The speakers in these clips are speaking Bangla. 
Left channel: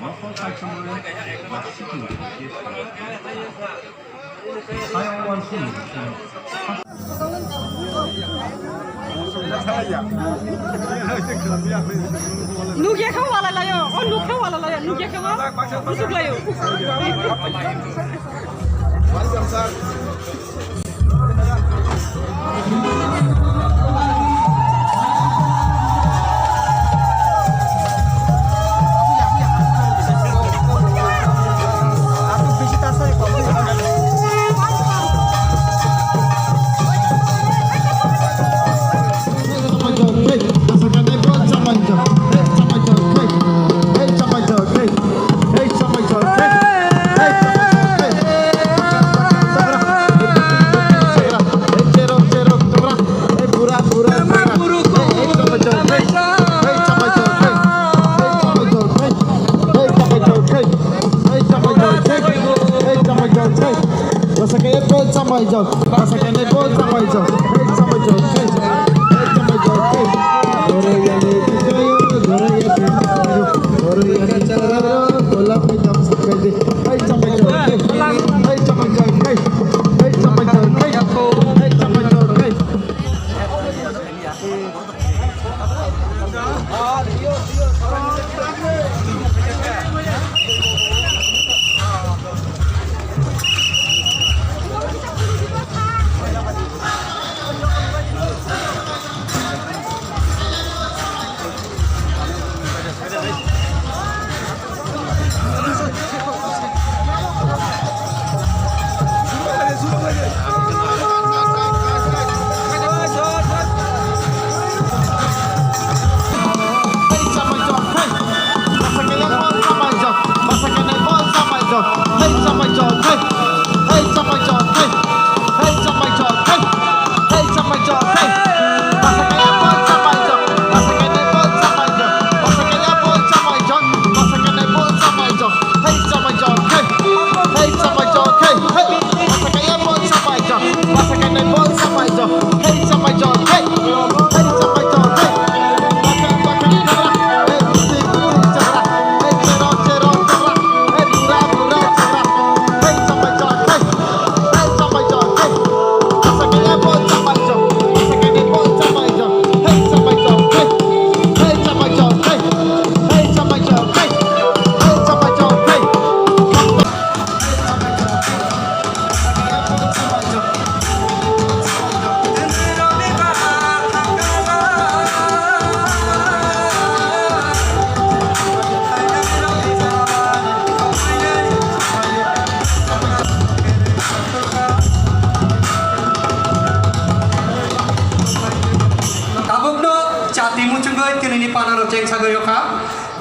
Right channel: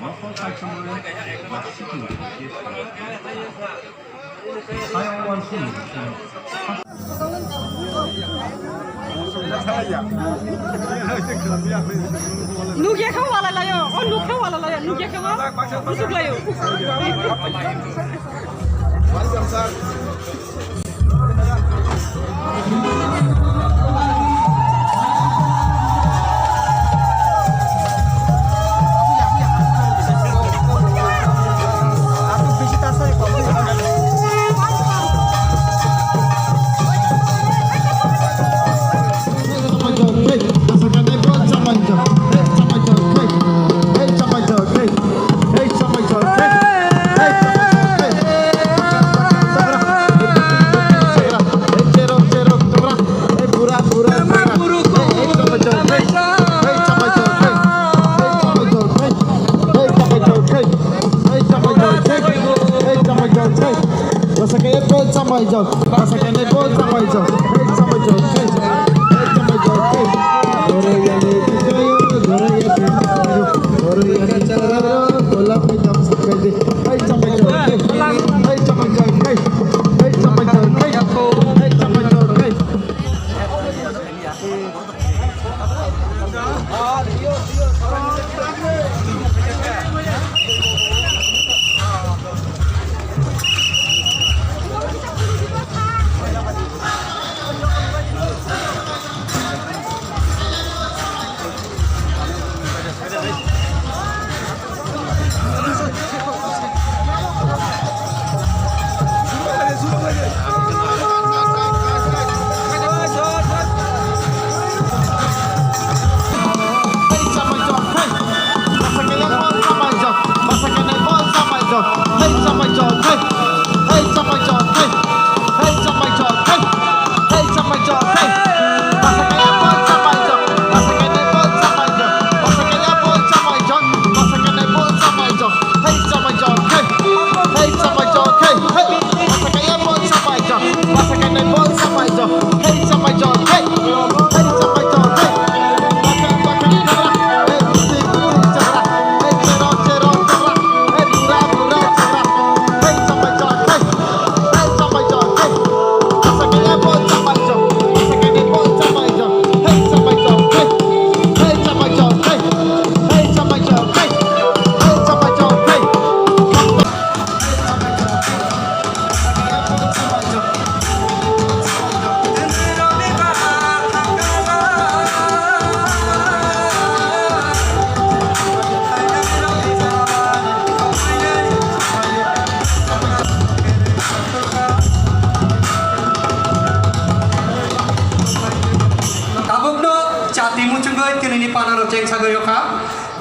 Moscow Saçmaları Nasıl Kılıç Hayawan Sulu Nugia không vào là yo, on nuk không vào là Nugia không vào, nusuk là yo.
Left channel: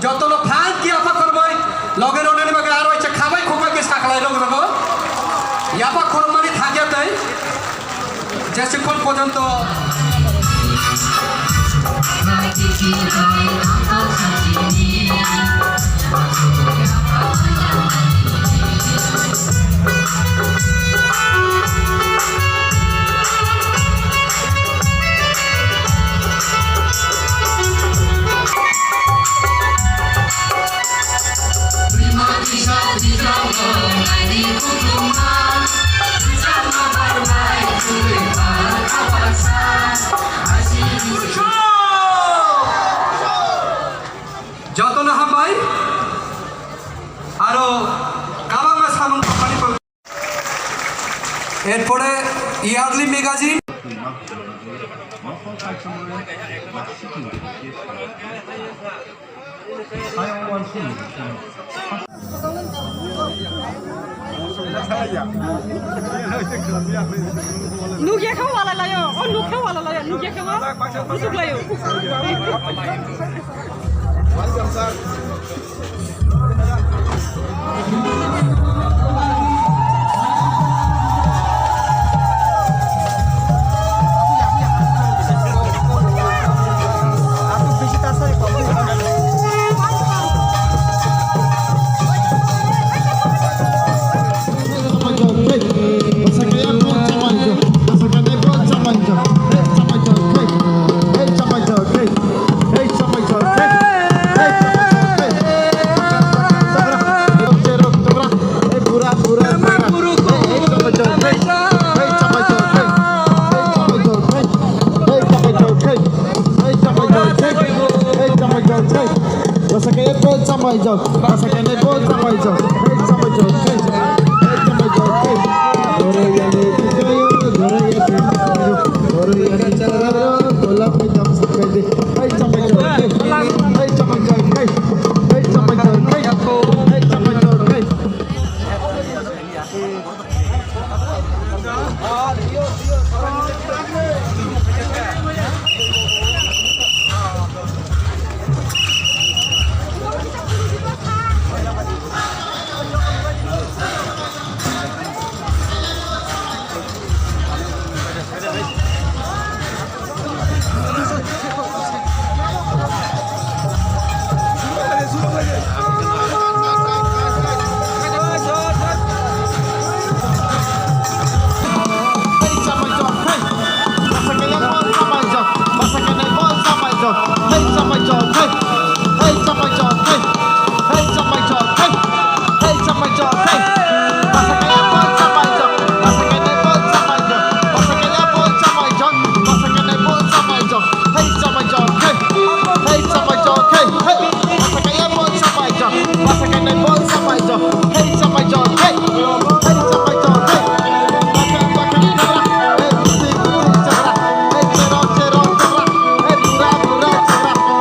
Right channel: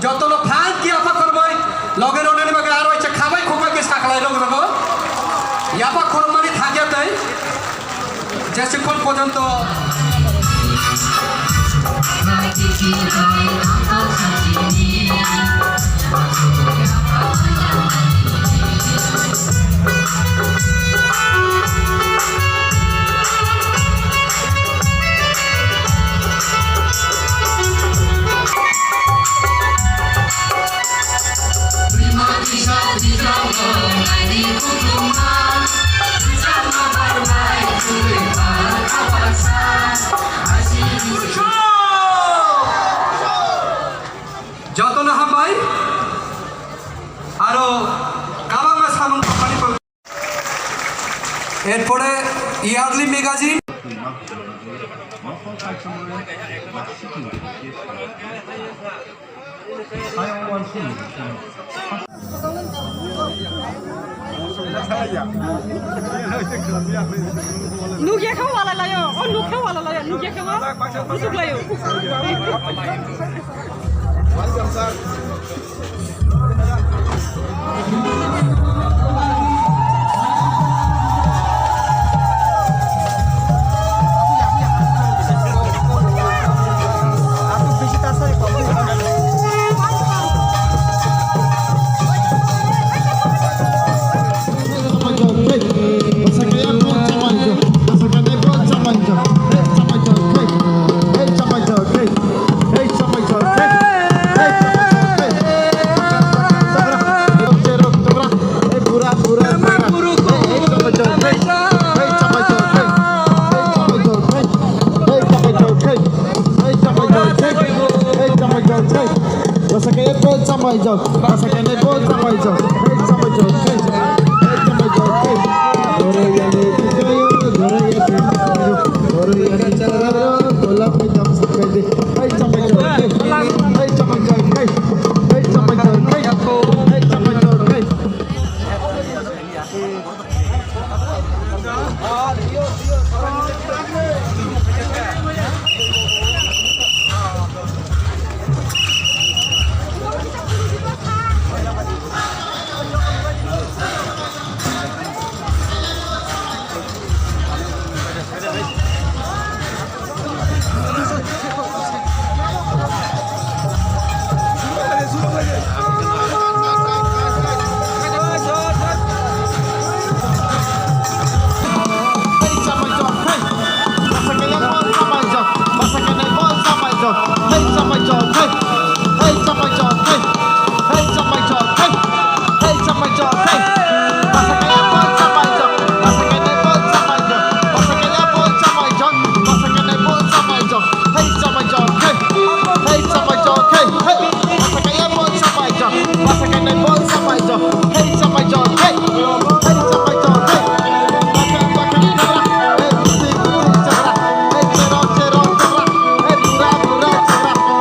যতলো ফান কি আফা করবই লগের ওনের মগে আর হইছে খাবাই খোকাকে সাকলাই লোক রকম ইয়াপা খরমানি থাকে তাই যেসক্ষণ পর্যন্ত যতন হাবাই আরো কাবাঙ্গা সামন কোম্পানি এরপরে yearly magazine Moscow Saçmaları Nasıl Kılıç Hayawan Sulu Nugia không vào là yo, on nuk không vào là Nugia không vào, nusuk là yo. jog, pasa que me voy sampai jog, hey sampai jog, hey sampai jog, hey. Gore yani kisayo, gore yani chara, bola pe jam sampai de, hey sampai jog, hey sampai jog, hey sampai jog, hey sampai jog, hey.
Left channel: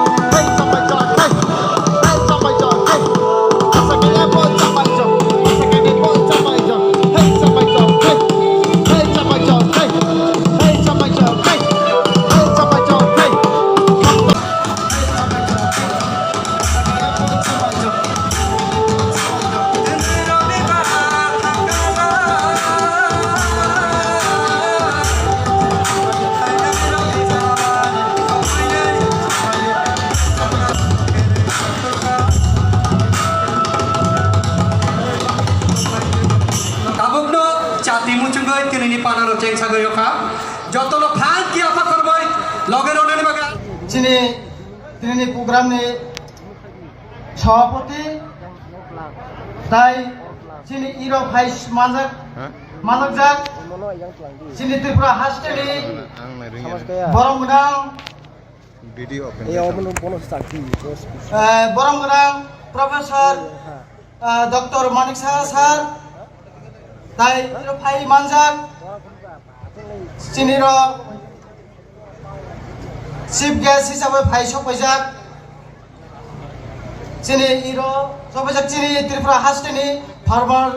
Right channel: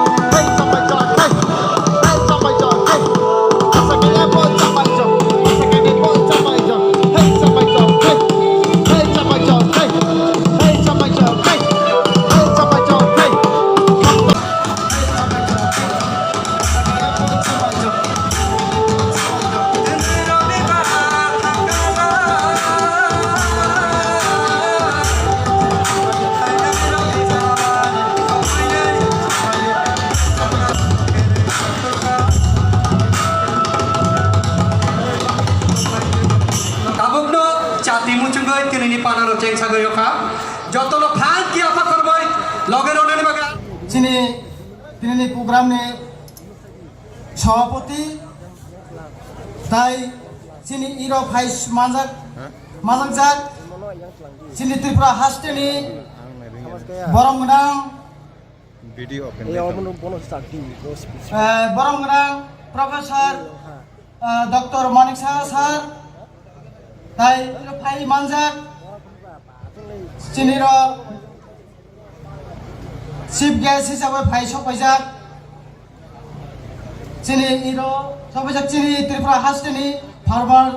যতলো ফান কি আফা করবই লগের ওনের বাগা তিনি প্রোগ্রামে সভাপতি তাই তিনি ইরো ভাইস মাজক তিনি Tripura হাস্টেলি বরংগ্রাম বরংগ্রাম professor doctor Manik Saha sir তাই ইরো ভাই মানজাক চিনির চিফ গেস্ট হিসাবে ভাই সপাইজাক চিনি ইরো সপাইজাক চিনি ত্রিপুরা হাস্টেনি ফার্মার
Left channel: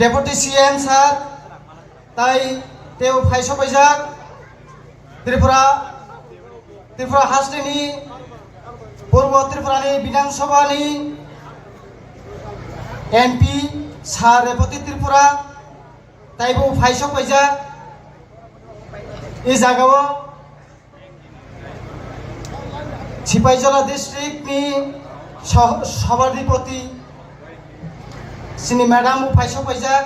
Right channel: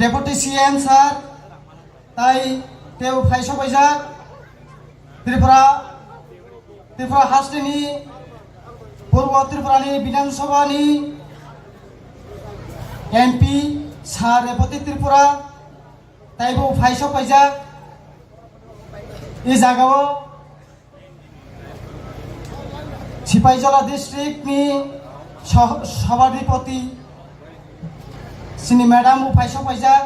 ডেপুটি সিএম স্যার তাই তেও ভাই সপাইজাক ত্রিপুরা হাস্টেনি পূর্ব ত্রিপুরানি বিধানসভানি এমপি স্যার রেপতি ত্রিপুরা তাইবো ভাই সপাইজাক এই জায়গাও সিপাহীজলা ডিস্ট্রিক্টনি সভাধিপতি সিনি ম্যাডাম ভাই সপাইজাক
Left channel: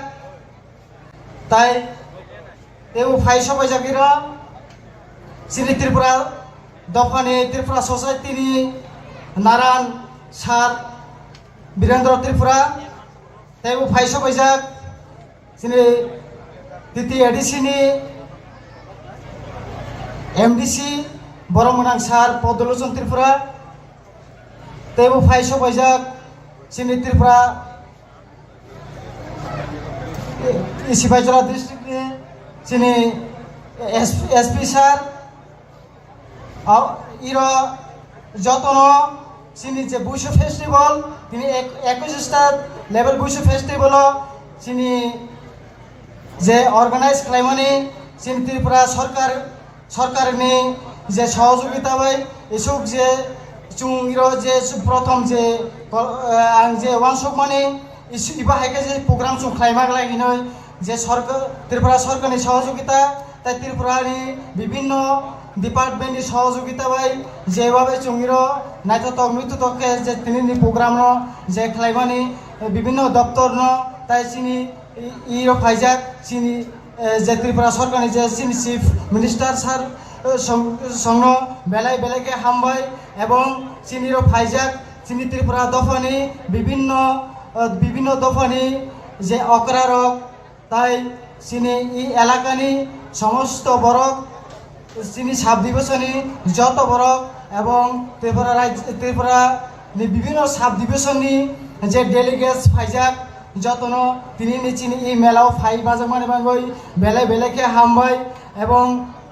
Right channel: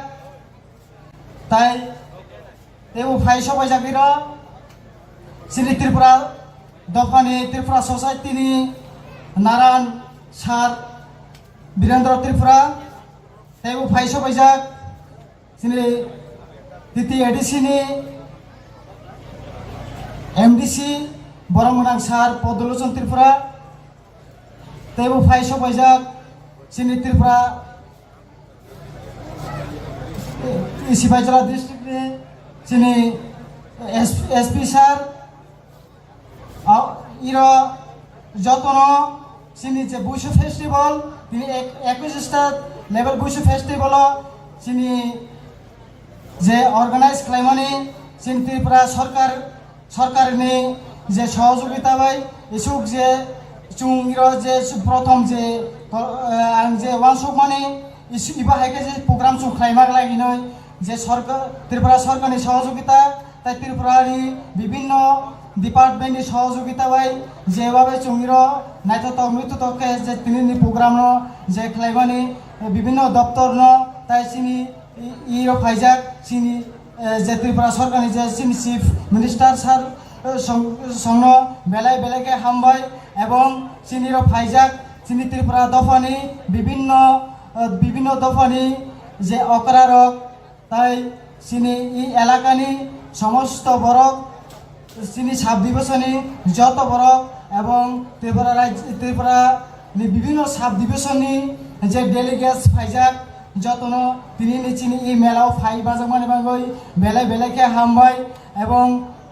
তাই এও ভাই সপাইজাকিরা সিনি ত্রিপুরা দফানি ত্রিপুরা সোসাইটিনি নারায়ণ স্যার বীরেন্দ্র ত্রিপুরা তাইবো ভাই সপাইজাক সিনি দ্বিতীয় এডিসিনি এমডিসি বরমনাং স্যার পদলোচন ত্রিপুরা তেবু ফাই সবাইজাক সিনি ত্রিপুরা সিপাহীজলা ডিস্ট্রিক্টে সিনি এসপি স্যার ইরা যতন সিনি যে বুশু ফেস্টিভ্যাল তিনি 21টা লেভেল বুশু ফেস্টিভ্যাল সিনি যে অর্গানাইজ খাইমানি সিনি ত্রিপুরা সরকারনি যে সহযোগিতা হয় এসুক যে চুংর যে প্রথম যে যে ওয়ানসুক মানে ইবা হাইকে যে প্রোগ্রাম চুং খাইমাক লাগিন যে সরকার ত্রিপুরা সরকারনি সহযোগিতা তাই ত্রিপুরানি বিভিন্ন ডিপার্টমেন্টনি সহযোগিতা হয় যেভাবে চুংর নাইতো মৃত্যু তকে যে তিনি প্রোগ্রাম যে খাইমানি বিভিন্ন দপ্তর তাই চিনি ইরো ফাইজাক চিনি যে ত্রিপুরা সরকারনি যে চিনি চিফ মিনিস্টার স্যার সংঘ বেলায় বেলাকে হামবাই এবং চিনির ফাইজাক চিনি ত্রিপুরা দফানি বিভিন্ন দফানি যে অকরারক তাই চিনি ই এলাকানি সমস্ত বরক চিনি সাব দিবসনি যত বরক এবং ত্রিপুরা বিভিন্ন সাব ডিভিশনनि जे डेलिगेट्स फाइजाक जतन তিনি নিচিনি এই মেলাও ফাই বাজামানে বাগৈ বেলে বেলেকে হামবাই এবং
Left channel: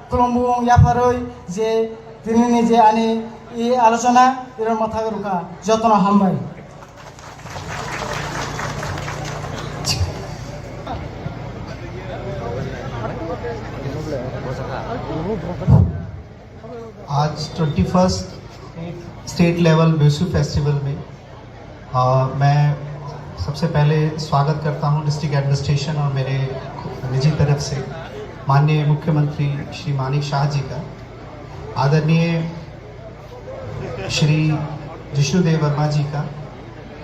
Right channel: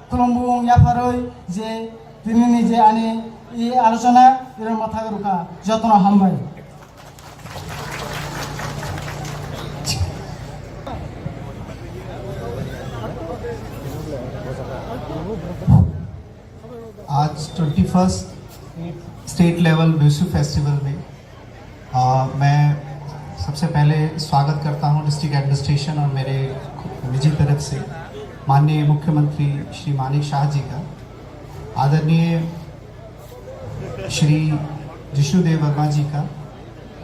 খুলুমবুং ইয়াফারৈ যে তিনি যে আনি এই আলোচনা এর মাথা রুকা যতন হামবাই। आज 21st state level Birsu festival में मैं सबसे पहले स्वागत करता हूं डिस्ट्रिक्ट एडमिनिस्ट्रेशन और मेरे निजी तरफ से माननीय मुख्यमंत्री श्री मानिक शाह जी का, आदरणीय श्री जिष्णुदेव वर्मा जी का,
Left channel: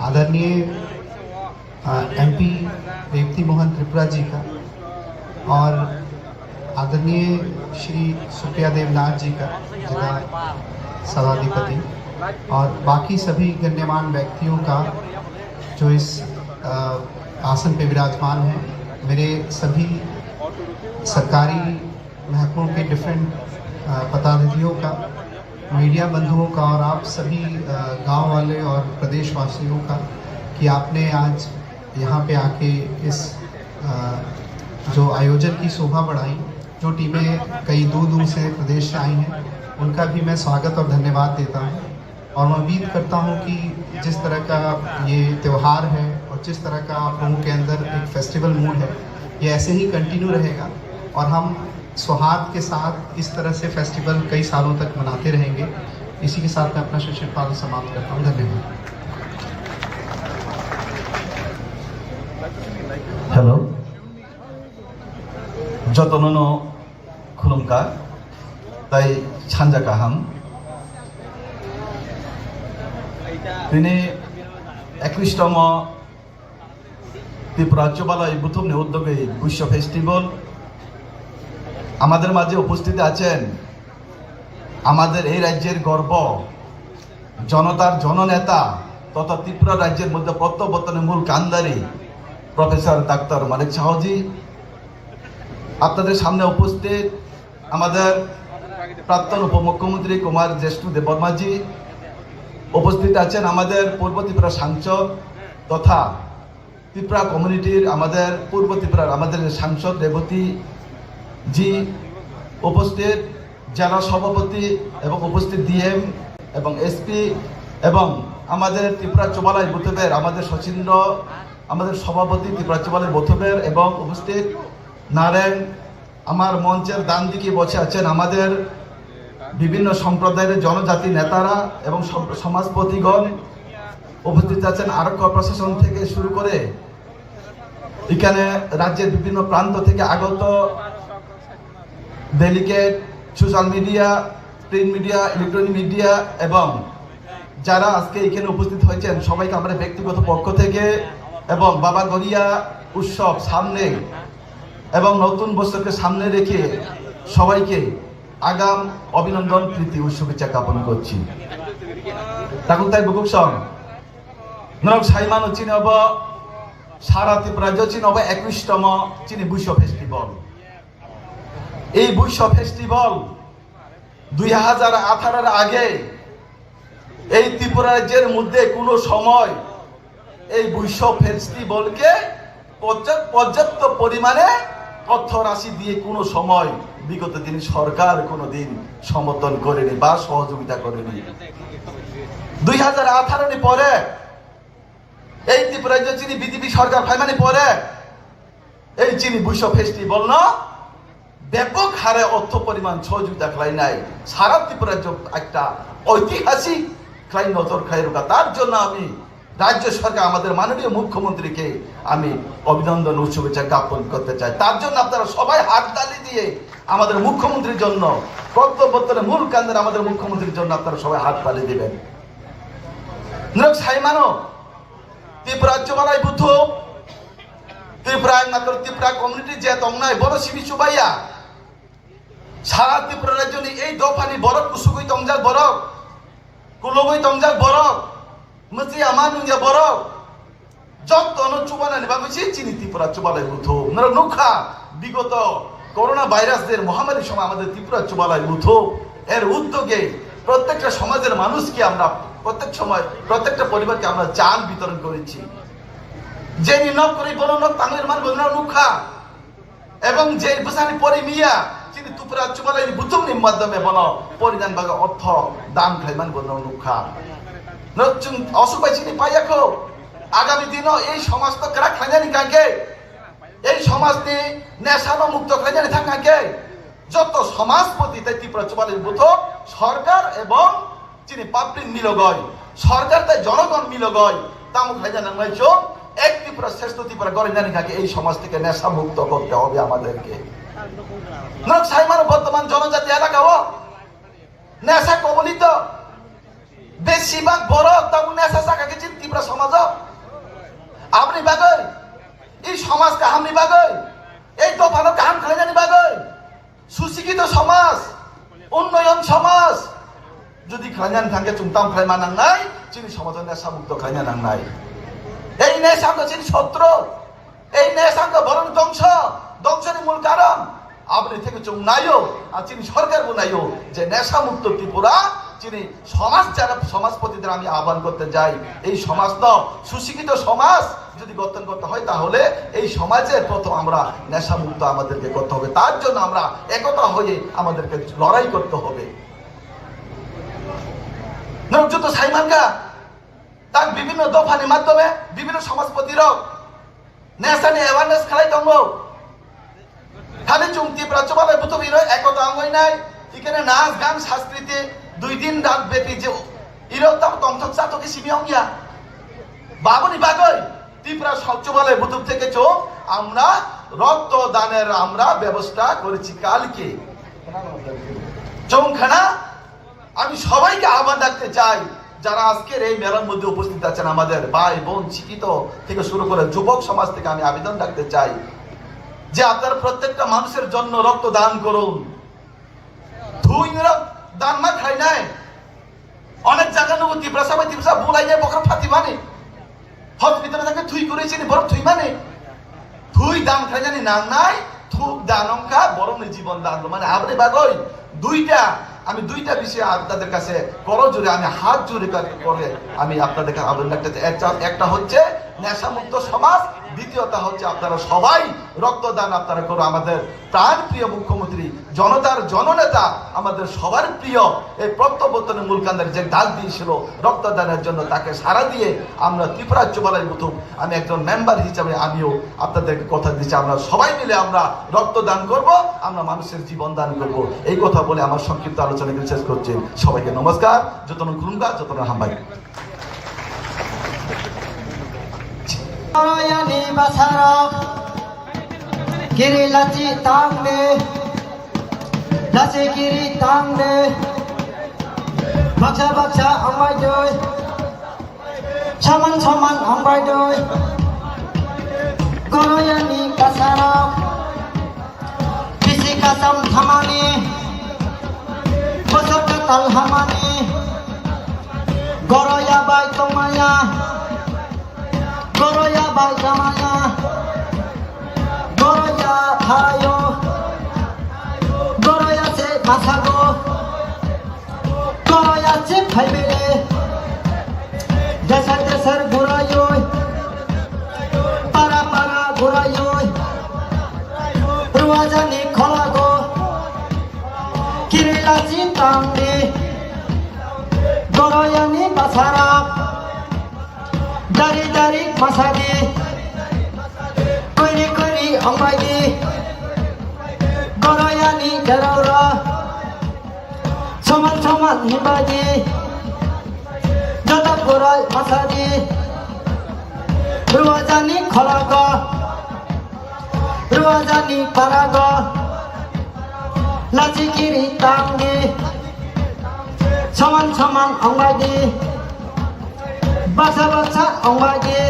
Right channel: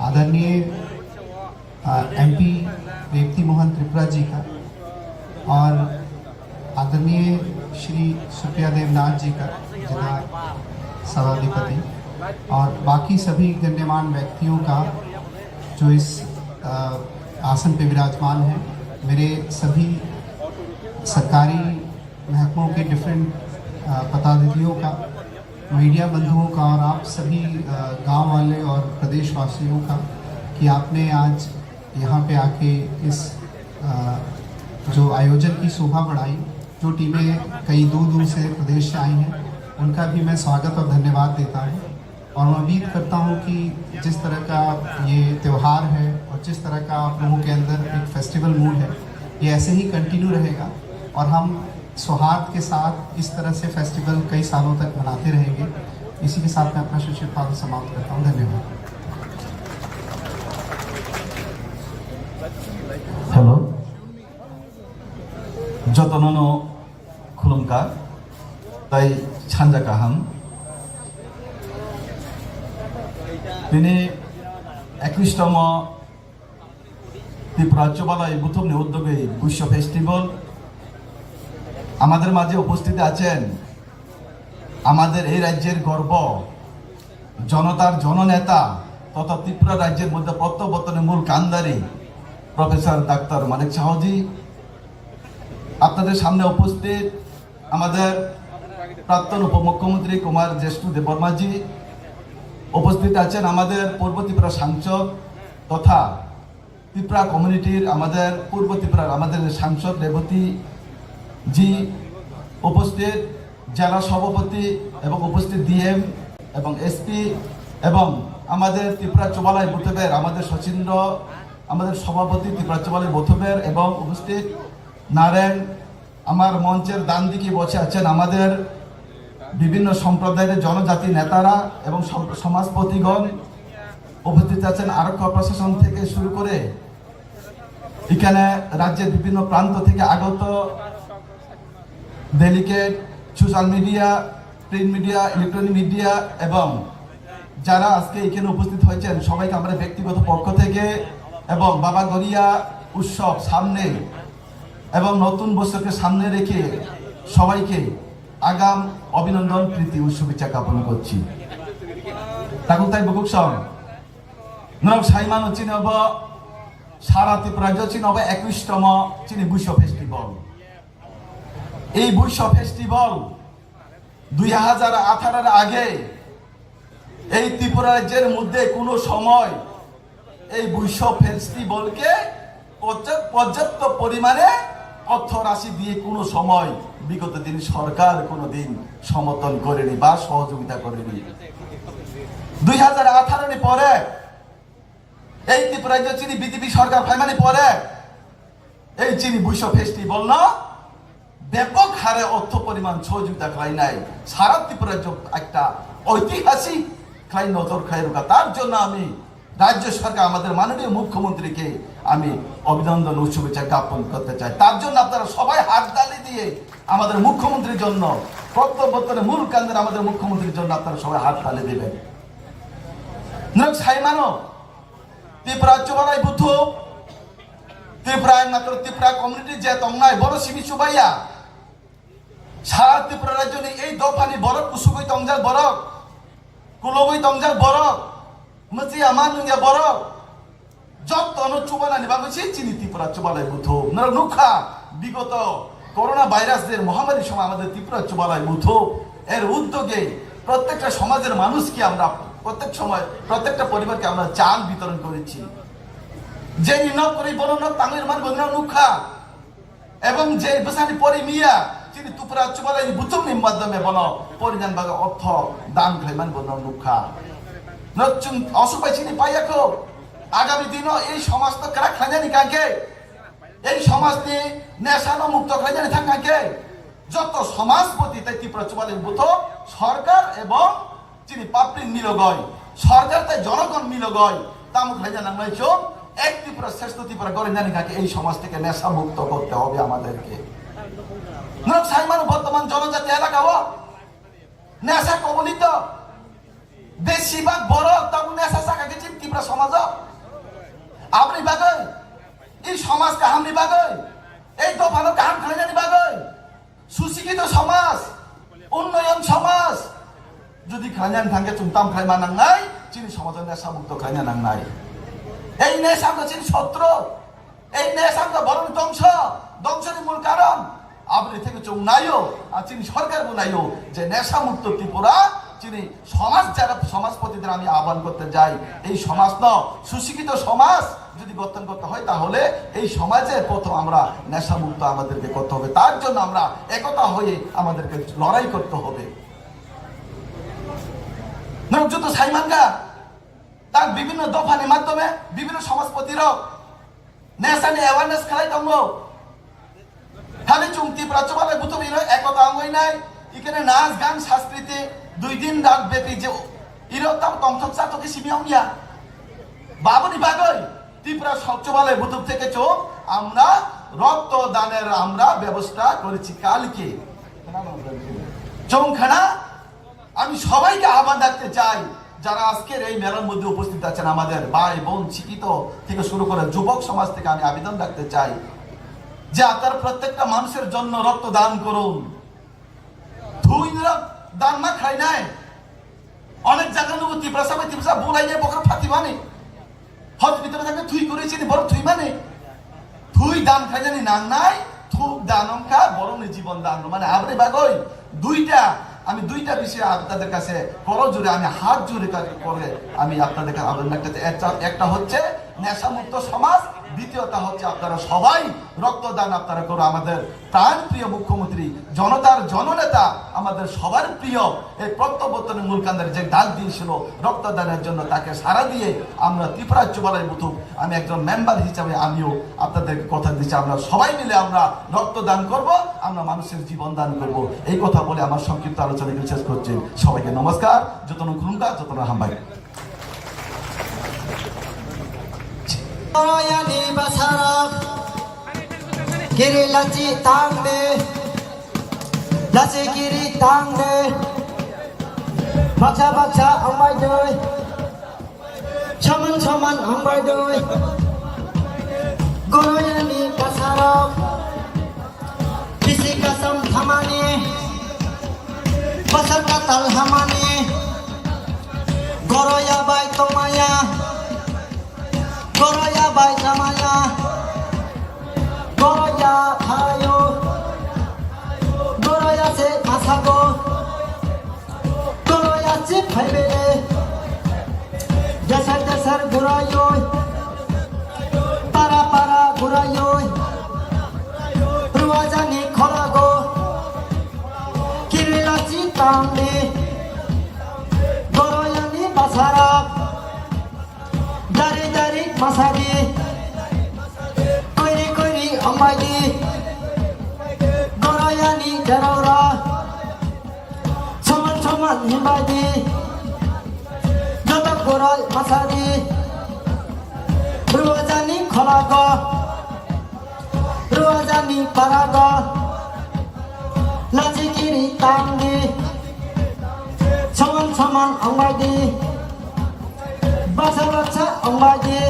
आदरणीय एमपी रेवती मोहन त्रिपुरा जी का और आदरणीय श्री सुप्रिया देवनाथ जी का जिला सभाधिपति और बाकी सभी गण्यमान्य व्यक्तियों का जो इस आसन पे विराजमान हैं, मेरे सभी सरकारी महकमों के डिफरेंट पदाधिकारियों का, मीडिया बंधुओं का और आप सभी गांव वाले और प्रदेशवासियों का कि आपने आज यहाँ पे आके इस जो आयोजन की शोभा बढ़ाई। जो टीमें कई दूर दूर से प्रदेश से आई हैं उनका भी मैं स्वागत और धन्यवाद देता हूँ और मैं उम्मीद करता हूँ कि जिस तरह का ये त्यौहार है और जिस तरह का आप लोगों के अंदर एक फेस्टिवल मूड है, ये ऐसे ही कंटिन्यू रहेगा और हम सौहार्द के साथ इस तरह से फेस्टिवल कई सालों तक मनाते रहेंगे। इसी के साथ मैं अपना शिक्षण पाठ समाप्त करता हूँ। धन्यवाद। हेलो जतननो खुलुमकार ताई छानजा काहाम दिनै 21তম ত্রিপুরা রাজ্যপালয় বুথমনি উদ্যোগে বিশ্ব ফেস্টিভ্যাল আমাদের মাঝে উপস্থিত আছেন আমাদের এই রাজ্যের গর্ব, জনতার জননেতা তথা ত্রিপুরা রাজ্যের মধ্যে প্রত্যাবর্তনের মূল কান্দারি প্রফেসর ডাক্তার মানিক শাহজি, আপনাদের সামনে উপস্থিত আমাদের প্রাক্তন উপমুখ্যমন্ত্রী কুমার জিষ্ণুদেব বর্মাজি, উপস্থিত আছেন আমাদের পূর্ব ত্রিপুরা সাংসদ তথা ত্রিপুরা কমিউনিটির আমাদের পূর্ব ত্রিপুরার আমাদের সাংসদ রেবতী জি, উপস্থিত জেলা সভাপতি এবং উপস্থিত ডিএম এবং এসপি এবং আমাদের ত্রিপুরা চৌবালাই বুথবের আমাদের সচিন্দ্র আমাদের সভাপতি ত্রিপুরা চৌবালাই বুথবের এবং উপস্থিত নারায়ণ, আমার মঞ্চের ডান দিকে বসে আছেন আমাদের বিভিন্ন সম্প্রদায়ের জনজাতি নেতারা এবং সমাজপতিগণ, উপস্থিত আছেন আরক্ষা প্রশাসন থেকে শুরু করে এখানে রাজ্যের বিভিন্ন প্রান্ত থেকে আগত delegate, social media, print media, electronic media এবং যারা আজকে এখানে উপস্থিত হয়েছেন সবাইকে আমরা ব্যক্তিগত পক্ষ থেকে এবং বাবা গড়িয়া উৎসব সামনে এবং নতুন বছরকে সামনে রেখে সবাইকে আগাম অভিনন্দন প্রীতি ও শুভেচ্ছা জ্ঞাপন করছি। তাকুতাই বুকুকসন নরক সাইমান চিনব সারা ত্রিপুরা চিনব 21তম চিনি বিশ্ব ফেস্টিভ্যাল। এই বিশ্ব ফেস্টিভ্যাল 2018 আগে এই ত্রিপুরা রাজ্যের মধ্যে কোনো সময় এই বিশ্ব ফেস্টিভ্যালকে পর্যাপ্ত পরিমাণে অর্থ রাশি দিয়ে কোনো সময় বিগত দিন সরকার কোনোদিন সমর্থন করেনি বা সহযোগিতা করেনি। 2018 পরে এই ত্রিপুরা রাজ্য চিনি বিজেপি সরকার ফাইমানি পরে এই চিনি বিশ্ব ফেস্টিভ্যাল না ব্যাপক হারে অর্থ পরিমাণ সহযোগিতা খাই নাই সারা ত্রিপুরা রাজ্য একটা ঐতিহাসিক খাই নজর খাই রোকা। তার জন্য আমি রাজ্য সরকার আমাদের মাননীয় মুখ্যমন্ত্রীকে আমি অভিনন্দন ও শুভেচ্ছা জ্ঞাপন করতে চাই। তার জন্য আপনারা সবাই হাততালি দিয়ে আমাদের মুখ্যমন্ত্রীর জন্য প্রত্যেক মূল কান্দের আমাদের মুখ্যমন্ত্রীর জন্য আপনারা সবাই হাততালি দেবেন। নিরক সাইমানো ত্রিপুরা চৌবালাই বুথ ত্রিপুরা মাত্র ত্রিপুরা কমিউনিটি যে তংনায় বড় শিবি চুবাইয়া সারা ত্রিপুরা রাজ্য এই দফানি বরক কুসুগুই তংজার বরক কুলগুই তংজার বরক মতি আমার নুঙ্গা বরক যত চুবানানি বাবুছি চিনি ত্রিপুরা চৌবালাই বুথ নুখা বিগত করোনা ভাইরাসের মহামারীর সময় আমাদের ত্রিপুরা চৌবালাই বুথ এর উদ্যোগে প্রত্যেকটা সমাজের মানুষকে আমরা প্রত্যেক সময় প্রত্যেকটা পরিবারকে আমরা চাল বিতরণ করেছি যে নিয়োগ করে বলুন তাঙ্গের মান বলুন মুখা এবং যে বসানি পরি মিয়া তিনি তুপরা চুমালাই বুতুমনি মাধ্যমে বলো পরিধান বাগা অর্থ দান খাইমান বলুন মুখা নতুন অসুপাই চিনি পাইয়াকো আগামী দিনও এই সমাজ তো কারা খাজানি কাকে এই সমাজটি নেশানো মুক্ত খাজানি থাকাকে যত সমাজপতি তাই ত্রিপুরা চুমালাই বুথ সরকার এবং চিনি পাপড়ি মিলগয় সরকার তাই জনগণ মিলগয় তামুক খাজানা নয়ছো এক ত্রিপুরা শ্রেষ্ঠ ত্রিপুরা গড়ে জানি কাকে এই সমাজ থেকে নেশা মুক্ত করতে হবে আমাদেরকে বর্তমান জনজাতি এলাকাও নেশা কবলিত বেশিরভাগ বড় তেমন নেশা শাখা গেছেন ত্রিপুরা সমাজ আপনি বাগৈ এই সমাজকে হামনি বাগৈ এই দফানো কাহান খাই জানি বাগৈ সুশিক্ষিত সমাজ উন্নয়ন সমাজ যদি খাইজান থাঙ্গে চুমতাম খাই মানাং নাই চিনি সমাজের নেশা মুক্ত খাইনা নাং নাই এই নেশাঙ্গ চিনি শত্রু এই নেশাঙ্গ বরং ধ্বংসের মূল কারণ আপনি থেকে চোখ নাইও আর চিনি সরকার নাইও যে নেশা মুক্ত ত্রিপুরা চিনি সমাজ যারা সমাজপতিদের আমি আহ্বান করতে যাই এই সমাজ ন সুশিক্ষিত সমাজ যদি গঠন করতে হয় তাহলে এই সমাজের প্রথম আমরা নেশা মুক্ত আমাদেরকে করতে হবে তার জন্য আমরা একতা হয়ে আমাদেরকে লড়াই করতে হবে নজরুল সাইমানগা তার বিভিন্ন দফানের মাধ্যমে বিভিন্ন সমাজপতিরা নেশা নিয়ে অ্যাওয়ারনেস খেলাই দঙ্গ খালি চুমতি প্রাচ্যবাদের বুতবির একতা অঙ্গই নাই এখানে নাচ গান সংস্কৃতি 2 দিন রাত ব্যাপী যে ইরতাম তন্ত্র চাতকে শিবিয়ং গিয়া বাবুনি বাগৈ ত্রিপুরা সচ্চবালয় বুতুব থেকে চোখ আমরা রক্তদানের আমরা ব্যবস্থা করেছি কালকে চৌখানা আমি সবাইকে আহ্বান রাখতে চাই যারা আজকের এই মেলার মধ্যে উপস্থিত আছেন আমাদের ভাই বোন শিক্ষিত থেকে শুরু করে যুবক সমাজ থেকে আমি আবেদন রাখতে চাই যে আপনারা প্রত্যেকটা মানুষের জন্য রক্ত দান করুন ধুই দান মা খাই নাই অনেক জায়গা নেব ত্রিপুরা বুলাই যায় বকর ফাতি মানে হক ভিতরে থাকে থুই করেছি বড় থুই মানে থুই দান খাই জানি না নাই থুক দান অঙ্কা বরং জীবন দান মানে আপনি বাগৈ আমি দুইটা বিষয়ে আপনাদের কাছে করজোরে আমি হাত জোরে করে আমি আপনাদেরকে আবেদন রাখতে একটা হচ্ছে নেশামুক্ত সমাজ দ্বিতীয়টা হচ্ছে আপনারা সবাই রক্তদান আপনারা করো আমাদের প্রাণ প্রিয় মুখ্যমন্ত্রী জনতার জননেতা আমাদের সবার প্রিয় এই প্রত্যাবর্তনের মূলকান্দের যে ডাক দিয়েছিল রক্তদানের জন্য তাকে সাড়া দিয়ে আমরা ত্রিপুরা চুমালাই বুথু আমি একজন মেম্বার হিসাবে আমিও আপনাদেরকে কথা দিচ্ছি আমরা সবাই মিলে আমরা রক্তদান করব আমরা মানুষের জীবন দান করব এই কথা বলে আমার সংক্ষিপ্ত আলোচনা শেষ করছি সবাইকে নমস্কার যতন খুলুঙ্গা যতন হাম্বাই Royani Basarok Giri Lachi Tangde Lachi Giri Tangde Bacha Bacha Ambai Doi Chaman Chaman Ambai Doi Royani Basarok Bisi Kasam Hamani Basar Katal Hamani Goroya Bai Tomaya Goroya bai jamaya Goroya hayo Goroya se masago Goroya se phaibele Dasar dasar gurayoy Para para gurayoy Ruajani kholago Kirila chitangde Goroya ni basarak Dari dari masadi Kuri kuri ambai Gorayani darora Soman soman himbadi Jatak goray masadi Ruwajani khalaga Ruwajani paraga Lachi kiri tangi Soman soman ambai Basa basa ambaje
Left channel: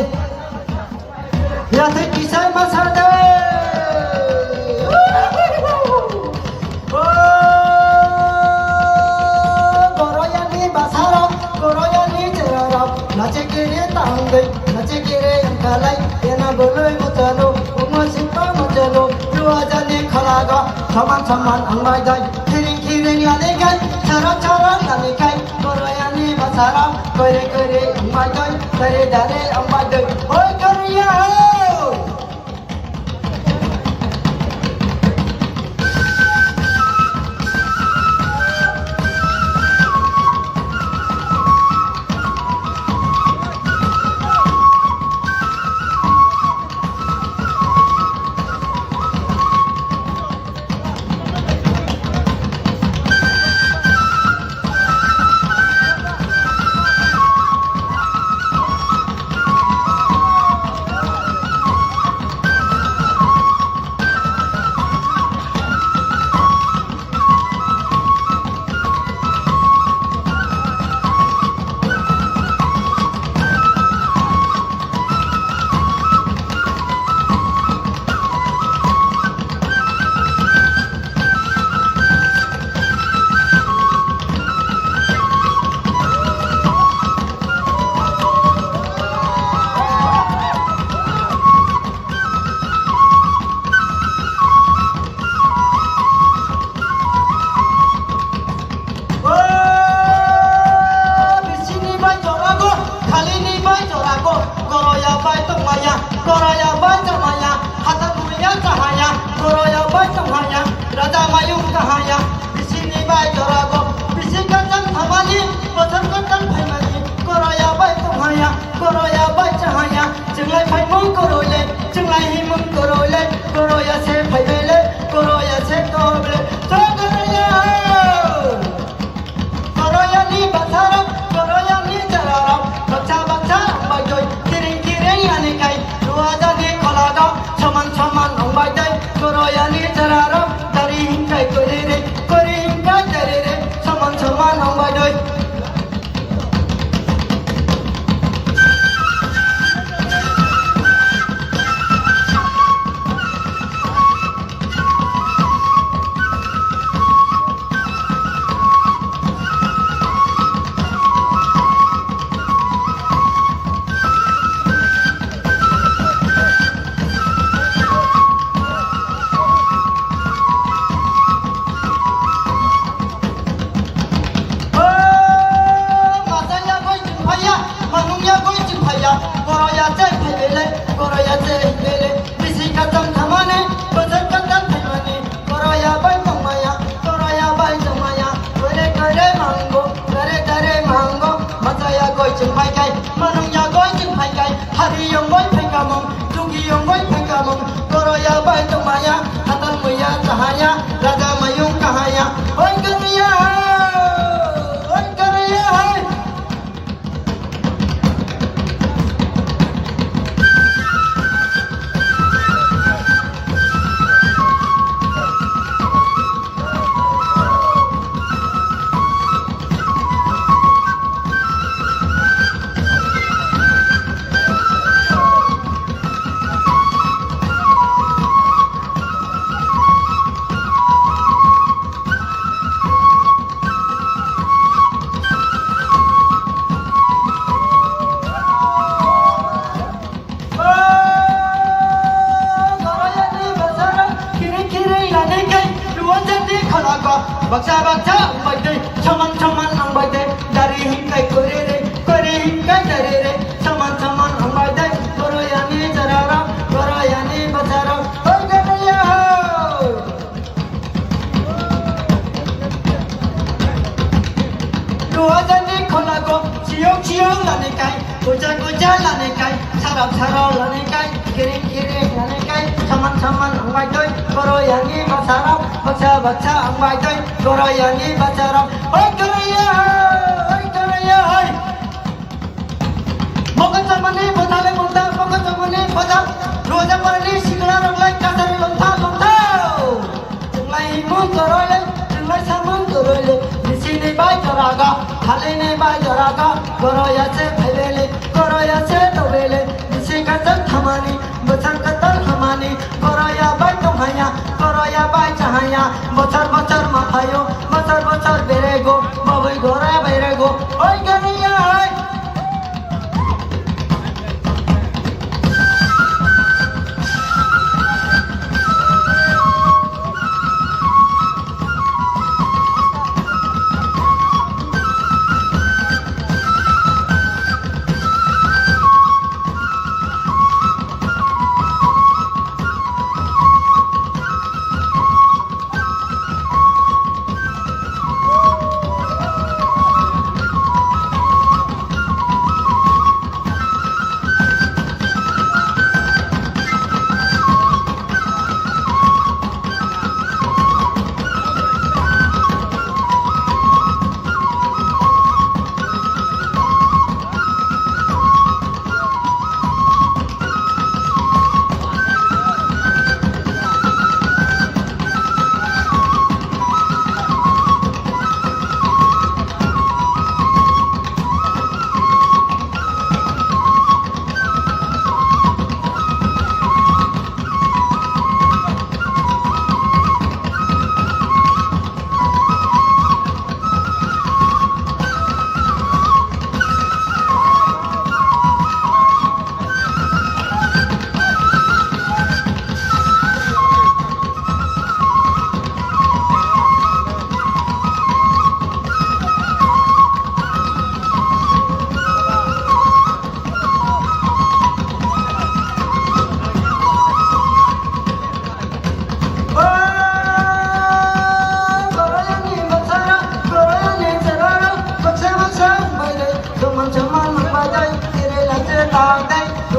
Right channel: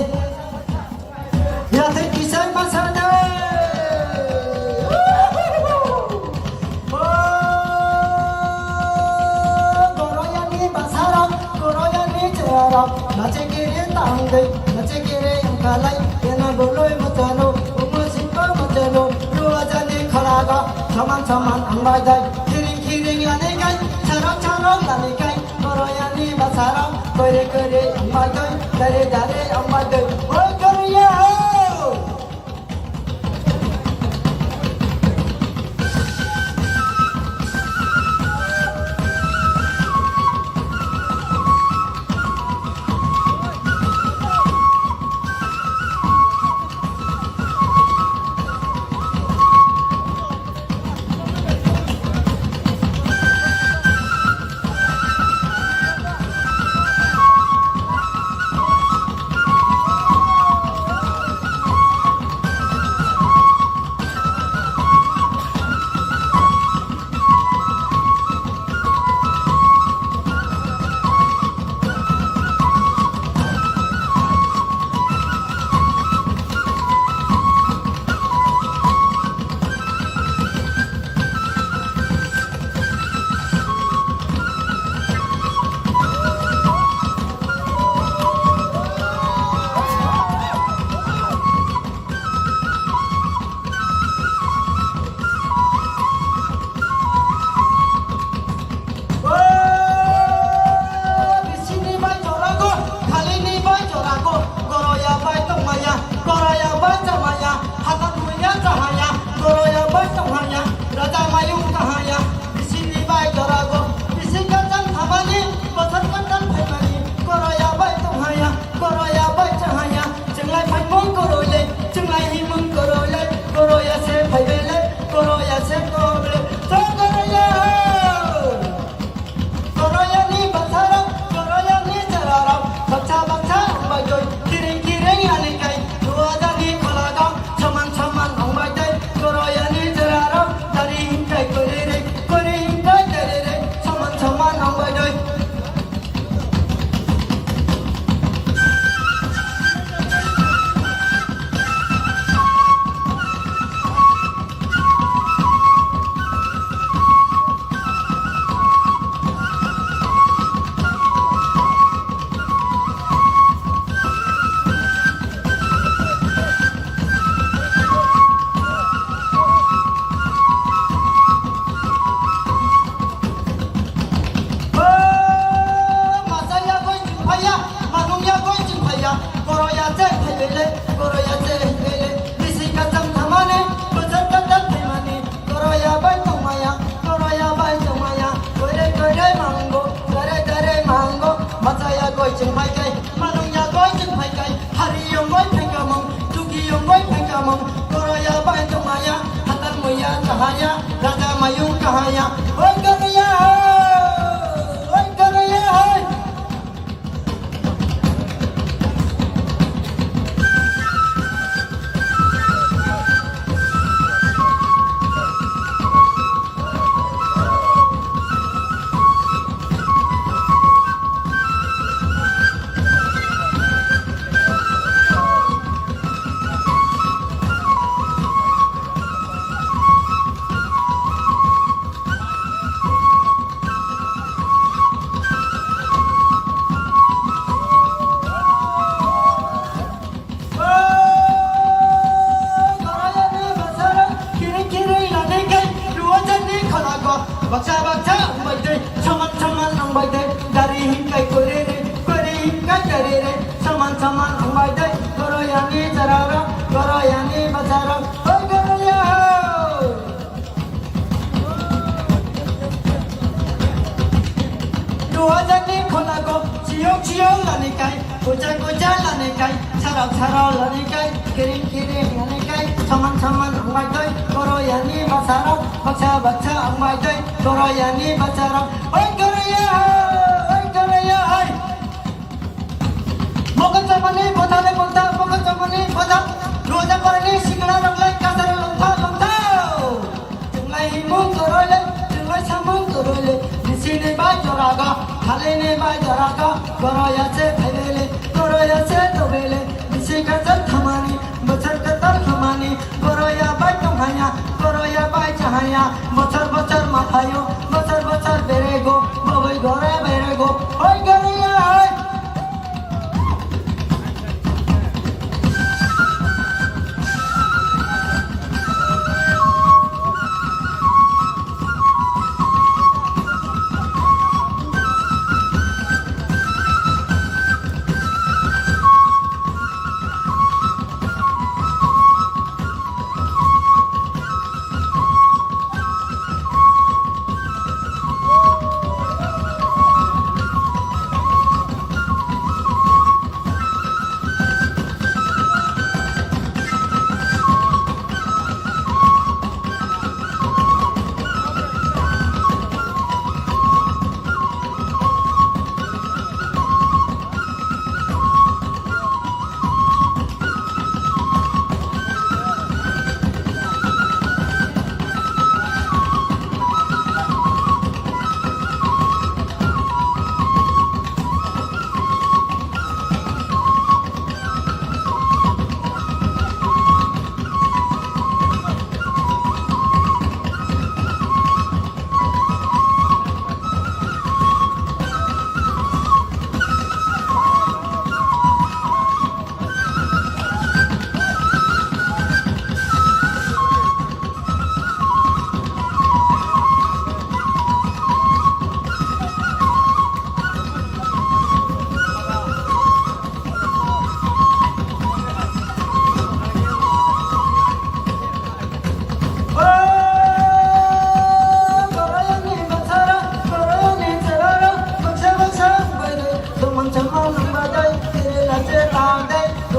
Yate kisai masade Goroyani basaram Goroyani jarab Nache kere tangai Nache kere angkalai Yana doloi mutano Umasimpa mutano Luajane khalaga Saman saman ambajai Kiring kiring yanegai Charak charak yanegai Goroyani basaram bài chơi đare đare ông bài chơi ôi Korea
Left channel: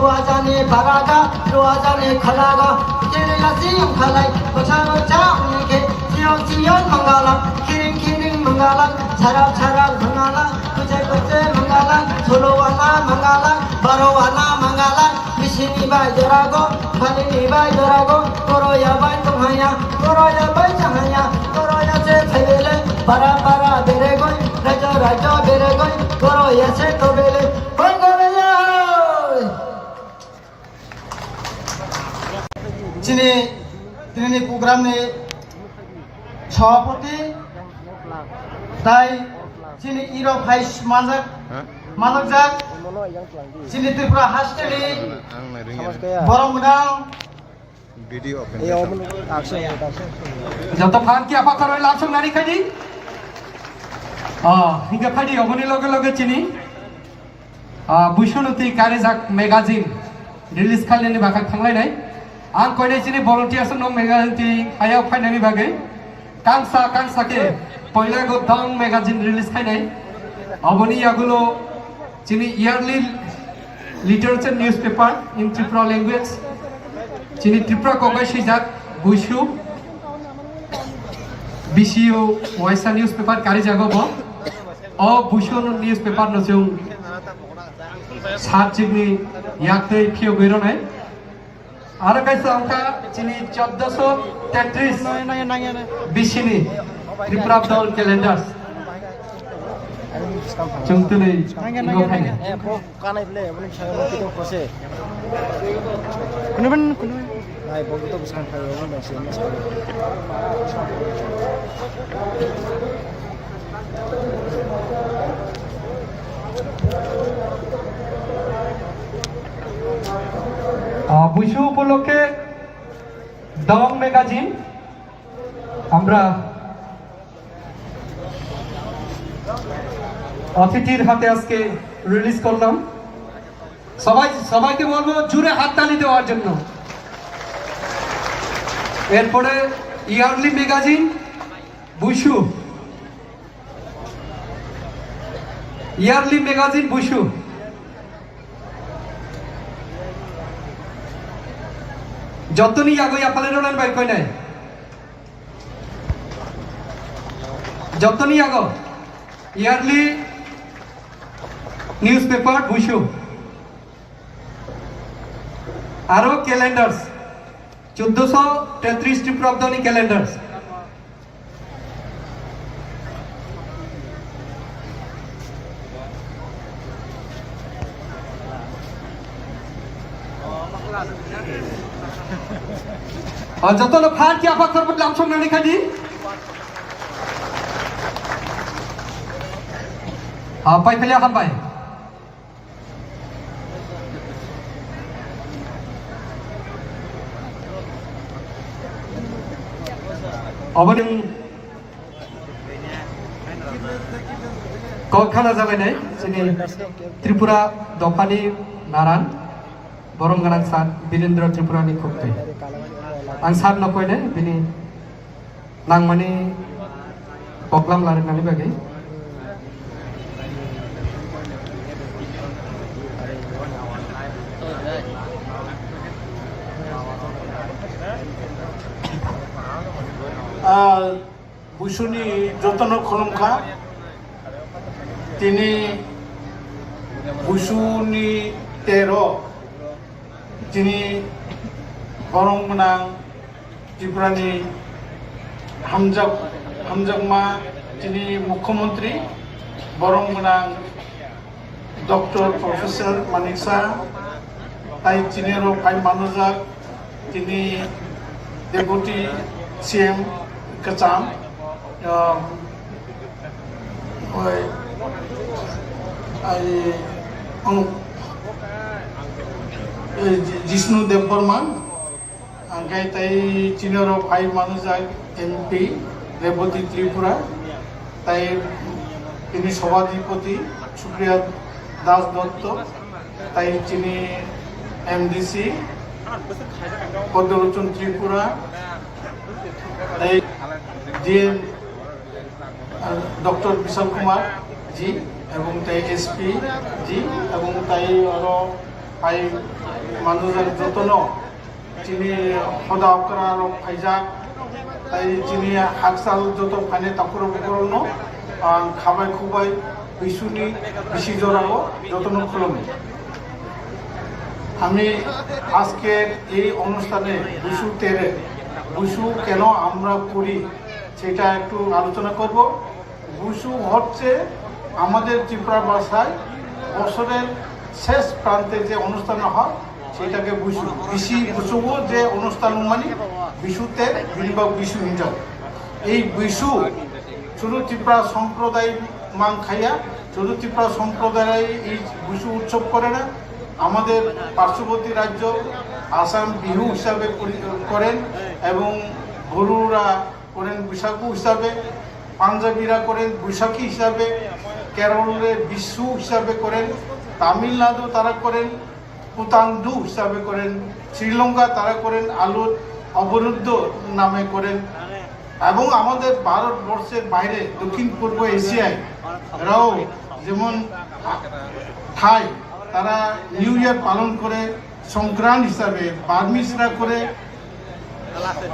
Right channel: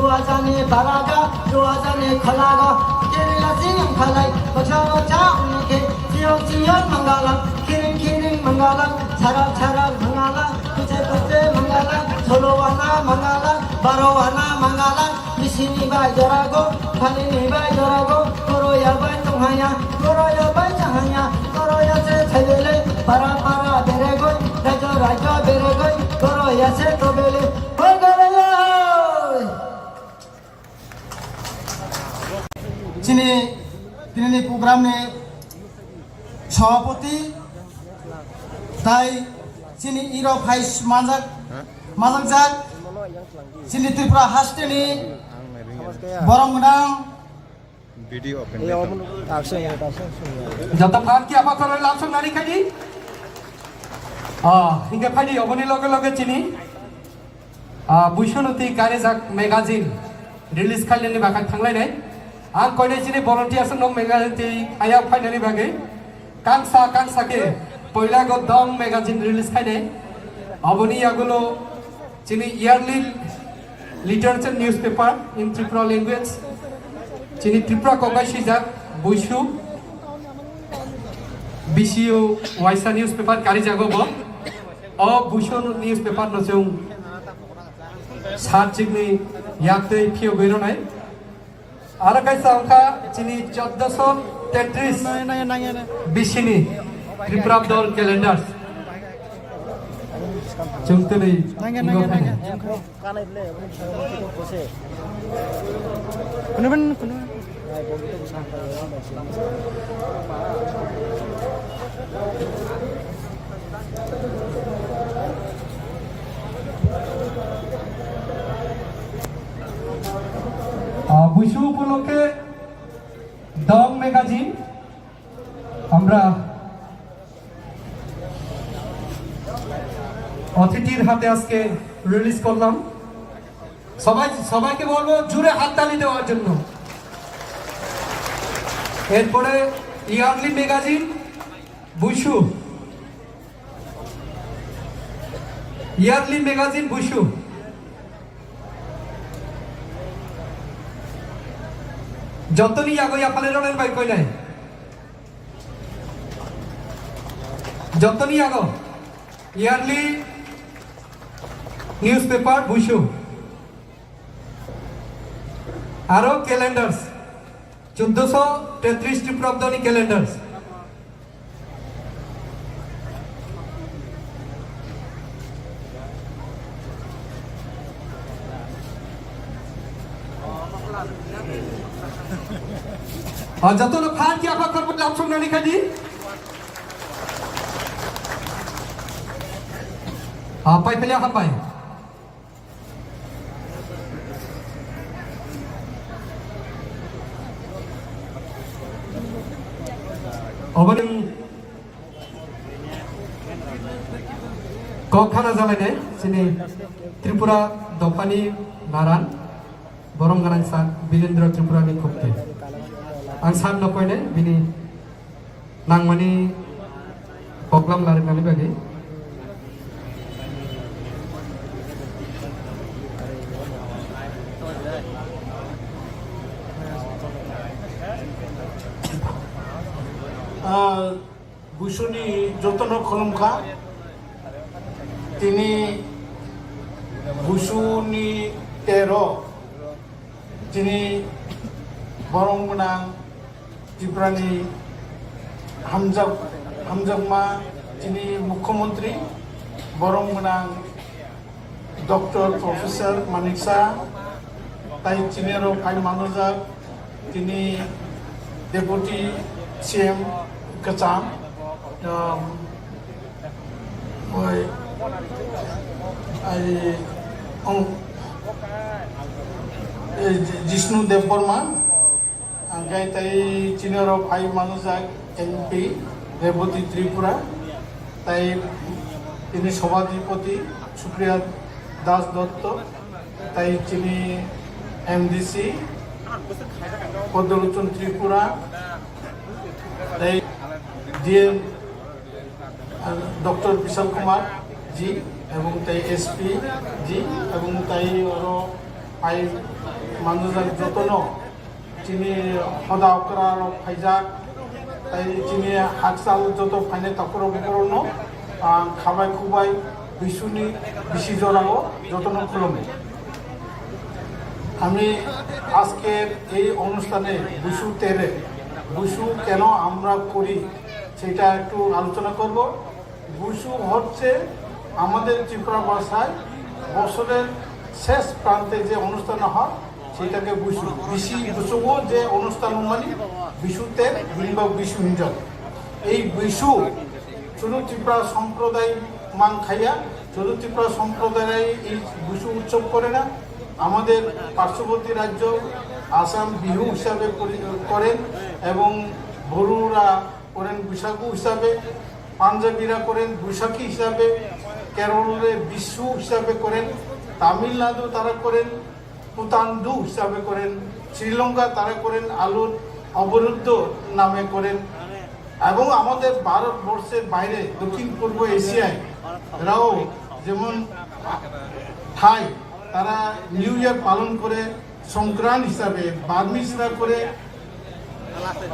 doa jane baraga doa jane khalaga kerela siam khalai bacha bacha unike chiyo chiyo mangala kiring kiring mangala charap charap mangala kuche kuche mangala solo wana mangala baro wana mangala misini ba jorago khalini ba jorago toro ya ba tunghaya toro ya ba changaya toro ya se thelele para para bere goi rajo rajo bere goi toro ya se tobele তিনি প্রোগ্রামে সভাপতি তাই তিনি ইরো ভাইস মাজক তিনি ত্রিপুরা হাস্টেলি বরমগাং যত ফান কি আপা করে লাসুন নারী খাইদি হিঙ্গা ফাইদি অবনি লগে লগে চিনি বুইশুনুতি কারেজাক ম্যাগাজিন রিলিজ খালিনি বাগা থাंलाय নাই आं कोई चिनी volunteers नो मैगजीन ती आया फाइनली बागे कांसा के पहिला गो दंग मैगजीन रिलीज खाइने अबनी आगुलो चिनी इयरली लिटरेचर न्यूज़पेपर इन त्रिपुरा लैंग्वेज चिनी त्रिपुरा कोबाई सिजाक बुइशु बीसीओ वाइसा न्यूज़पेपर कारी जागोबो ओ बुइशु न्यूज़पेपर नो जों सात जिगनि याक्तै फियो गइरनाय आरो गाइस अंका चिनी 1433 बिसिनी त्रिपुरा दल कैलेंडार चुंगतुलै इगो फाइने বুইশু উপলক্ষে দং ম্যাগাজিন আমরা অতিথির হাতে আজকে রিলিজ করলাম সবাইকে বলবো জুড়ে হাততালি দেওয়ার জন্য এরপরে ইয়ারলি ম্যাগাজিন বুইশু ইয়ারলি ম্যাগাজিন বুইশু যতনি আগে আপালে রোডের বাইক কই নাই যতনি আগে ইয়ারলি নিউজপেপার বুইশু আরো ক্যালেন্ডার্স 1433 ত্রিপুরাব্দনী ক্যালেন্ডার্স যত লোক খান কি আপা করবো লামসং নানি খাদি পাই ফেলে আকাম পাই অবনি কখানা জামাই নাই চিনি ত্রিপুরা দফানি নারান বরম গানাং সান বীরেন্দ্র ত্রিপুরানি খুবতে आं सान नखयने बिनि नांमानि प्रग्राम लारायनानै बागै বুইশুনি যতন খলমখা তিনি বুইশুনি 13 তিনি বরংমনাং ত্রিপুরানি হামজাগमा যিনি মুখ্যমন্ত্রী বরংমনাং ডক্টর প্রফেসর মানিকসা তাই চিনেরও ফাইভ মানুষক তিনি ডেপুটি সিএম কাচাম जिष्णु देवबर्मा आंगाय ताई चिनरो फाइव मानुजाक एमपी रेवती त्रिपुरा ताई তিনি সভাধিপতি সুপ্রিয়া দাস দত্ত তাই চিনি এমডিসি পদ্মলোচন ত্রিপুরা তাই ডিএম ডক্টর বিশাল কুমার জি এবং তাই এসপি জি এবং তাই ভাই মানুষের যত্ন চিনি সদা অকরা ফাইজা তাই চিনি হাকসাল যত ফাইনে তাকুর বকরনো খাবাই খুবাই বিশুনি বেশি জোরাও যত্ন খুলমি আমি আজকের এই অনুষ্ঠানে বিশু তেরে বিশু কেন আমরা করি সেটা একটু আলোচনা করব। বিশু হচ্ছে আমাদের ত্রিপুরা ভাষায় বছরের শেষ প্রান্তে যে অনুষ্ঠান হয় সেটাকে বিশু বিশুও যে অনুষ্ঠান মানে বিশুতে বা বিশু হিঞ্জল। এই বিশু শুধু ত্রিপুরা সম্প্রদায় মান খাইয়া শুধু ত্রিপুরা সম্প্রদায় এই বিশু উৎসব করে না, আমাদের পার্শ্ববর্তী রাজ্য আসাম বিহু হিসাবে করেন এবং বড়ুরা করেন বৈশাখু হিসাবে, পাঞ্জাবিরা করেন বৈশাখী হিসাবে, কেরলে বিশু হিসাবে করেন, তামিলনাড়ু তারা করেন পুতান্দু হিসাবে করেন, শ্রীলঙ্কা তারা করেন আলুর অবরুদ্ধ নামে করেন এবং আমাদের ভারতবর্ষের বাইরে দক্ষিণ পূর্ব এশিয়ায় এরাও যেমন থাই তারা নিউ ইয়ার পালন করে সংক্রান্ত হিসাবে, বার্মিসরা করে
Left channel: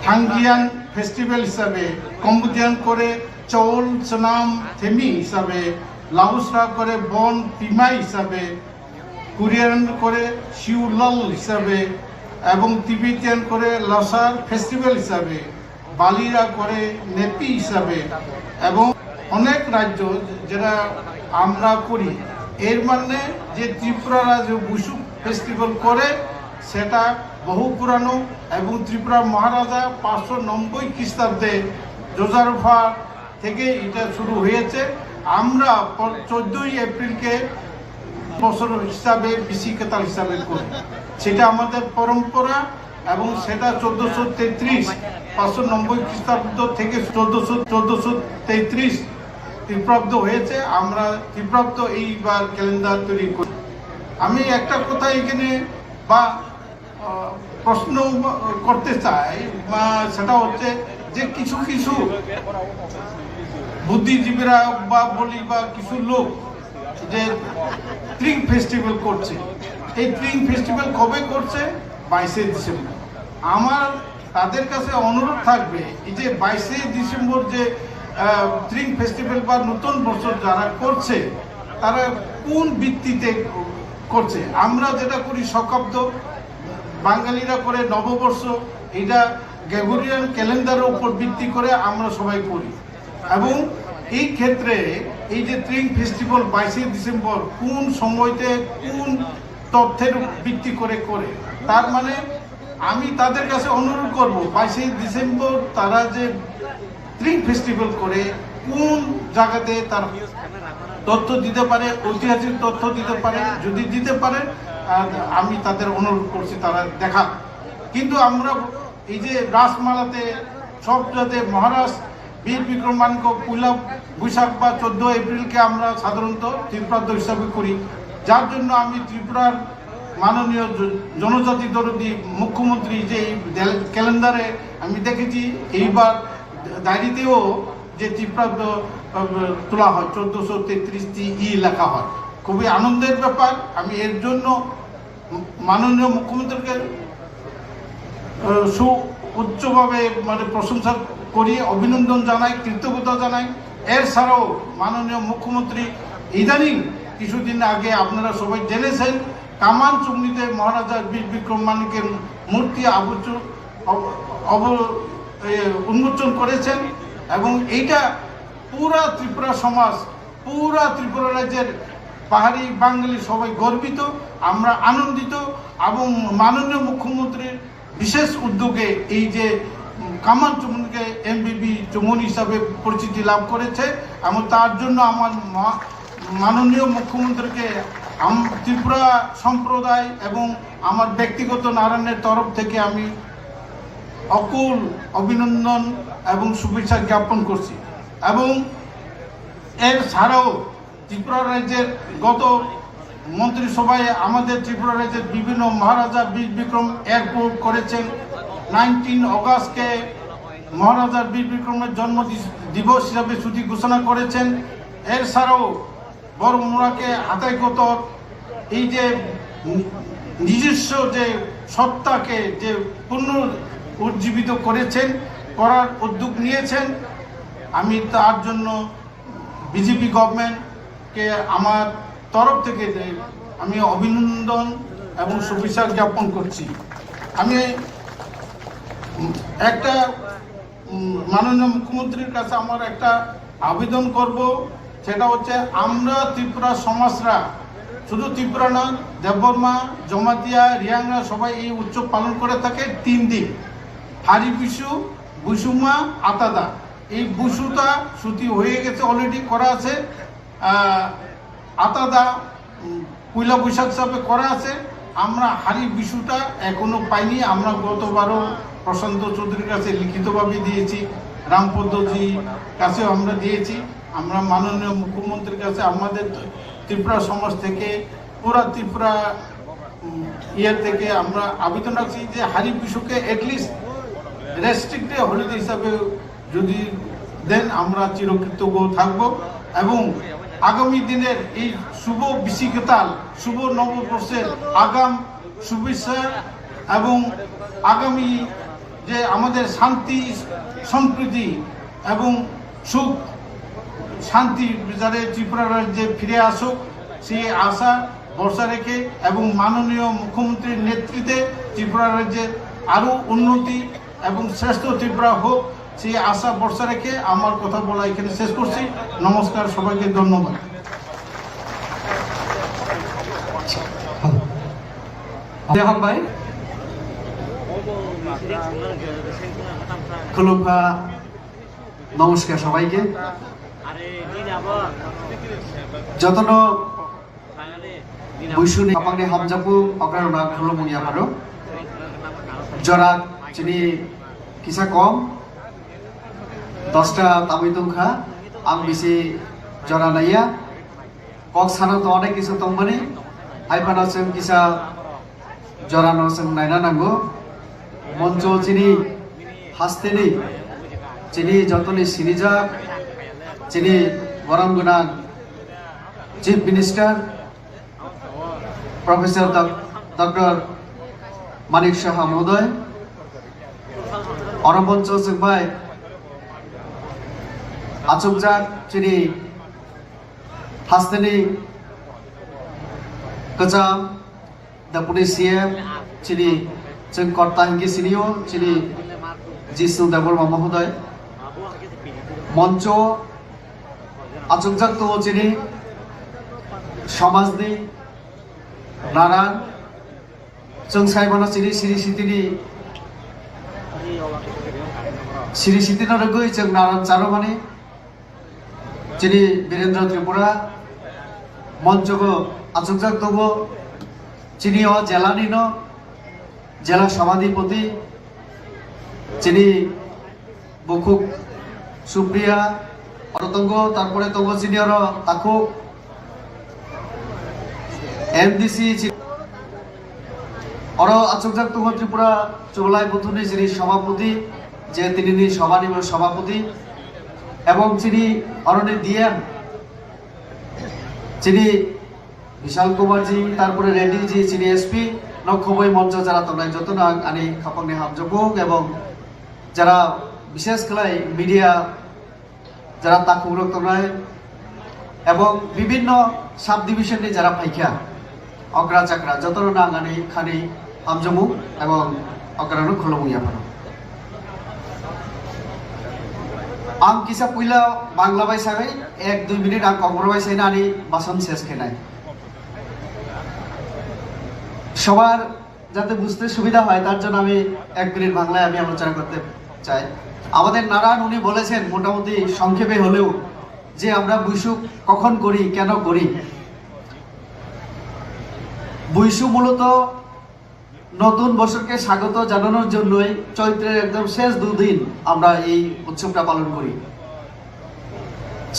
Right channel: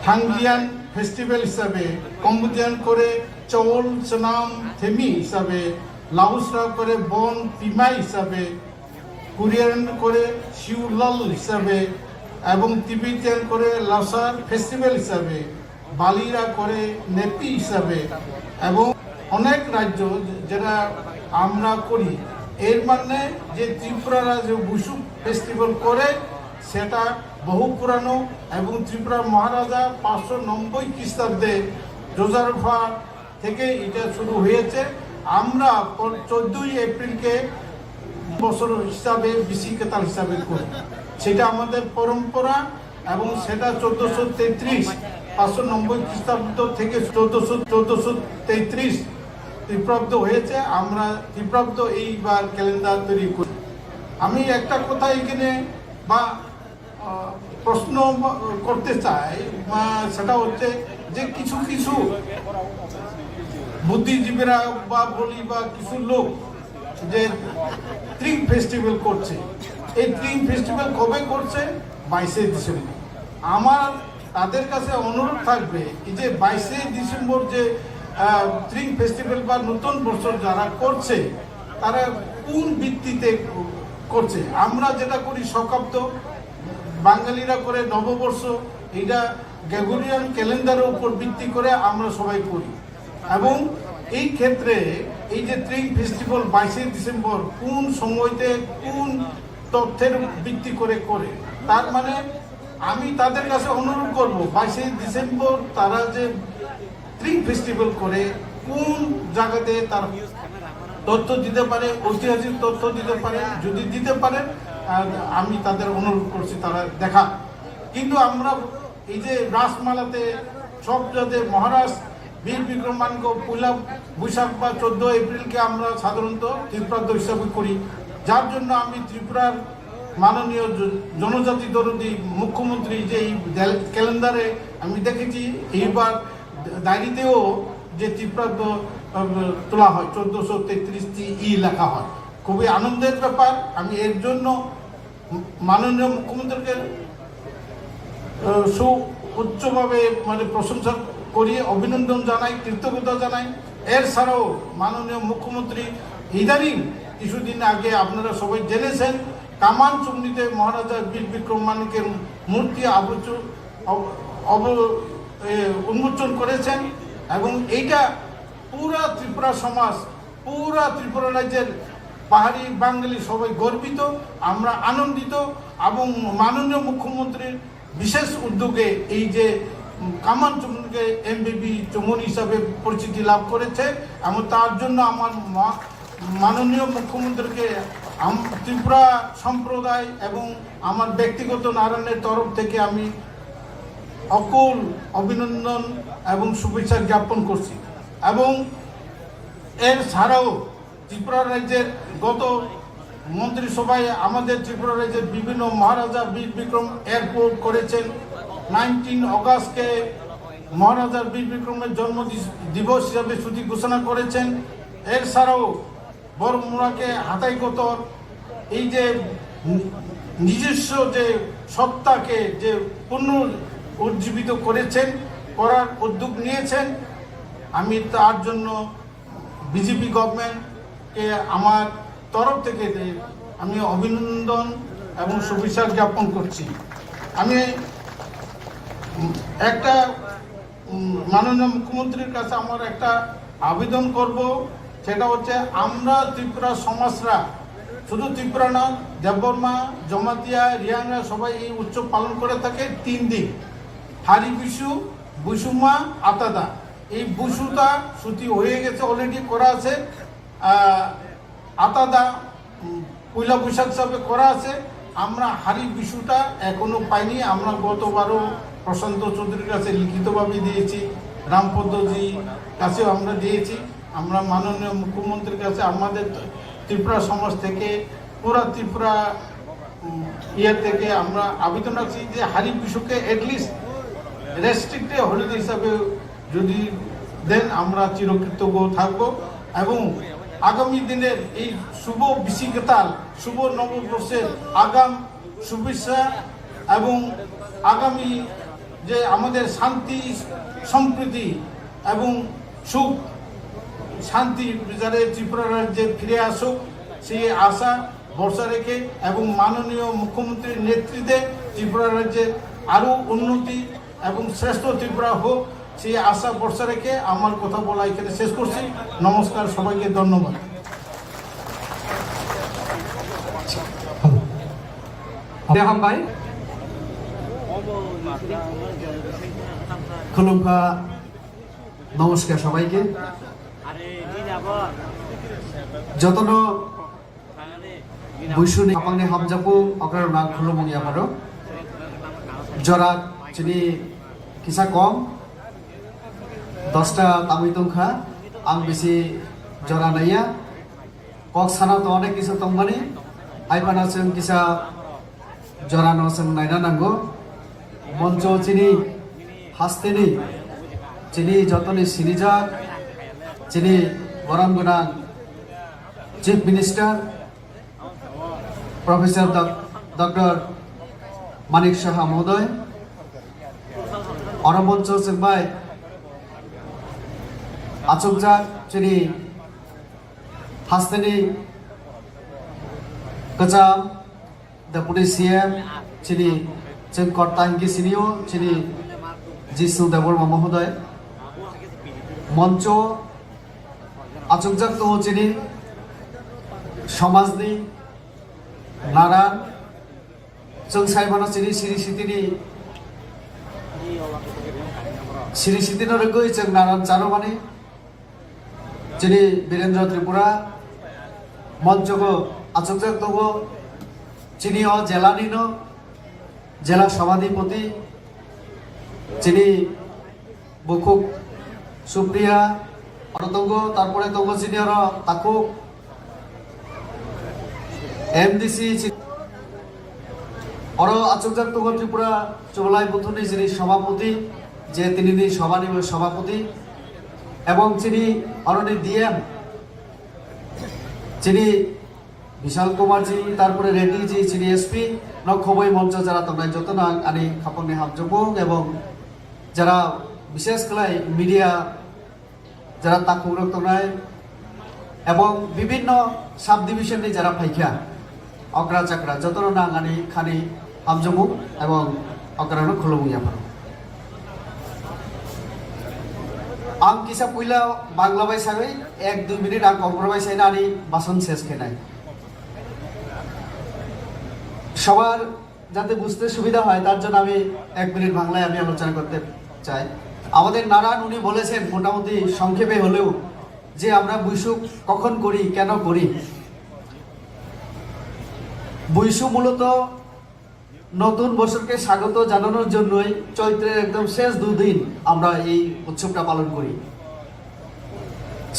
থাঙ্গিয়ান ফেস্টিভ্যাল হিসাবে, কম্বোডিয়ান করে চৌল সনাম থেমি হিসাবে, লাউসরা করে বন তিমাই হিসাবে, কোরিয়ান করে শিউলল হিসাবে এবং তিবেতিয়ান করে লসার ফেস্টিভ্যাল হিসাবে, বালিরা করে নেপি হিসাবে এবং অনেক রাজ্য যেটা আমরা করি। এর মানে যে ত্রিপুরারা যে বিশু ফেস্টিভ্যাল করে সেটা বহু পুরানো এবং ত্রিপুরার মহারাজা 590 খ্রিস্টাব্দে জোজারফা থেকে এটা শুরু হয়েছে। আমরা 14ই এপ্রিলকে বছর হিসাবে বিশিকেতাল হিসাবে করি, সেটা আমাদের পরম্পরা এবং সেটা 1433 590 খ্রিস্টাব্দ থেকে 1433 ত্রিপ্রাব্দ হয়েছে। আমরা ত্রিপ্রাব্দ এইবার ক্যালেন্ডার তৈরি করি। আমি একটা কথা এখানে বা প্রশ্ন করতে চাই, সেটা হচ্ছে যে কিছু কিছু বুদ্ধিজীবীরা বা বলি বা কিছু লোক যে ট্রিং ফেস্টিভ্যাল করছে, এই ট্রিং ফেস্টিভ্যাল কবে করছে? 22শে ডিসেম্বর। আমার তাদের কাছে অনুরোধ থাকবে এই যে 22শে ডিসেম্বর যে ট্রিং ফেস্টিভ্যাল বা নতুন বছর যারা করছে তারা কোন ভিত্তিতে করছে? আমরা যেটা করি শকাব্দ, বাঙালিরা করে নববর্ষ, এইটা গ্রেগরিয়ান ক্যালেন্ডারের উপর ভিত্তি করে আমরা সবাই করি এবং এই ক্ষেত্রে এই যে ট্রিং ফেস্টিভ্যাল 22শে ডিসেম্বর কোন সময়তে কোন তথ্যের ভিত্তি করে করে, তার মানে আমি তাদের কাছে অনুরোধ করব 22শে ডিসেম্বর তারা যে ট্রিং ফেস্টিভ্যাল করে কোন জায়গাতে তার তথ্য দিতে পারে, ঐতিহাসিক তথ্য দিতে পারে, যদি দিতে পারে আমি তাদের অনুরোধ করছি তারা দেখা। কিন্তু আমরা এই যে রাসমালাতে সব যাতে মহারাজ বীর বিক্রমাঙ্ক পয়লা বৈশাখ বা 14 এপ্রিলকে আমরা সাধারণত ত্রিপুরাব্দ হিসাবে করি, যার জন্য আমি ত্রিপুরার মাননীয় জনজাতি দরদি মুখ্যমন্ত্রী যে এই ক্যালেন্ডারে আমি দেখেছি এইবার ডায়েরিতেও যে ত্রিপ্রাব্দ তোলা হয় 1433টি লেখা হয়, খুবই আনন্দের ব্যাপার। আমি এর জন্য মাননীয় মুখ্যমন্ত্রীকে উচ্চভাবে মানে প্রশংসা করি, অভিনন্দন জানাই, কৃতজ্ঞতা জানাই। এর ছাড়াও মাননীয় মুখ্যমন্ত্রী ইদানিং কিছুদিন আগে আপনারা সবাই জেনেছেন কামান চুমনিতে মহারাজা বীর বিক্রম মানিকের মূর্তি উন্মোচন করেছেন এবং এইটা পুরা ত্রিপুরা সমাজ, পুরা ত্রিপুরা রাজ্যের পাহাড়ি বাঙালি সবাই গর্বিত, আমরা আনন্দিত এবং মাননীয় মুখ্যমন্ত্রীর বিশেষ উদ্যোগে এই যে কামান চুমনিকে এমবিবি চুমনি হিসাবে পরিচিতি লাভ করেছে এবং তার জন্য আমার মাননীয় মুখ্যমন্ত্রীকে ত্রিপুরা সম্প্রদায় এবং আমার ব্যক্তিগত নারায়ণের তরফ থেকে আমি অকুল অভিনন্দন এবং শুভেচ্ছা জ্ঞাপন করছি। এবং এর ছাড়াও ত্রিপুরা রাজ্যের গত মন্ত্রিসভায় আমাদের ত্রিপুরা রাজ্যের বিভিন্ন মহারাজা বীর বিক্রম এয়ারপোর্ট করেছেন। 19 অগাস্টকে মহারাজা বীর বিক্রমের জন্ম দিবস হিসাবে ছুটি ঘোষণা করেছেন। এর ছাড়াও বড়মুড়াকে হাতাইকতর এই যে নিজস্ব যে সত্তাকে যে পুনরুজ্জীবিত করার উদ্যোগ নিয়েছেন। আমি তার জন্য বিজেপি গভর্নমেন্টকে আমার তরফ থেকে আমি অভিনন্দন এবং শুভেচ্ছা জ্ঞাপন করছি। আমি একটা মাননীয় মুখ্যমন্ত্রীর কাছে আমার একটা আবেদন করব, সেটা হচ্ছে আমরা ত্রিপুরা সমাজরা, শুধু ত্রিপুরা না, দেববর্মা, জমাতিয়া, রিয়াংরা সবাই এই উৎসব পালন করে থাকে 3 দিন। হারি বিশু, বুসুমা, আতাদা। এই বুসুটা ছুটি হয়ে গেছে, অলরেডি করা আছে। আতাদা পয়লা বৈশাখ হিসাবে করা আছে। আমরা হারি বিশুটা এখনো পাইনি। আমরা গতবারও প্রশান্ত চৌধুরীর কাছে লিখিতভাবে দিয়েছি, রামপদ্মজি কাছেও আমরা দিয়েছি। আমরা মাননীয় মুখ্যমন্ত্রীর কাছে আমাদের ত্রিপুরা সমাজ থেকে, পুরা ত্রিপুরা থেকে আমরা আবেদন রাখছি যে হারি বিশুকে এটলিস্ট রেস্ট্রিক্টেড হলিডে হিসাবে যদি দেন আমরা চিরকৃতজ্ঞ থাকবো। এবং আগামী দিনের এই শুভ বিশিকাতাল, শুভ নববর্ষের আগাম শুভেচ্ছা এবং আগামী যে আমাদের শান্তি, সম্প্রীতি এবং সুখ শান্তি বিচারে ত্রিপুরা রাজ্যে ফিরে আসুক, সেই আশা ভরসা রেখে এবং মাননীয় মুখ্যমন্ত্রীর নেতৃত্বে ত্রিপুরা রাজ্যে আরও উন্নতি এবং শ্রেষ্ঠ ত্রিপুরা হোক, সেই আশা ভরসা রেখে আমার কথা বলা এখানে শেষ করছি। নমস্কার, সবাইকে ধন্যবাদ। হামবাই খুলুমফা, নমস্কার সবাইকে। যতনো বুসুনি হাপাংনি হামজাপু অকার না খুলুমনি আমারও জরা চিনি কিসা কম 10টা তামিল দংখা আং বেশি জরা নাইয়া কক সানা তো অনেক কিছু তংমানি আইপানা जों কিসা জরা no जों নাইনা নাঙ্গো মঞ্চ চিনি হাস্তেনি চিনি যতনি সিনিজা চিনি গরম গুনা chief minister professor doctor Manik Saha মহোদয় অনমঞ্চ जोंबाय आचुकजाक चिनी हास्तेनि कचाम deputy CM चिनी जों कर्ता हिंगी सिनियो चिनी जिसु देबबर्मा महोदय मঞ্চ आचुकजाक तो चिनी समाजनि नारायण जों साइबाना चिनी सिरि सितिनि रगै जों नारायण चारुमानि चिनी वीरेंद्र त्रिपुरा मঞ্চको आचुकजाक दङ चिनी जेलानिनो জেলা সভাধিপতি চিনি বকুক সুপ্রিয়া অরতঙ্গ তারপরে তঙ্গ সিনিয়র তাকু এমডিসি অর আচুকজাক তঙ্গ ত্রিপুরা চৌলাই বুথুনি যিনি সভাপতি যে তিনি সভানি সভাপতি এবং চিনি অরণি ডিএম চিনি বিশাল কুমারজি তারপরে রেড্ডিজি চিনি এসপি নখবই মঞ্চ যারা তোমরা যত না আনি খাপংনি হাবজবুক এবং যারা বিশেষ করে মিডিয়া যারা তাকুরক তোমরাই এবং বিভিন্ন সাব ডিভিশনে যারা ফাইখা অগ্রা চাকরা যত না আনি খানি হামজমুক এবং অগ্রানো খুলমুইয়া आं किसा पुइला बांग्ला बायसागै 1-2 मिनिट आं कम्प्रोमाइज हैनानै बासन শেষ খেনাই সবার যাতে বুঝতে সুবিধা হয় তার জন্য আমি 1 মিনিট বাংলায় আমি আলোচনা করতে চাই আমাদের নারায়ণ উনি বলেছেন মোটামুটি সংক্ষেপে হলেও যে আমরা বৈশু কখন করি কেন করি বৈশু মূলত নতুন বছরকে স্বাগত জানানোর জন্যই চৈত্রের একদম শেষ 2 দিন আমরা এই উৎসবটা পালন করি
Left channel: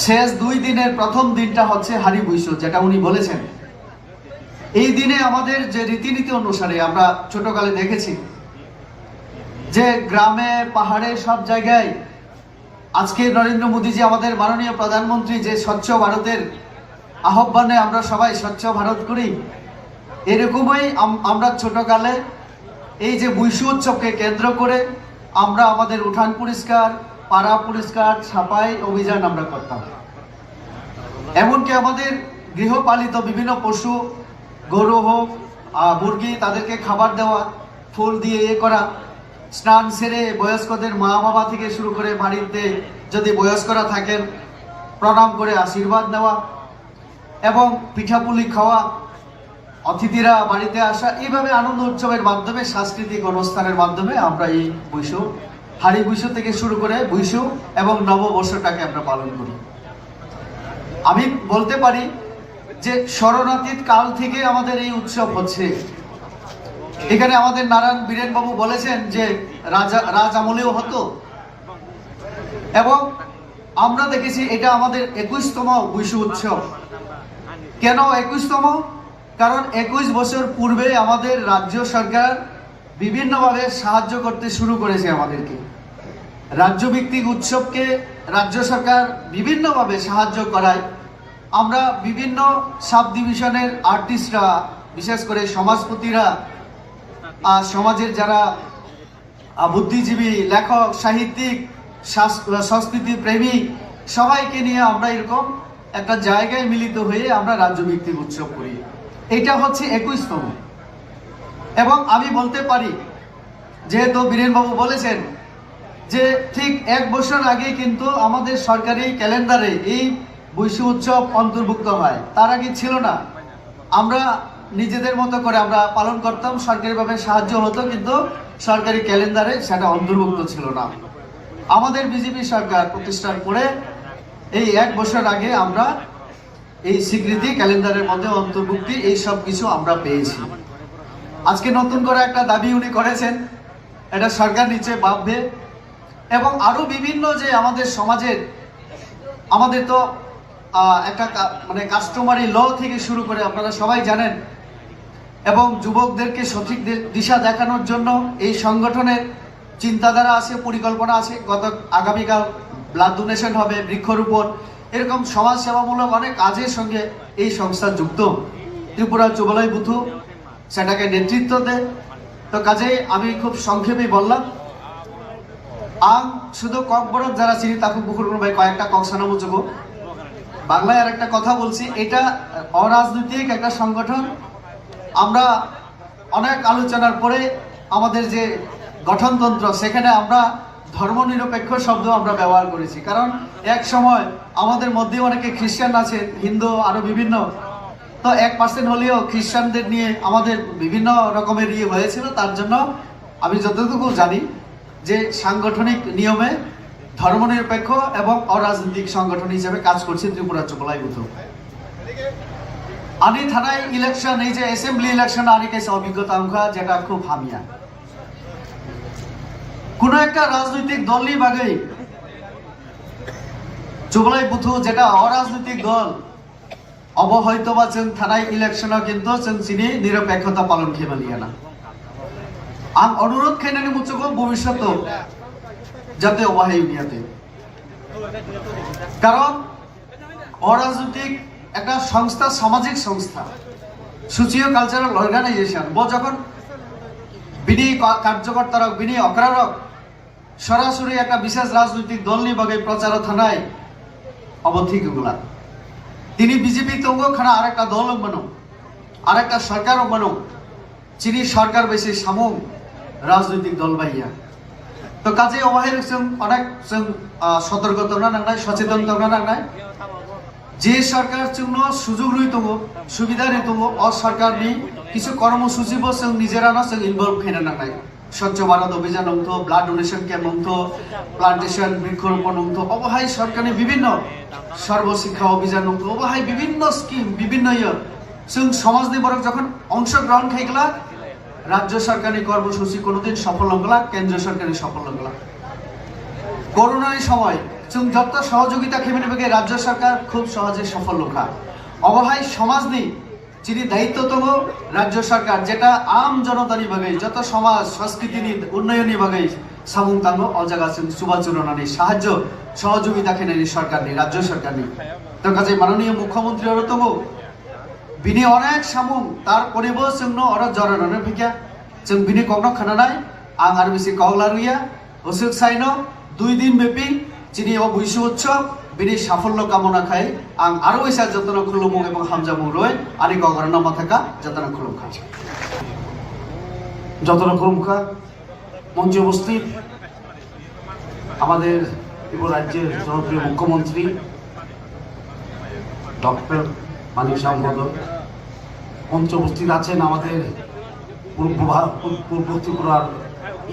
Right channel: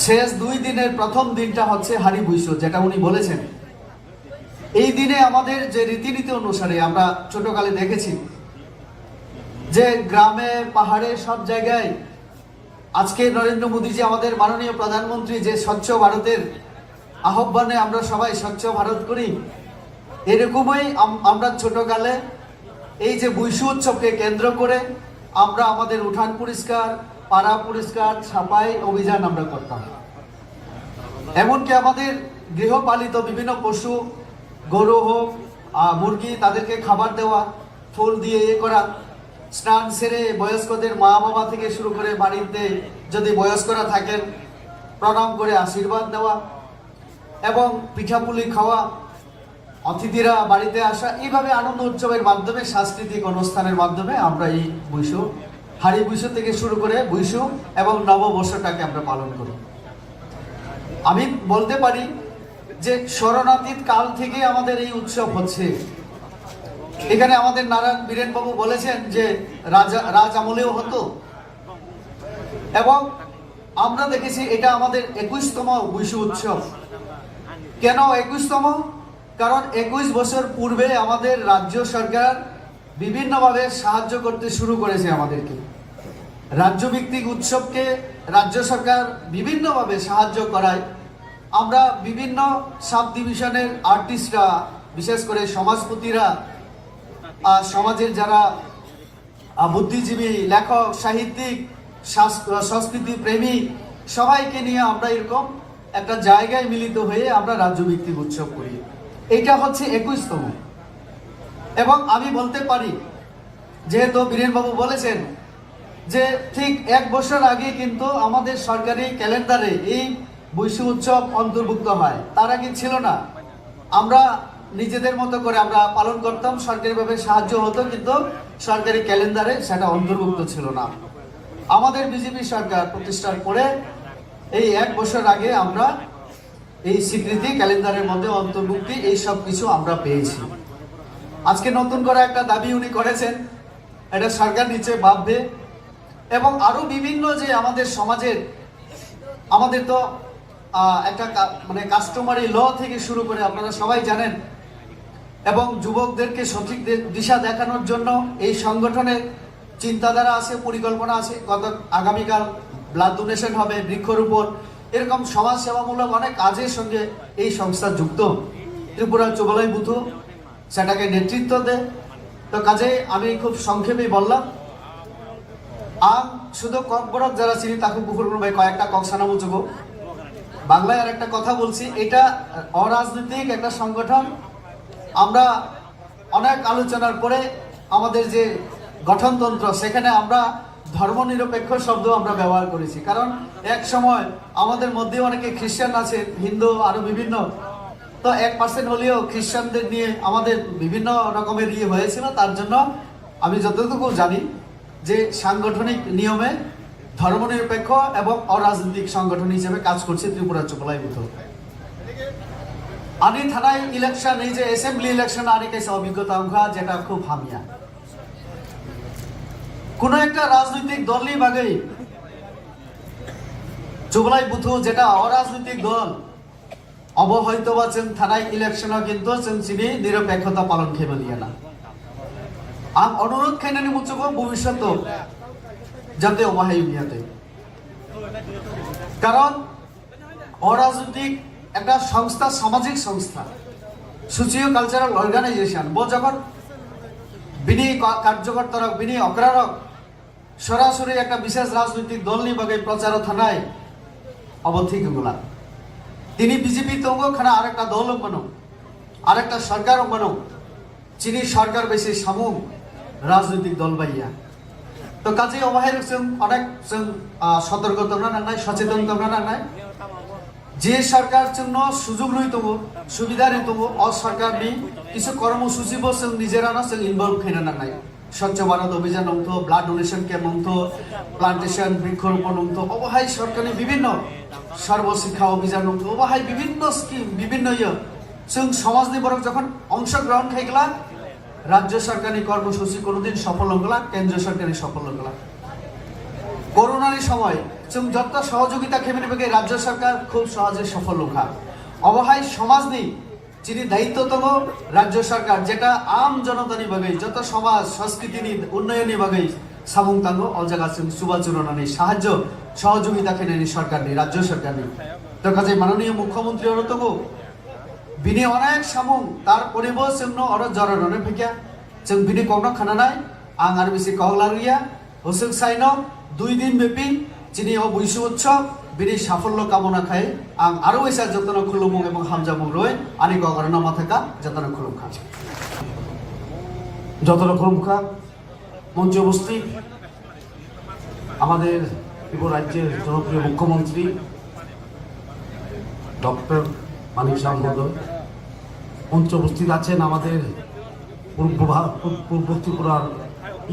শেষ 2 দিনের প্রথম দিনটা হচ্ছে হারি বৈশু যেটা উনি বলেছেন এই দিনে আমাদের যে রীতিনীতি অনুসারে আমরা ছোটকালে দেখেছি যে গ্রামে পাহাড়ে সব জায়গায় আজকে নরেন্দ্র মোদীজি আমাদের মাননীয় প্রধানমন্ত্রী যে স্বচ্ছ ভারতের আহ্বানে আমরা সবাই স্বচ্ছ ভারত করি এরকমই আমরা ছোটকালে এই যে বৈশু উৎসবকে কেন্দ্র করে আমরা আমাদের উঠান পরিষ্কার, পাড়া পরিষ্কার, ছাপাই অভিযান আমরা করতাম। এমনকি আমাদের গৃহপালিত বিভিন্ন পশু, গরু হোক, মুরগি, তাদেরকে খাবার দেওয়া, ফুল দিয়ে করা, স্নান সেরে বয়স্কদের মা বাবা থেকে শুরু করে বাড়িতে যদি বয়স্করা থাকেন প্রণাম করে আশীর্বাদ নেওয়া এবং পিঠাপুলি খাওয়া, অতিথিরা বাড়িতে আসা, এইভাবে আনন্দ উৎসবের মাধ্যমে, সাংস্কৃতিক অনুষ্ঠানের মাধ্যমে আমরা এই বৈশু, হাড়ি বৈশু থেকে শুরু করে বৈশু এবং নববর্ষটাকে আমরা পালন করি। আমি বলতে পারি যে শরণাতীত কাল থেকে আমাদের এই উৎসব হচ্ছে। এখানে আমাদের নারায়ণ বীরেন বাবু বলেছেন যে রাজ আমলেও হতো, এবং আমরা দেখেছি এটা আমাদের 21তম বৈশু উৎসব। কেন 21তম? কারণ 21 বছর পূর্বে আমাদের রাজ্য সরকার বিভিন্নভাবে সাহায্য করতে শুরু করেছে আমাদেরকে। রাজ্যভিত্তিক উৎসবকে রাজ্য সরকার বিভিন্নভাবে সাহায্য করায়। আমরা বিভিন্ন সাব ডিভিশনের আর্টিস্টরা, বিশেষ করে সমাজপতিরা, সমাজের যারা বুদ্ধিজীবী, লেখক, সাহিত্যিক, সংস্কৃতি প্রেমী, সবাইকে নিয়ে আমরা এরকম একটা জায়গায় মিলিত হয়ে আমরা রাজ্যভিত্তিক উৎসব করি। এটা হচ্ছে 21তম। এবং আমি বলতে পারি, যেহেতু বীরেনবাবু বলেছেন যে ঠিক 1 বছর আগে কিন্তু আমাদের সরকারি ক্যালেন্ডারে এই বৈশু উৎসব অন্তর্ভুক্ত হয়। তার আগে ছিল না। আমরা নিজেদের মতো করে আমরা পালন করতাম, সরকারিভাবে সাহায্য হতো, কিন্তু সরকারি ক্যালেন্ডারে সেটা অন্তর্ভুক্ত ছিল না। আমাদের বিজেপি সরকার প্রতিষ্ঠার পরে এই 1 বছর আগে আমরা এই স্বীকৃতি, ক্যালেন্ডারের মধ্যে অন্তর্ভুক্তি, এই সব কিছু আমরা পেয়েছি। আজকে নতুন করে একটা দাবি উনি করেছেন, এটা সরকার নিচে ভাববে। এবং আরো বিভিন্ন যে আমাদের সমাজের, আমাদের তো একটা মানে কাস্টমারি ল থেকে শুরু করে আপনারা সবাই জানেন, এবং যুবকদেরকে সঠিক দিশা দেখানোর জন্য এই সংগঠনের চিন্তাধারা আছে, পরিকল্পনা আছে। আগামীকাল ব্লাড ডোনেশন হবে, বৃক্ষরোপণ, এরকম সমাজ সেবামূলক অনেক কাজের সঙ্গে এই সংস্থা যুক্ত। ত্রিপুরা যুবলয় বুথু সেটাকে নেতৃত্ব দেয়। তো কাজেই আমি খুব সংক্ষেপেই বললাম, শুধু ককবরক যারা চিনি তাকে পুকুর ভাই কয়েকটা কংসানা মুচুকো বাংলায় আর একটা কথা বলছি, এটা অরাজনৈতিক একটা সংগঠন। আমরা অনেক আলোচনার পরে আমাদের যে গঠনতন্ত্র, সেখানে আমরা ধর্মনিরপেক্ষ শব্দ আমরা ব্যবহার করেছি। কারণ এক সময় আমাদের মধ্যে অনেকে খ্রিস্টান আছে, হিন্দু, আরো বিভিন্ন, তো 1% হলেও খ্রিস্টানদের নিয়ে আমাদের বিভিন্ন রকমের হয়েছিল। তার জন্য আমি যতটুকু জানি যে সাংগঠনিক নিয়মে ধর্মনিরপেক্ষ এবং অরাজনৈতিক সংগঠন হিসেবে কাজ করছে ত্রিপুরা যুবলয় বুথ। আমি থানায় ইলেকশন, এই যে অ্যাসেম্বলি ইলেকশন আনি কাছে অভিজ্ঞতা অঙ্কা, যেটা খুব হামিয়া। কোন একটা রাজনৈতিক দলই বাগেই যুবলয় বুথ যেটা অরাজনৈতিক দল অবহৈত বা থানায় ইলেকশন কিন্তু চিনি নিরপেক্ষতা পালন খেয়ে নিয়ে না। আমি অনুরোধ খেয়ে নেব ভবিষ্যতে যাতে অবহাই নিয়াতে, কারণ অরাজনৈতিক একটা সংস্থা, সামাজিক সংস্থা, সোশিও কালচারাল অর্গানাইজেশন যখন বিনি কার্যকর্তারা, বিনি অগ্রারক সরাসরি একটা বিশেষ রাজনৈতিক দল নিয়ে বাগে প্রচার থানায় অবধিক গুলা তিনি বিজেপি তঙ্গ খানা আরেকটা দল বানো, আরেকটা সরকার বানো, চিনি সরকার বেশি সামুক রাজনৈতিক দল বাইয়া। তো কাজে অবহের অনেক সতর্কতা নাই, সচেতনতা নাই। যে সরকার জন্য সুযোগ রইত, সুবিধা রইত, অসরকার নেই কিছু কর্মসূচি নিজেরা না ইনভলভ খেয়ে না নাই। স্বচ্ছ ভারত অভিযান অন্ত, ব্লাড ডোনেশন ক্যাম্প অন্ত, প্লান্টেশন, বৃক্ষরোপণ অন্ত, অবহাই সরকারি বিভিন্ন সর্বশিক্ষা অভিযান অন্ত, অবহাই বিভিন্ন স্কিম, বিভিন্ন সমাজ নির্ভরক যখন অংশগ্রহণ খাইগলা, রাজ্য সরকারি কর্মসূচি কোনোদিন সফল হগলা, কেন্দ্রীয় সরকারি সফল হগলা। করোনার সময় যত সহযোগিতা খেমে নেবে রাজ্য সরকার খুব সহজে সফল হোকা। অবহাই সমাজ নেই যিনি দায়িত্বতম রাজ্য সরকার, যেটা আম জনতানি ভাবে যত সমাজ সংস্কৃতি উন্নয়নী ভাবে সামুং তাঙ্গ অজাগা সুবাচরণা নেই, সাহায্য সহযোগিতা খেনে সরকার নেই, রাজ্য সরকার নেই। তো কাজে মাননীয় মুখ্যমন্ত্রী তবু बिनि अनेक सामुं तार करिबो जोंनो अर जरानानै फैया जों बिनि कगनो खानानाय आं आरो बिसि कहलारिया हसुक साइनो 2 दिन बेपि चिनि अ बुइसु उत्सव बिनि साफल्य कामना खाय आं आरो एसा जतन खुलुमु एबं हामजामु रय आनि गगरना माथाका जतन खुलुमखा যতন খুলুমখা মঞ্চে উপস্থিত আমাদের ত্রিপুরা রাজ্যের জনপ্রিয় মুখ্যমন্ত্রী ডক্টর মানিক সাহা মহোদয়, মঞ্চে উপস্থিত আছেন আমাদের পূর্ব ত্রিপুরার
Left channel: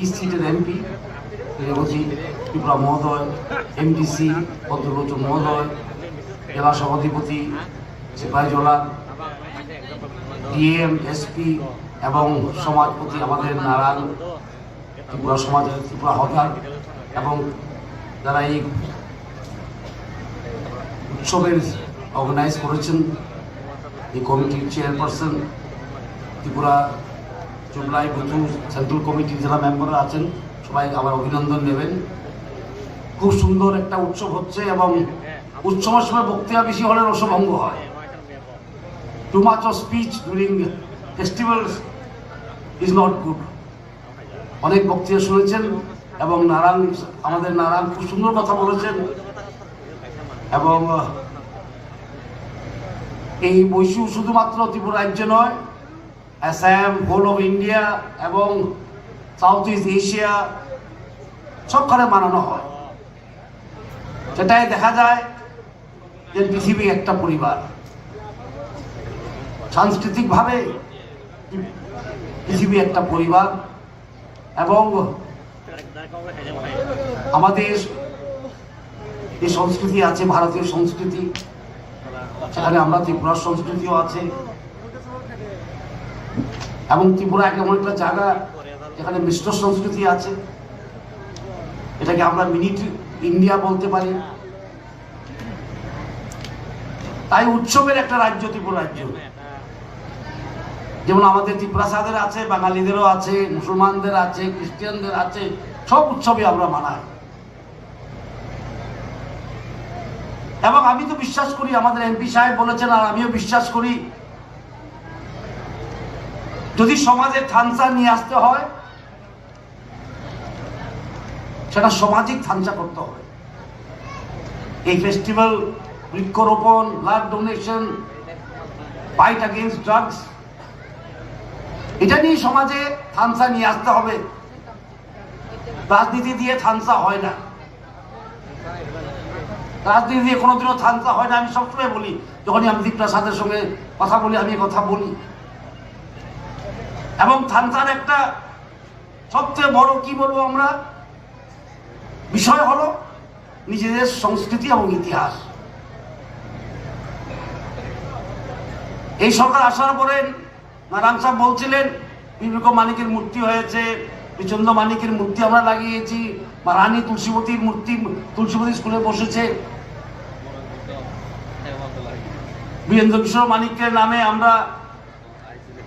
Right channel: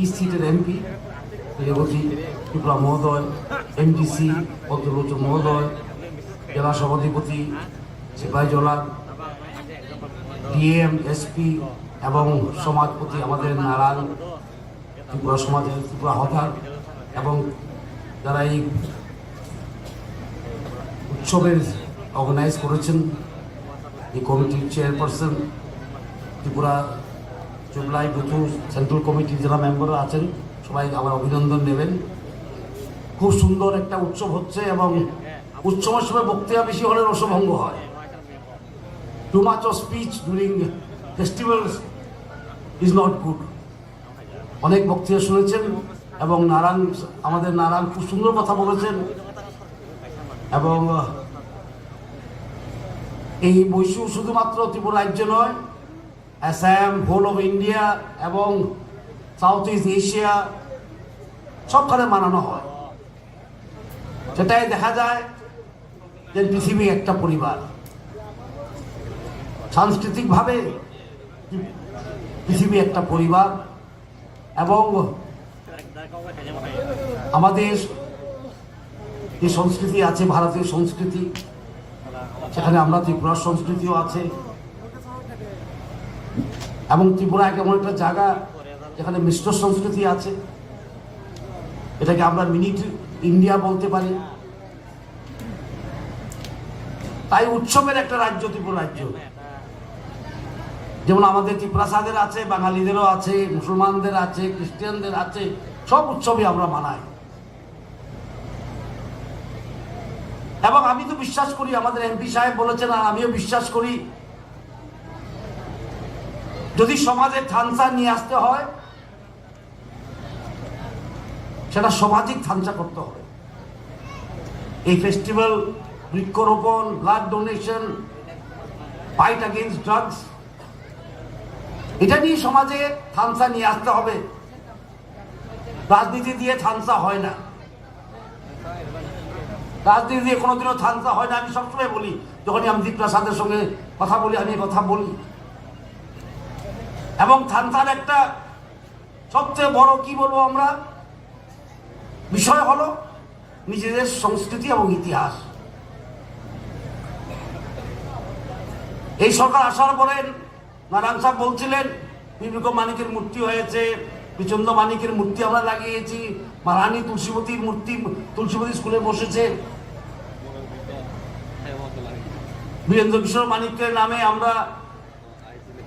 ইস্ট সিটের এমপি রেবতী ত্রিপুরা মহোদয়, এমডিসি পদ্মলোচন মহোদয়, জেলা সভাধিপতি সিপাহীজলা, ডিএম, এসপি এবং সমাজপতি আমাদের নারায়ণ ত্রিপুরা সমাজের ত্রিপুরা হকার এবং যারা এই উৎসবের অর্গানাইজ করেছেন, এই কমিটির চেয়ারপারসন ত্রিপুরা জুলাই নতুন সেন্ট্রাল কমিটির যারা মেম্বাররা আছেন সবাই আমার অভিনন্দন নেবেন। খুব সুন্দর একটা উৎসব হচ্ছে এবং উৎসবের সময় বক্তৃতা বেশি হলে রসভঙ্গ হয়। Too much of speech during festivals is not good. অনেক বক্তৃতা শুনেছেন এবং আমাদের নারায়ণ খুব সুন্দর কথা বলেছেন এবং এই বৈশু শুধুমাত্র ত্রিপুরা রাজ্য নয়, আসাম, হোল অফ ইন্ডিয়া এবং সাউথ ইস্ট এশিয়া সবখানে মানানো হয়। সেটাই দেখা যায় যে পৃথিবী একটা পরিবার। সাংস্কৃতিকভাবে পৃথিবী একটা পরিবার এবং আমাদের যে সংস্কৃতি আছে ভারতীয় সংস্কৃতি, সেখানে আমরা ত্রিপুরার সংস্কৃতিও আছে এবং ত্রিপুরা এমন একটা জায়গা যেখানে মিশ্র সংস্কৃতি আছে, এটাকে আমরা মিনি ইন্ডিয়া বলতে পারি। তাই উৎসবের একটা রাজ্য ত্রিপুরা রাজ্য, যেমন আমাদের ত্রিপ্রাসাদের আছে, বাঙালিদেরও আছে, মুসলমানদের আছে, খ্রিস্টানদের আছে, সব উৎসবে আমরা মানাই। এবং আমি তো বিশ্বাস করি, আমাদের এমপি সাহেব বলেছেন আর আমিও বিশ্বাস করি, যদি সমাজে থামসা নিয়ে আসতে হয় সেটা সামাজিক থামসা করতে হবে। এই ফেস্টিভ্যাল, বৃক্ষরোপণ, blood donation, fight against drugs, এটা নিয়ে সমাজে থামসা নিয়ে আসতে হবে। রাজনীতি দিয়ে থামসা হয় না, রাজনীতি দিয়ে কোনোদিনও থামসা হয় না। আমি সবসময় বলি, যখনই আমি দীপ্রাসাদের সঙ্গে কথা বলি, আমি কথা বলি। এবং থামসার একটা সবচেয়ে বড় কি বলবো আমরা বিষয় হলো নিজেদের সংস্কৃতি এবং ইতিহাস। এই সরকার আসার পরে নারায়ণ সাহেব বলছিলেন বিবেক মানিকের মূর্তি হয়েছে, বিচন্দ মানিকের মূর্তি আমরা লাগিয়েছি, রানী তুলসীবতীর মূর্তি তুলসীবতী স্কুলে বসেছে, বীরেন্দ্র কিশোর মানিকের নামে আমরা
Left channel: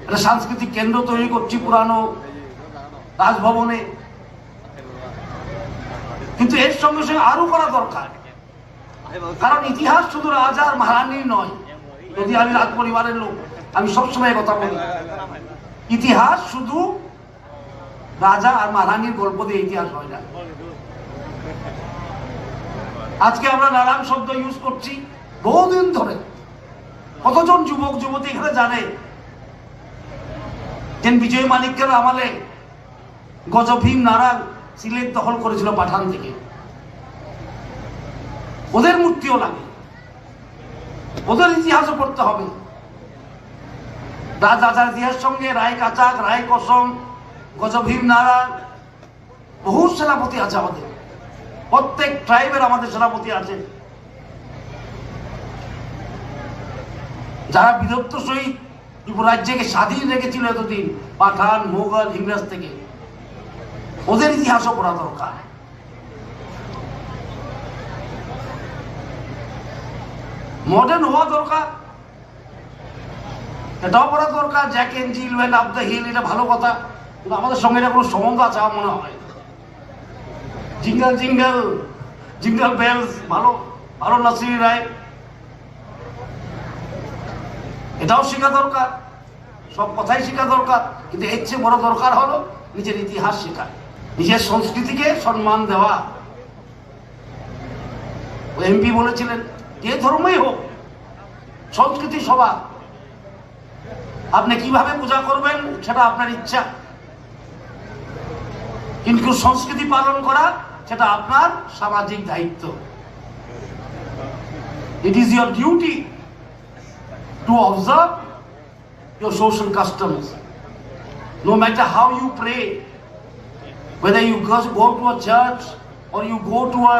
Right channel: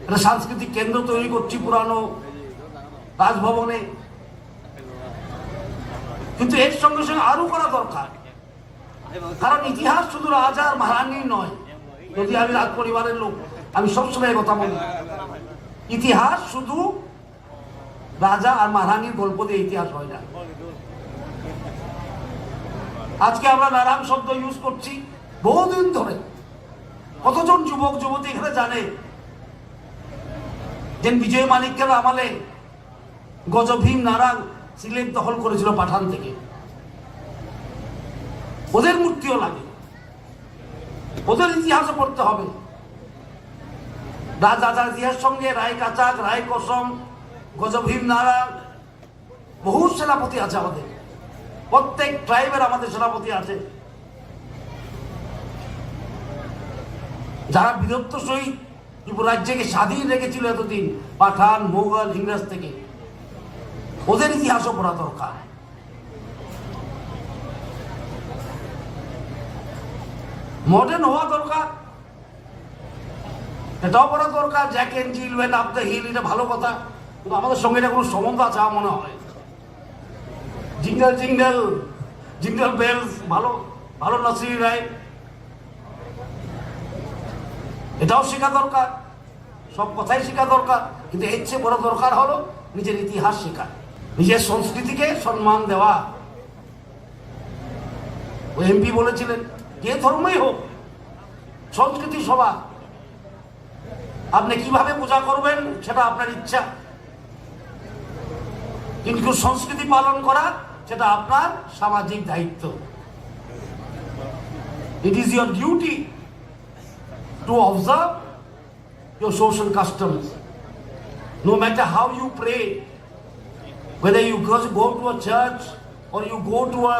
একটা সাংস্কৃতিক কেন্দ্র তৈরি করছি পুরানো রাজভবনে। কিন্তু এর সঙ্গে সঙ্গে আরো করা দরকার, কারণ ইতিহাস শুধু রাজা আর মহারানীর নয়। যদি আমি রাজ পরিবারের লোক, আমি সবসময় কথা বলি, ইতিহাস শুধু রাজা আর মহারানীর গল্প দিয়ে ইতিহাস হয় না। আজকে আমরা নারায়ণ শব্দ ইউজ করছি বহুদিন ধরে। কতজন যুবক যুবতী এখানে জানে যে বিজয় মানিক্যের আমলে গজভীম নারায়ণ সিলেট দখল করেছিল পাঠান থেকে। ওদের মূর্তিও লাগে, ওদের ইতিহাসও পড়তে হবে। রাজার ইতিহাস সঙ্গে রায় কাচাক, রায় কসম, গজভীম নারায়ণ, বহু সেনাপতি আছে আমাদের। প্রত্যেক ট্রাইবের আমাদের সেনাপতি আছে, যারা বীরত্ব সহিত ত্রিপুরা রাজ্যকে স্বাধীন রেখেছিল এতদিন পাঠান, মোগল, ইংরেজ থেকে। ওদের ইতিহাসও পড়া দরকার। মডার্ন হওয়া দরকার, এটাও পড়া দরকার। Jack and Jill went up the hill, এটা ভালো কথা, কিন্তু আমাদের সঙ্গে এটা কোনো সম্বন্ধ আছে আমার মনে হয়। জিঙ্গল জিঙ্গল জিঙ্গল বেলস, ভালো ভালো নাসির রায়, এটাও শেখা দরকার, সব কথাই শেখা দরকার, কিন্তু এর চেয়ে বড় দরকার হলো নিজের ইতিহাস শেখা, নিজের সংস্কৃতিকে সম্মান দেওয়া। ওই এমপি বলেছিলেন যে ধর্মই হোক সংস্কৃতি সবার, আপনি কিভাবে পূজা করবেন সেটা আপনার ইচ্ছা, কিন্তু সংস্কৃতি পালন করা সেটা আপনার সামাজিক দায়িত্ব। It is your duty to observe your social customs. No matter how you pray, whether you go to a church or you go to a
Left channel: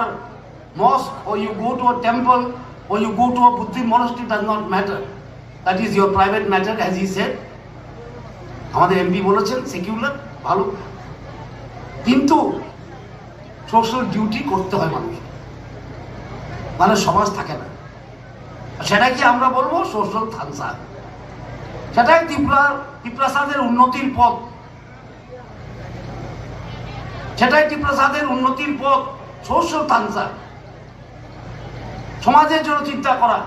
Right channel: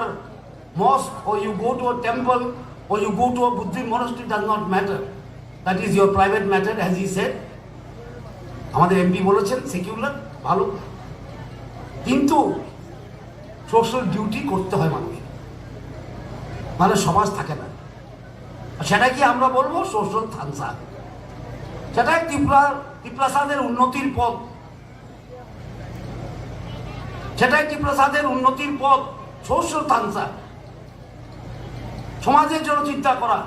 mosque or you go to a temple or you go to a Buddhist monastery, does not matter. That is your private matter, as he said. আমাদের এমপি বলেছেন সেকুলার ভালো, কিন্তু সোশ্যাল ডিউটি করতে হয় মানুষ, মানে সমাজ থাকে না। সেটাই কি আমরা বলবো সোশ্যাল থানসা, সেটাই ত্রিপ্রাসাদের উন্নতির পথ, সেটাই ত্রিপ্রাসাদের উন্নতির পথ, সোশ্যাল থানসা, সমাজের জন্য চিন্তা করা।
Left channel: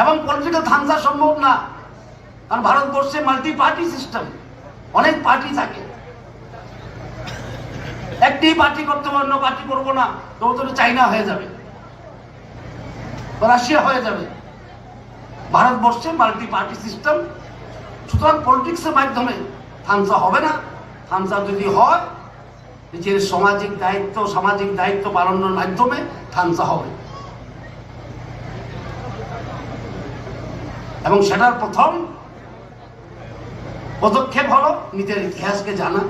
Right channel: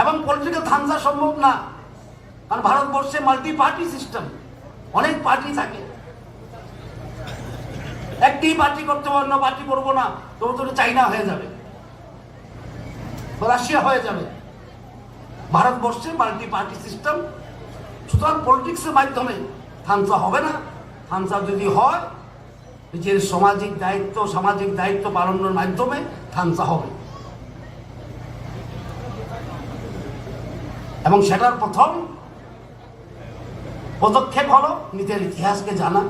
এবং পলিটিক্যাল থানসা সম্ভব না, কারণ ভারতবর্ষে মাল্টি পার্টি সিস্টেম, অনেক পার্টি থাকে। একটি পার্টি করতে হবে, অন্য পার্টি করবো না, তো চাইনা হয়ে যাবে, রাশিয়া হয়ে যাবে। ভারতবর্ষে মাল্টি পার্টি সিস্টেম, সুতরাং পলিটিক্সের মাধ্যমে থামসা হবে না। থামসা যদি হয় নিজের সামাজিক দায়িত্ব পালনের মাধ্যমে থামসা হবে। এবং সেটার প্রথম পদক্ষেপ হলো নিজের ইতিহাসকে জানা,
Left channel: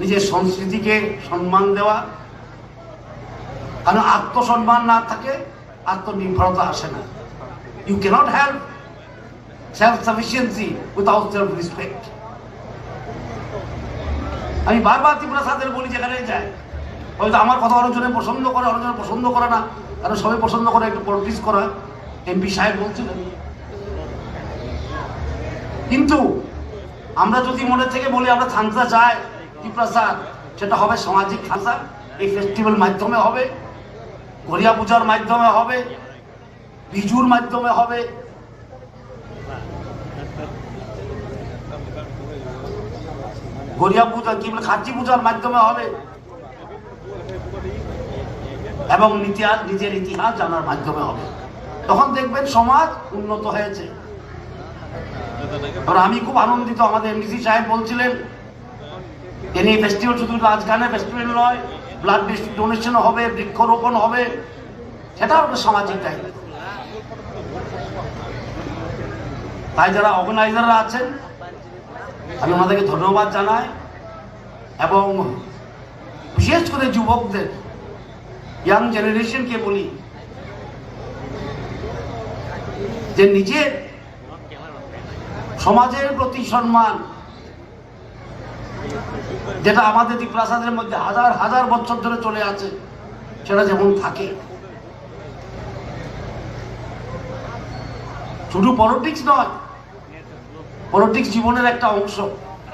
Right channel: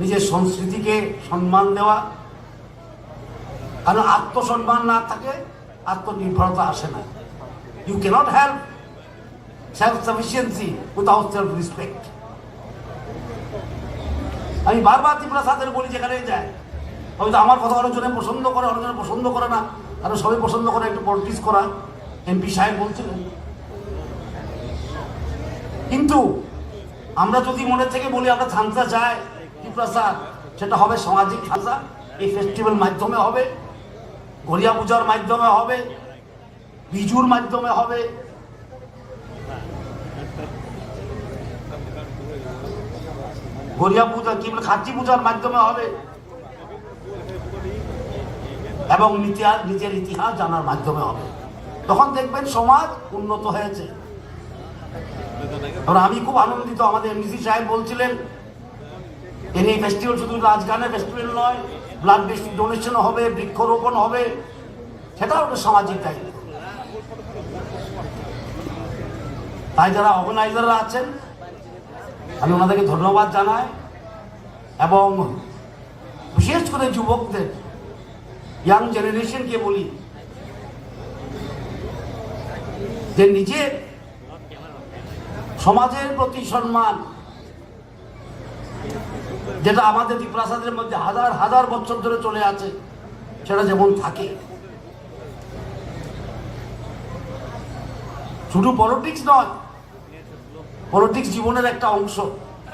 নিজের সংস্কৃতিকে সম্মান দেওয়া। কারণ আত্মসম্মান না থাকে আত্মনির্ভরতা আসে না। You can't have self sufficiency without self respect. আমি বারবার ত্রিপ্রাসাদের বলি, যেখানে যায় হয়তো আমার কথা অনেকজনে পছন্দ করে, অনেকজনে পছন্দ করে না, কারণ সবাই পছন্দ করে একটু পলিটিক্স করা। এমপি সাহেব বলছিলেন, কিন্তু আমরা যদি মনে থেকে বলি আমরা থানসা যাই ত্রিপ্রাসাদ, সেটা হবে সামাজিক থানসা। এই ফেস্টিভ্যাল মাধ্যমে হবে, গড়িয়া পূজার মাধ্যমে হবে, বিজুর মাধ্যমে হবে, গড়িয়া পূজা কি খাচ্চি পূজার মাধ্যমে হবে, এবং নিজের ইতিহাস জানার মাধ্যমে হবে। তখন দেখবেন সমাজ উন্নত হয়েছে। আমি খুব আনন্দিত, আমাদের এমডিসি সাহেব বলছিলেন এই ফেস্টিভ্যাল শুধু নাচ গানের ফেস্টিভ্যাল নয়, ব্লাড ডোনেশন হবে, বৃক্ষরোপণ হবে, সেটাও একটা সামাজিক দায়িত্ব। তাই যারা অর্গানাইজাররা আছেন আমি ওনাদেরকে ধন্যবাদ জানাই, এবং বিশেষ করে যুবকদের, ইয়াং জেনারেশনকে বলি যে নিজের সমাজের প্রতি সম্মান, যেটা আমাদের ত্রিপ্রাসাদের মধ্যে হাজার হাজার বছর ধরে চলে আছে, সেটা যেমন থাকে। শুধু পলিটিক্স নয়, পলিটিক্স জীবনের একটা অংশ,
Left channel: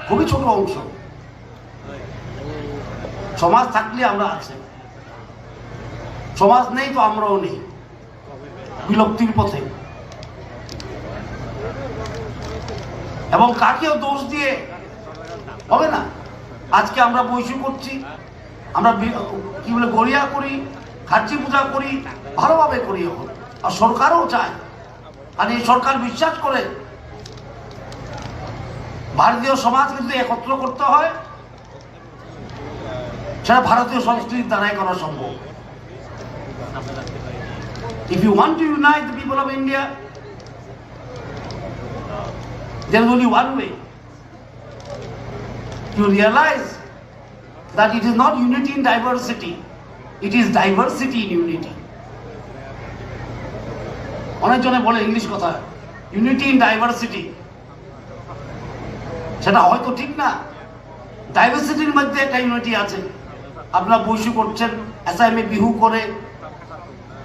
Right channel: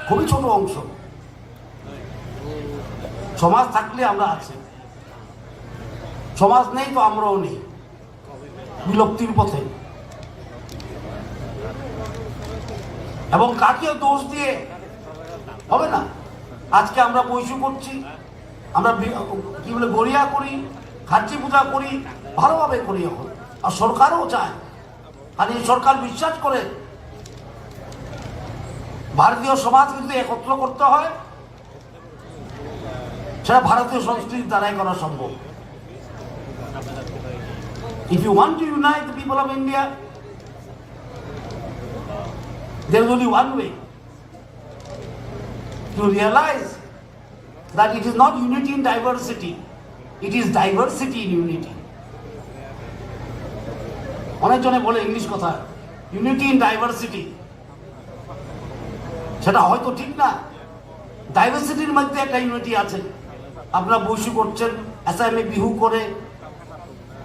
খুবই ছোট অংশ। সমাজ থাকলে আমরা আছি, সমাজ নেই তো আমরাও নেই, বিলুপ্তির পথে। এবং কাকেও দোষ দিয়ে হবে না। আজকে আমরা বৈশু করছি, আমরা কি বলে গড়িয়া করি, খাচ্চি পূজা করি, ভালোভাবে করি এখন, আর সরকারও চায়। আর এই সরকার বিশ্বাস করে ভারতীয় সমাজ কিন্তু একত্র করতে হয়, সেটা ভারতীয় সংস্কৃতির দ্বারাই করা সম্ভব। If you want to unite the people of India, there is only one way. You realize that it is not unity in diversity, it is diversity in unity. অনেকজনে বলে ইংলিশ কথা, ইউনিটি ইন ডাইভার্সিটি, সেটা হয়তো ঠিক না। ডাইভার্সিটির মধ্যে একটা ইউনিটি আছে। আপনারা বৈশু করছেন, অ্যাসামে বিহু করে,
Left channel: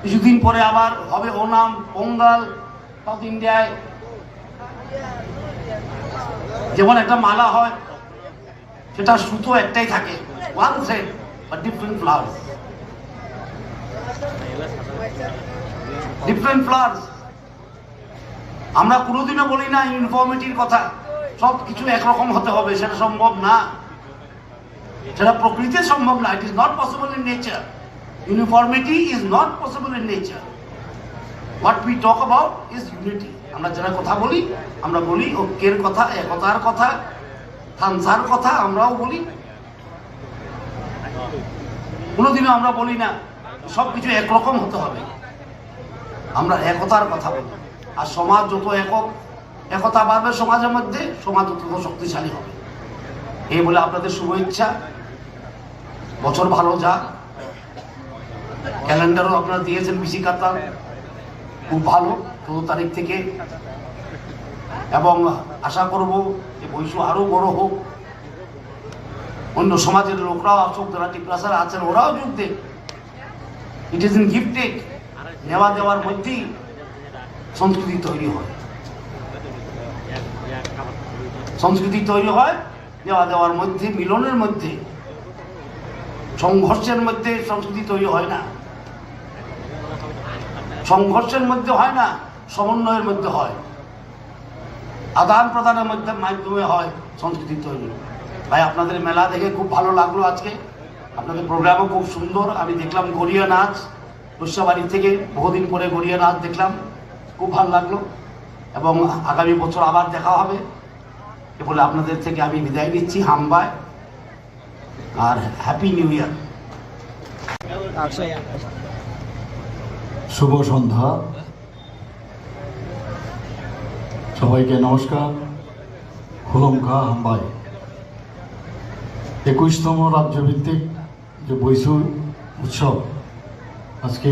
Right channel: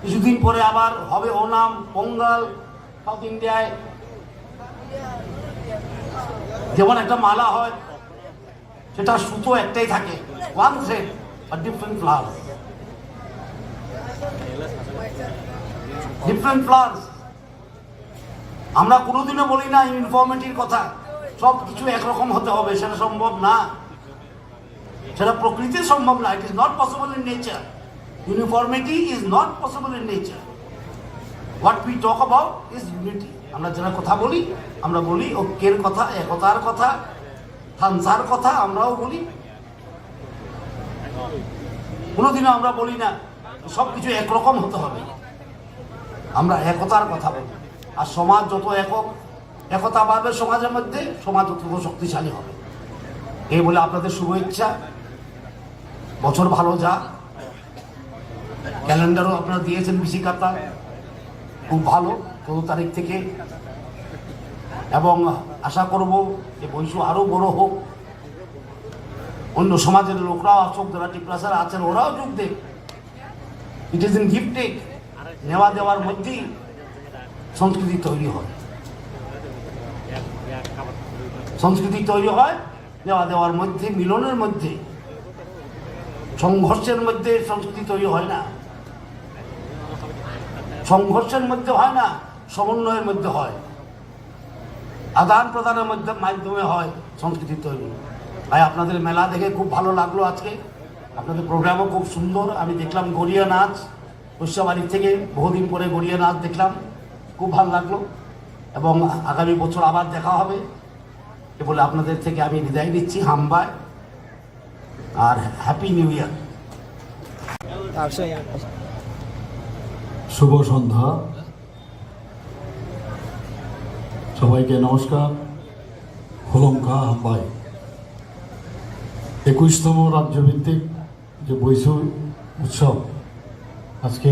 কিছুদিন পরে আবার হবে ওনাম, পোঙ্গাল, সাউথ ইন্ডিয়ায় যেমন একটা মালা হয়, সেটা সুতো একটাই থাকে, ওয়ান থ্রেড আর ডিফারেন্ট ফ্লাওয়ার। Different flowers. আমরা কোনোদিনও বলি না ইউনিফর্মিটির কথা, সব কিছু একরকম হতে হবে, সেটা সম্ভব না, সেটা প্রকৃতির সম্ভব না। It is not possible in nature. Uniformity is not possible in nature. What we talk about is unity. আমরা যারা কথা বলি, আমরা বলি ঐক্যের কথা, একতার কথা, থামসার কথা আমরাও বলি। কোনোদিনও আমরা বলি না সব কিছু একরকম হতে হবে, আমরা একতার কথা বলি। আর সমাজ যত একতা পাবে সমাজের মধ্যে, সমাজ তত শক্তিশালী হবে। এই বলে আপনাদের শুভেচ্ছা, বছর ভালো যাক। ক্যালেন্ডারও আপনারা দিয়েছেন বিসি কাতা, খুব ভালো 14 তারিখ থেকে, এবং আশা করব যে বৈশ্ব আরো বড় হোক। অন্য সমাজের লোকরাও আসুক, যারা টিপ্রাসার আছেন ওরাও যোগ দেখ। It is in give take, নেওয়া দেওয়ার মধ্যেই সংস্কৃতি তৈরি হয়। সংস্কৃতি তৈরি হয় নেওয়া দেওয়ার মধ্যে, মিলনের মধ্যে, সংঘর্ষের মধ্যে সংস্কৃতি তৈরি হয় না। সংঘর্ষের মধ্যে হয় না, সমন্বয়ের মধ্যে হয়, আদান প্রদানের মধ্যে মাধ্যমে হয় সংস্কৃতি তৈরি। ভাই আপনাদের মেলা দেখে খুব ভালো লাগলো আজকে, আপনাদের প্রোগ্রামও খুব সুন্দর। আমি দেখলাম গড়িয়া নাচ, বৈশ্যবাড়ি থেকে বহুদিন পরে গড়িয়া নাচ দেখলাম, খুব ভালো লাগলো। এবং আগামী বছর আবার দেখা হবে এ বলে আপনাদের থেকে আমি বিদায় নিচ্ছি। হামবায় আর হ্যাপি নিউ ইয়ার। শুভ সন্ধ্যা, সবাইকে নমস্কার। হুলমখা হাম্বাই 21তম রাজ্যভিত্তিক যে বৈশু উৎসব আজকে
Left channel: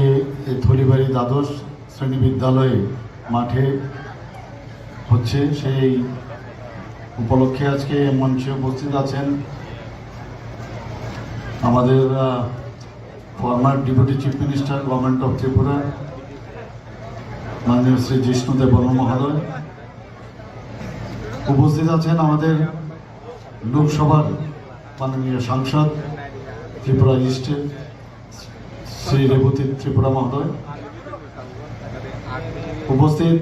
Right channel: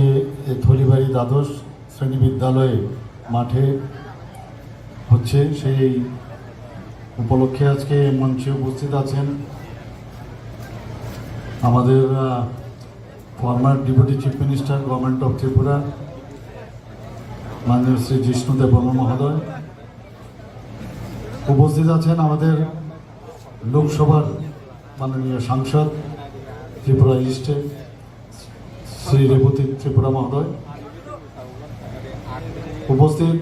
এই থলিবাড়ি দ্বাদশ শ্রেণী বিদ্যালয়ে মাঠে হচ্ছে, সেই উপলক্ষে আজকে মঞ্চে উপস্থিত আছেন আমাদের former deputy chief minister government of Tripura মাননীয় শ্রী জিষ্ণু দেববর্মা মহোদয়। উপস্থিত আছেন আমাদের লোকসভার মাননীয় সাংসদ ত্রিপুরা ইস্টের শ্রী রেবতী ত্রিপুরা মহোদয়। উপস্থিত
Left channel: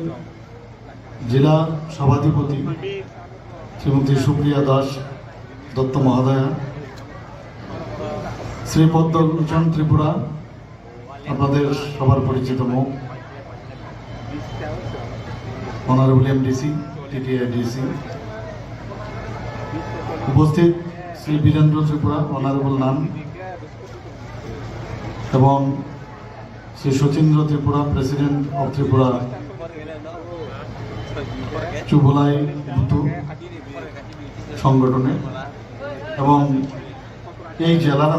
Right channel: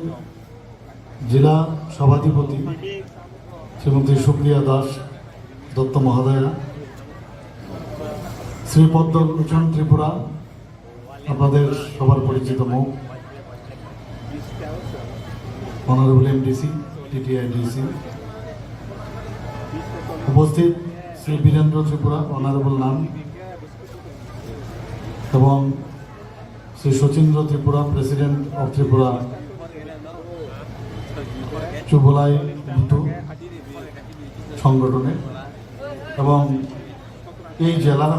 জেলা সভাধিপতি শ্রীমতী সুপ্রিয়া দাস দত্ত মহোদয়া, শ্রী পদ্মভূষণ ত্রিপুরা আপনাদের সবার পরিচিত মুখ, অনারেবল এমডিসি টিটিআইডিসি, উপস্থিত শ্রী বীরেন্দ্র ত্রিপুরা অনারেবল নাম, এবং শ্রী শচীন্দ্র ত্রিপুরা প্রেসিডেন্ট অফ ত্রিপুরা চুবলাই মিটু সংগঠনে, এবং এই জেলার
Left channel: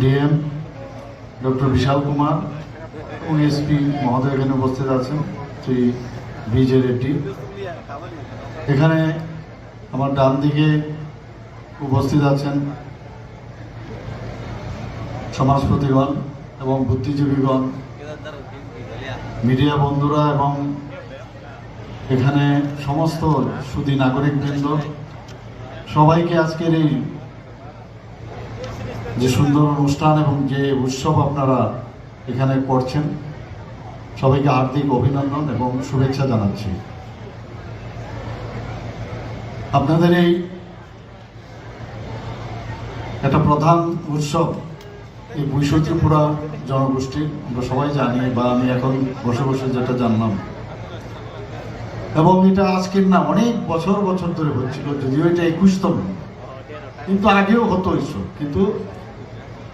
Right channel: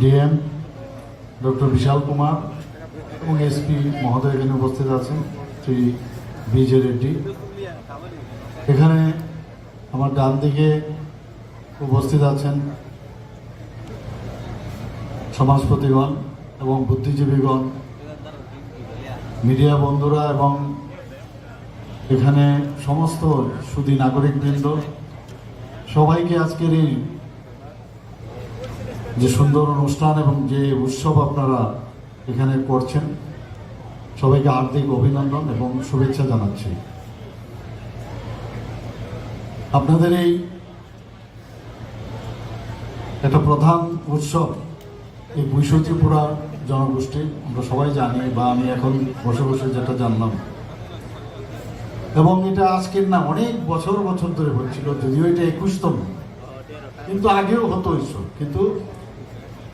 ডিএম ডক্টর বিশাল কুমার এবং এসপি মহোদয় এখানে উপস্থিত আছেন, শ্রী বিজে রেড্ডি। এখানে আমার ডান দিকে উপস্থিত আছেন সমাজপতিগণ এবং বুদ্ধিজীবীগণ, মিডিয়া বন্ধুরা এবং এখানে সমস্ত সুধী নাগরিকবৃন্দ, সবাইকে আজকের এই যে সুন্দর অনুষ্ঠান এবং যে উৎসব আপনারা এখানে করছেন, সবাইকে হার্দিক অভিনন্দন এবং শুভেচ্ছা জানাচ্ছি। আপনাদের এই একটা প্রধান উৎসব এই বৈশ্য ত্রিপুরা জনগোষ্ঠী, আমরা সবাই জানি, বা আমি এখন বসে বসে যেটা জানলাম, এবং এটা আজকের না, অনেক বছর বছর ধরে হচ্ছিল, যদিও এটা 21তম, কিন্তু আগেও হতো উৎসব, কিন্তু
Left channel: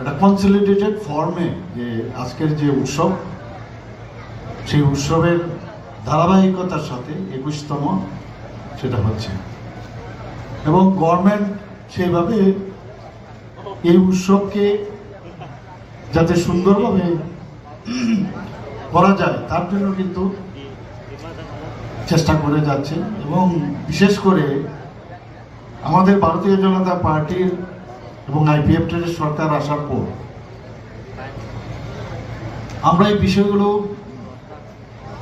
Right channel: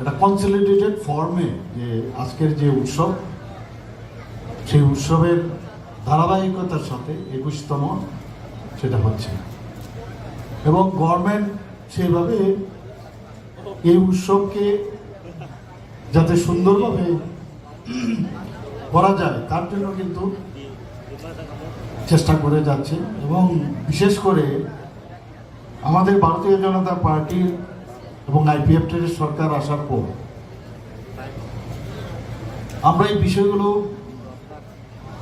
একটা কনসলিডেটেড ফর্মে যে আজকের যে উৎসব, সেই উৎসবের ধারাবাহিকতার সাথে 21তম সেটা হচ্ছে, এবং গভর্নমেন্ট সেইভাবে এই উৎসবকে যাতে সুন্দরভাবে করা যায় তার জন্য কিন্তু চেষ্টা করে যাচ্ছে। এবং বিশেষ করে আমাদের ভারতীয় জনতা পার্টির এবং আইপিএফ এর সরকার আসার পর আমরা এই বিষয়গুলো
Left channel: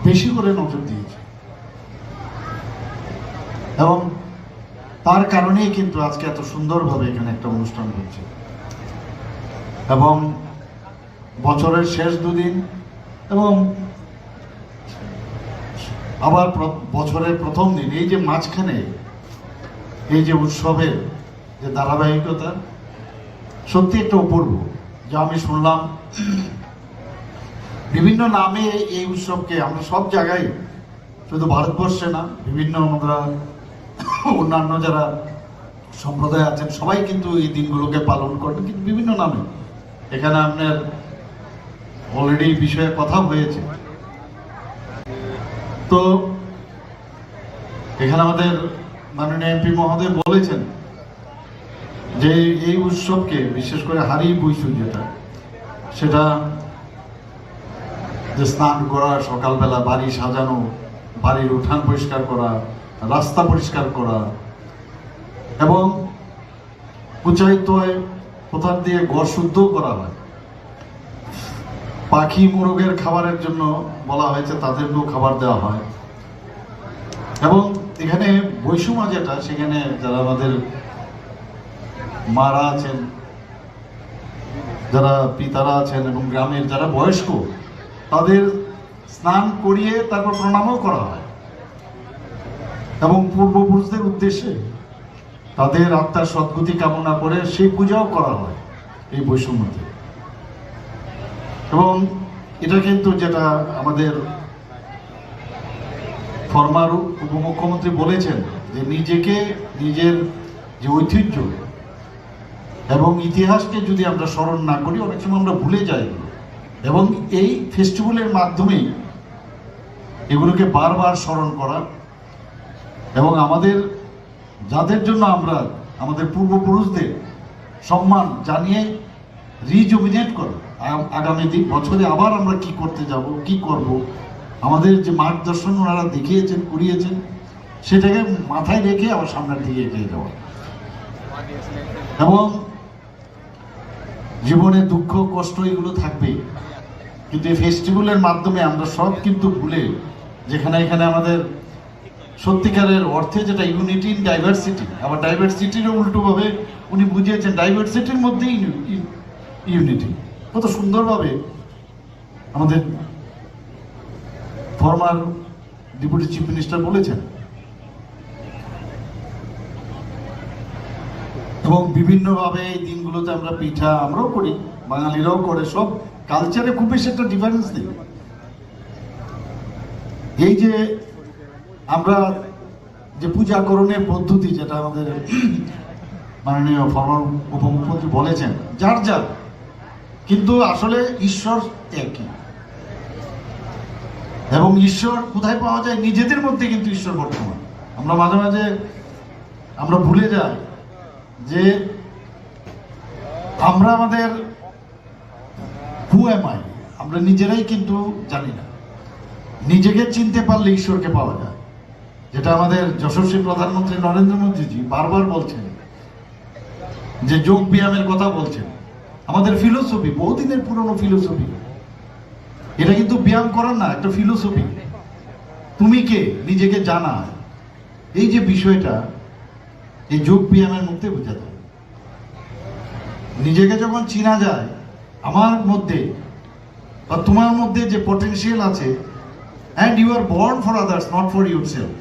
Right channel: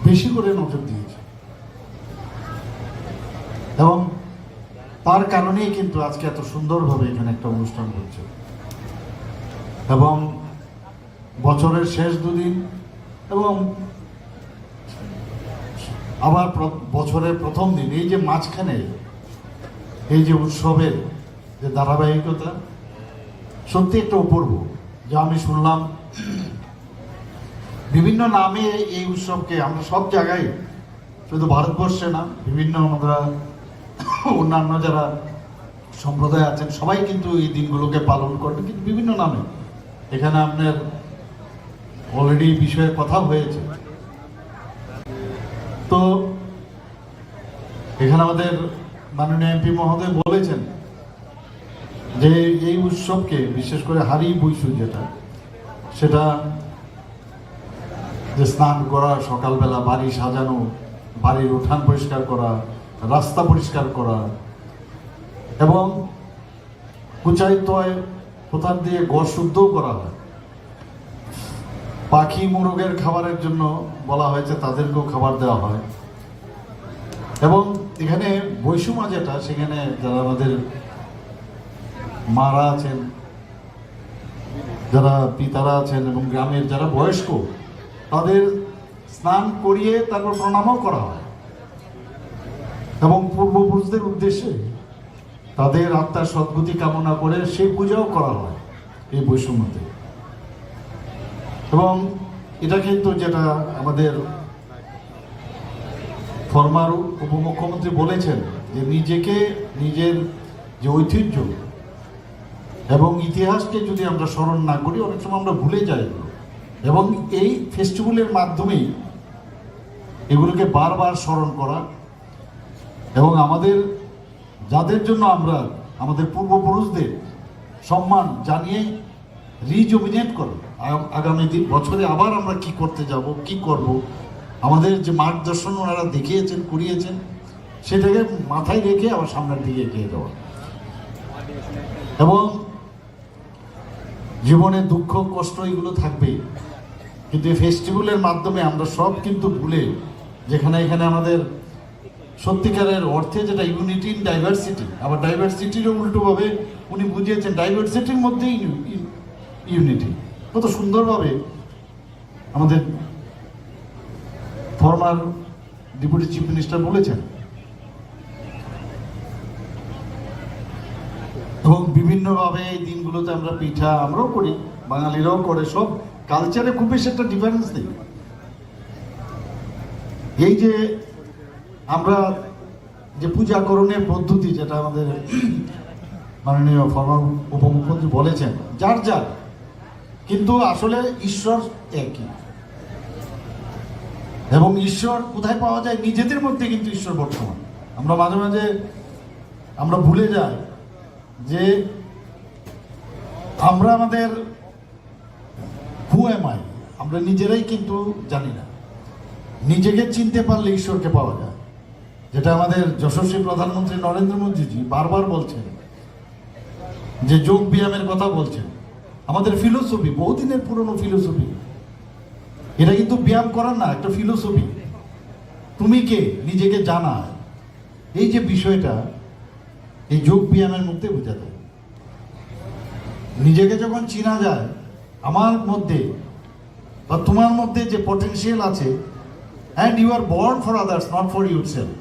বেশি করে নজর দিয়েছি, এবং তার কারণেই কিন্তু আজকে এত সুন্দরভাবে এখানে একটা অনুষ্ঠান হচ্ছে। এবং বছরের শেষ দুদিন এবং আবার বছরের প্রথম দিন এই যে মাঝখানে এই যে উৎসবের যে ধারাবাহিকতা সত্যি একটা অপূর্ব। যা আমি শুনলাম বিভিন্ন নামে এই উৎসবকে আমরা সব জায়গায়, শুধু ভারতবর্ষে না, বিভিন্ন আমরা অন্যান্য যারা সম্প্রদায় আছেন সবাই কিন্তু এই দিনগুলোকে পালন করেন, কিন্তু বিভিন্ন নামে। এখানে আপনার অলরেডি বিষয়ে কথা হয়েছে। তো এখানে আমাদের মাননীয় এমপি মহোদয় বলেছেন যে এই উৎসবকে বিশেষ করে হারি বৈশু যেটা, সেটা যে স্নান করা, সকালবেলা বাড়ি সাজানো, বাড়ির উঠান পরিষ্কার করা, রাস্তা পরিষ্কার করা এবং কুচাইতয় কোথার দিয়ে ঘর শুদ্ধ করা হয়। পাখি মোরগের খাবারের জন্য বলা হয়েছে, তাদেরকেও খাবার দেওয়া হয়। এবং এখানে বৈষম্য যেটা, সেখানে যারা আমাদের মারা আছেন, যারা পিতারা আছেন এবং গ্রামের যারা বয়স্ক, তাদের স্নান করিয়ে তারপর প্রণামও করা হয় এবং পূর্বপুরুষদের উদ্দেশ্যে তাদের আত্মার সদ্গতি কামনা করে সেই পূজাও করা হয় এই বৈষম্যতে। এবং এটা কিন্তু যেটা আমাদের ফরমার উপমুখ্যমন্ত্রী বলেছেন যে নিজেকে, নিজের যে ঐতিহ্য এবং ইতিহাসকে যদি আমরা স্মরণ না করি, অনেক সময় আমরা ভুলে যাই। এবং এই ফেস্টিভ্যালের মাধ্যমেই এগুলোকে বারবার স্মরণ করা এবং আমাদের যাদের জন্য আমরা আমাদের পূর্বপুরুষদের সম্মান জানিয়ে রিজুভিনেট করা, আগামী বছরে আবার আমরা কি করতে যাব, কি করব, আমাদের যে মার্গদর্শন ওনারা দেখিয়েছেন, করিয়েছেন, সেটাকে মাথায় রেখে আবার সামনের দিকে এগিয়ে যাওয়া। এবং জীবনে দুঃখ কষ্ট এগুলো থাকবেই, কিন্তু এই ফেস্টিভ্যালের মাধ্যমে আমরা সব কিন্তু ভুলে, যেখানে এখানে আমাদের সত্যিকারের অর্থে যেটা ইউনিটি ইন ডাইভার্সিটি, আবার ডাইভার্সিটিরও উল্টোভাবে উনি বুঝিয়েছেন ডাইভার্সিটির মধ্যেই ইউনিটি। কত সুন্দরভাবে আমাদের ফরমার ডেপুটি চিফ মিনিস্টার বলেছেন। এবং বিভিন্নভাবে এই দিনগুলোতে আমরা পিঠা আমরাও করি, বাঙালিরাও করে, সব কালচারে খুব বেশি একটা ডিফারেন্স নেই। এই যে আমরা যে পূজাকরণের পদ্ধতি, যেটা আমাদের মাননীয় ফরমার উপমুখ্যমন্ত্রী বলেছেন, যার যার, কিন্তু আসলে ঈশ্বর একই। এবং ঈশ্বর কোথায় পাওয়া যায়? নিজেদের মধ্যে কিন্তু ঈশ্বর বর্তমান। আমরা মাঝে মাঝে আমরা ভুলে যাই যে আমরা আমাদের আমরা নিজেরাই কিন্তু জানি না। নিজেকে চিনতে পারলে ঈশ্বরকে পাওয়া যায়, যেটা আমাদের যশস্বী প্রধানমন্ত্রী নরেন্দ্র মোদীজি বারবার বলছেন, যে যোগ ব্যায়ামের কথা বলছেন। আমাদের ফিলোসফি, বহুদিনের পুরনো ফিলোসফি, এটা কিন্তু ব্যায়াম করার না, একটা ফিলোসফি। তুমি কে, নিজেকে জানা, এই যে বিষয়টা এই যোগ ব্যায়ামের মধ্যে বোঝা যায়। নিজেকে যখন চিনা যায়, আমার মধ্যে বা তোমার মধ্যে যে পটেনশিয়াল আছে, and you are born for others, not for yourself.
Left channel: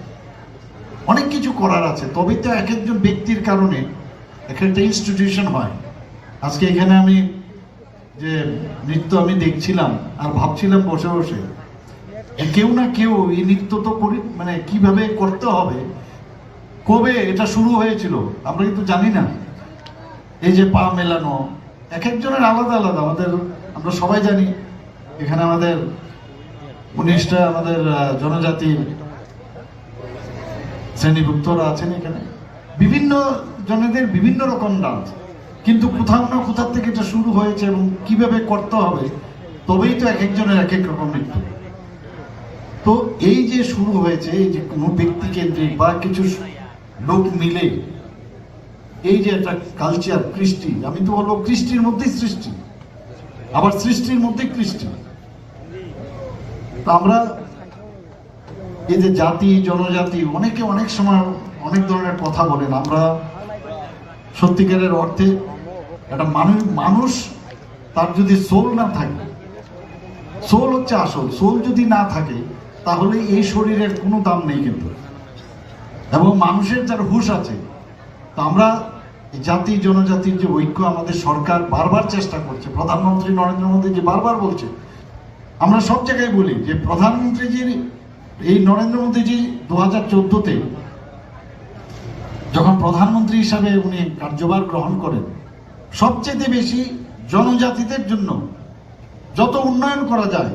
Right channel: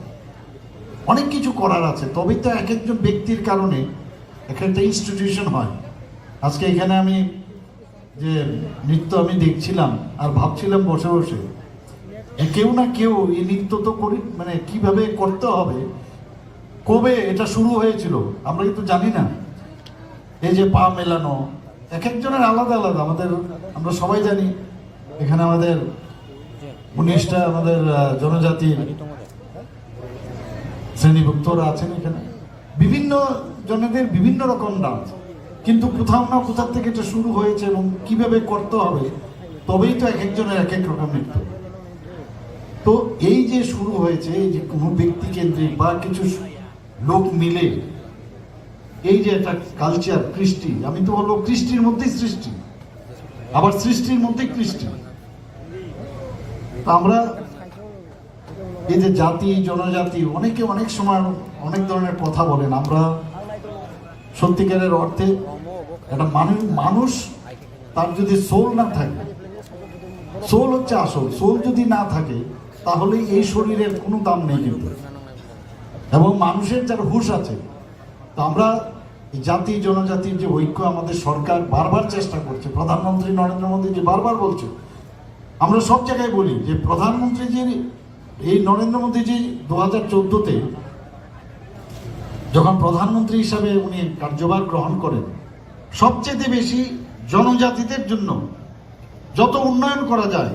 অনেক কিছু করার আছে, তবে তো এক একজন ব্যক্তির কারণে একটা ইনস্টিটিউশন হয়। আজকে এখানে আমি যে নৃত্য আমি দেখছিলাম আর ভাবছিলাম বসে বসে, কেউ না কেউ এই নৃত্য তো করি, মানে কিভাবে করতে হবে, কবে এটা শুরু হয়েছিল আমরা কিন্তু জানি না। এই যে পা মেলানো, এক একজনের আলাদা আলাদা। আমরা সবাই জানি এখানে আমাদের 19টা আমাদের জনজাতির শ্রেণীভুক্তরা আছেন, এখানে বিভিন্ন জনেদের বিভিন্ন রকম ডান্স, কিন্তু কোথাও না কোথাও থেকে এটা শুরু হয়েছে এবং কিভাবে করতে হবে, তবেই তো এক একজনের এক এক রকম নৃত্য। তো এই যে শুরু হয়েছে, এই যে কোনো ব্যক্তি কেন্দ্রিক বা কিছু লোক মিলে এই যে একটা কালচার, কৃষ্টি, আমি তো বলবো কৃষ্টির মধ্যেই সৃষ্টি, আবার সৃষ্টির মধ্যেই কৃষ্টি। আমরা এই যে জাতি জনজাতি, অনেকে অনেক সময় অনেক ধরনের কথা বলেন। আমরা সত্যিকারের অর্থে একটা মানুষ তার যদি সোল না থাকে, সোল হচ্ছে আসল। সোল যদি না থাকে তাহলে এই শরীরের কোনো দাম নেই কিন্তু। এবং মানুষের যার হুঁশ আছে, তো আমরা জাতি জনজাতির যে ঐক্য আমাদের সরকার বারবার চেষ্টা করছে, প্রধানমন্ত্রী নরেন্দ্র মোদীজি বারবার বলছে, আমরা সব জায়গায় বলি যে প্রধানমন্ত্রীজির এই নরেন্দ্র মোদীজি 2014-তে যখন প্রধানমন্ত্রী হিসাবে উনি কার্যভার গ্রহণ করেন, সবচেয়ে বেশি জনজাতিদের জন্য যত উন্নয়ন করা যায়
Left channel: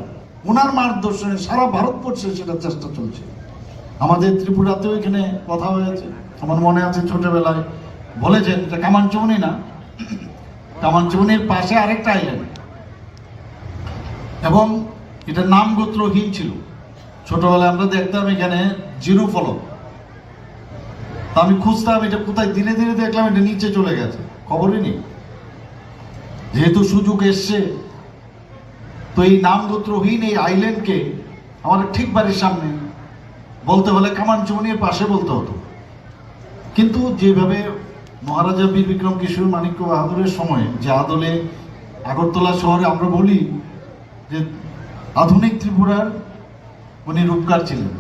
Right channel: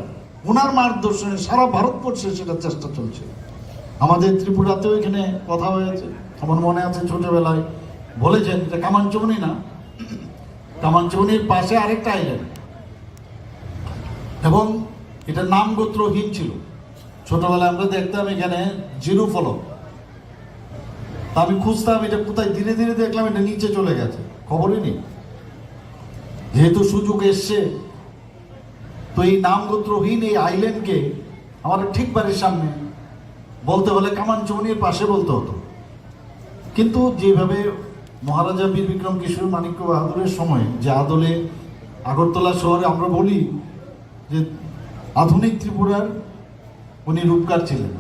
ওনার মার্গদর্শনে সারা ভারতবর্ষে সেটা চেষ্টা চলছে। আমাদের ত্রিপুরাতেও এখানে কথা হয়েছে, আমার মনে আছে ছোটবেলায় বলেছেন, এটা কামানচৌনি না, কামানচৌনির পাশে আরেকটা আইল্যান্ড, এবং এটা নাম গোত্রহীন ছিল। ছোটবেলায় আমরা দেখতাম এখানে জিরো ফলক, আমি খুঁজতাম এটা কোথায়, ধীরে ধীরে দেখলাম এটা নিচে চলে গেছে, খবরই নেই। যেহেতু সুযোগ এসছে, তো এই নাম গোত্রহীন এই আইল্যান্ডকে আমাদের ঠিক বাড়ির সামনে বলতে হলে কামানচৌনির পাশে বলতে হতো। কিন্তু যেভাবে মহারাজা বীর বিক্রম কিশোর মাণিক্য বাহাদুরের সময় যে আদলে আগরতলা শহরে আমরা বলি যে আধুনিক ত্রিপুরার উনি রূপকার ছিলেন,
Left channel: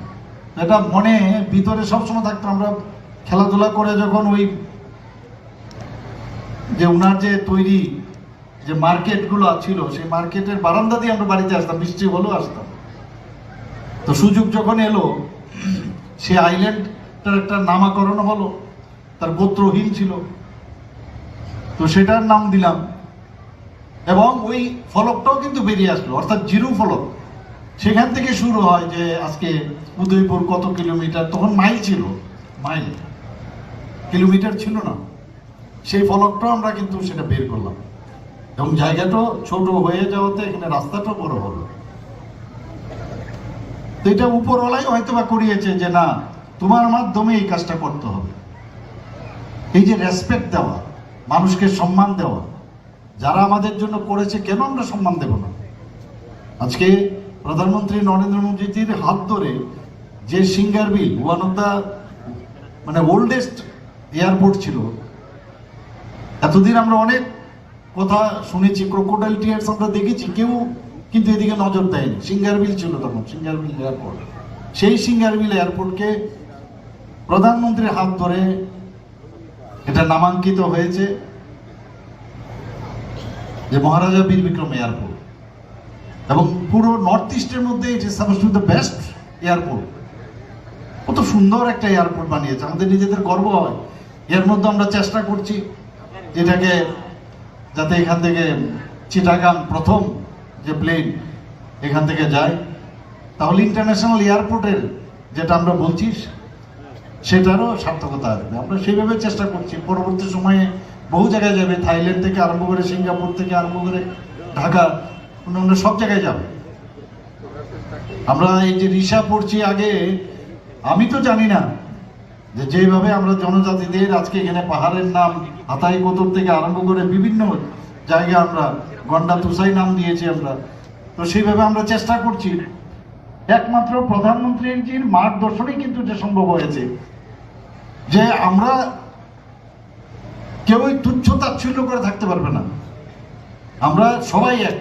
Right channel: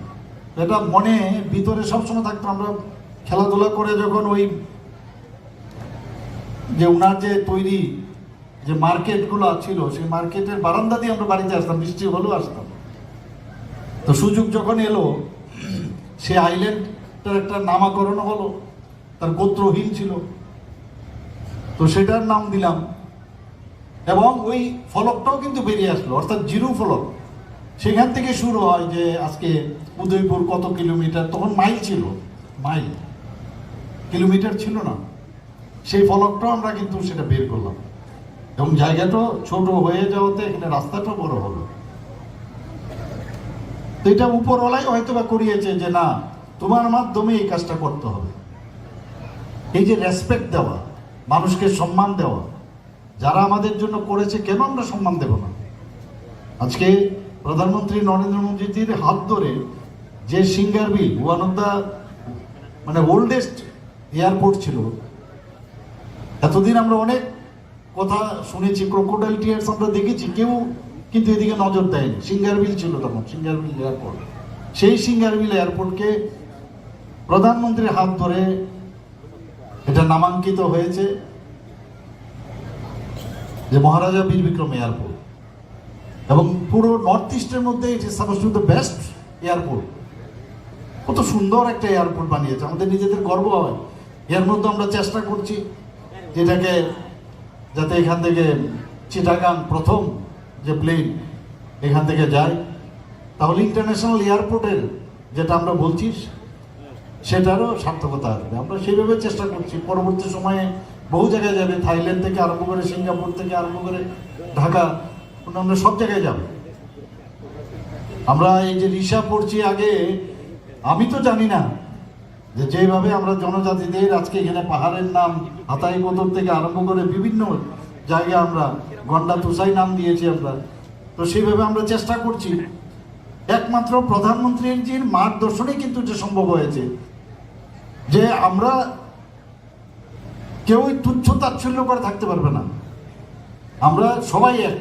এটা মনে ভিতরে সবসময় থাকতো। আমরা খেলাধুলা করে যখন ওই যে ওনার যে তৈরি যে মার্কেটগুলো ছিল, সেই মার্কেটের বারান্দা দিয়ে আমরা বাড়িতে আসতাম, বৃষ্টি হলেও আসতাম। তো সুযোগ যখন এলো, সে আইল্যান্ডটার একটা নামকরণ হলো, তার গোত্রহীন ছিল, তো সেটার নাম দিলাম। এবং ওই ফলকটাও কিন্তু বেরিয়ে আসলো, অর্থাৎ জিরো ফলক। সেখান থেকে শুরু হয় যে আজকে উদয়পুর কত কিলোমিটার, তখন মাইল ছিল, মাইল, কিলোমিটার ছিল না। সেই ফলকটাও আমরা কিন্তু সেটা বের করলাম, এবং জায়গাটাও ছোট হয়ে যাওয়াতে এখানে রাস্তাটাও বড় হলো। এটা উপরওয়ালাই হয়তো বা করিয়েছে যে না, তোমার মাধ্যমে এই কাজটা করতে হবে। এই যে রেসপেক্ট দেওয়া, মানুষকে সম্মান দেওয়া, যারা আমাদের জন্য করেছে কেন আমরা সম্মান দেব না? আজকে প্রধানমন্ত্রী নরেন্দ্র মোদীজির হাত ধরে যে সিঙ্গারবিল, ওয়ান অফ দ্য মানে ওল্ডেস্ট এয়ারপোর্ট ছিল, এতদিন আমরা অনেক কথা শুনেছি, ক্রোকোডাইল টিয়ার্স আমরা দেখেছি, কেউ কিন্তু এদিকে নজর দেয়নি। সিঙ্গারবিল ছিল তখন, সিঙ্গারবিল এয়ারপোর্ট। সেই সিঙ্গারবিল এয়ারপোর্টকে প্রধানমন্ত্রীর হাত ধরে এটা নামাঙ্কিত হয়েছে যে মহারাজা বীর বিক্রম এয়ারপোর্ট, এবং পুরো নর্থ ইস্টের মধ্যে it is suppose to the best airport. কত সুন্দর একটা এয়ারপোর্ট বানিয়েছে, আমাদের নিজেদের গর্ব হয়। এর মধ্যে আমরা চেষ্টা করছি যেটাকে, যাতে এখান থেকে চিটাগাং প্রথম যে প্লেন এখান থেকে যায়, তাহলে ইন্টারন্যাশনাল এয়ারপোর্টের যেটা আমরা বলছি সেটারও সার্থকতা আসবে। আমরা সেইভাবে চেষ্টা করছি। পরবর্তী সময়ে বহু জায়গায় যাবে, থাইল্যান্ড থেকে আরম্ভ করে, সিঙ্গাপুর থেকে আরম্ভ করে, ঢাকা, অন্যান্য সব জায়গায় যাবে। আমরা এই যে রিসা পড়ছি, আগে আমি তো জানি না যে যেভাবে আমরা জনজাতিদের আজকে এখানে পাহাড়ের নাম হাতাই কোতর থেকে আরম্ভ করে বিভিন্ন জায়গায় আমরা গন্ডা তুষাই নাম দিয়েছি আমরা, তো সেইভাবে আমরা চেষ্টা করছি। একমাত্র প্রধানমন্ত্রীর মার্গদর্শনই কিন্তু যে সম্ভব হয়েছে, যে আমরা কেউই তুচ্ছ তাচ্ছিল্য করে থাকতে পারবে না, আমরা সবাই এক।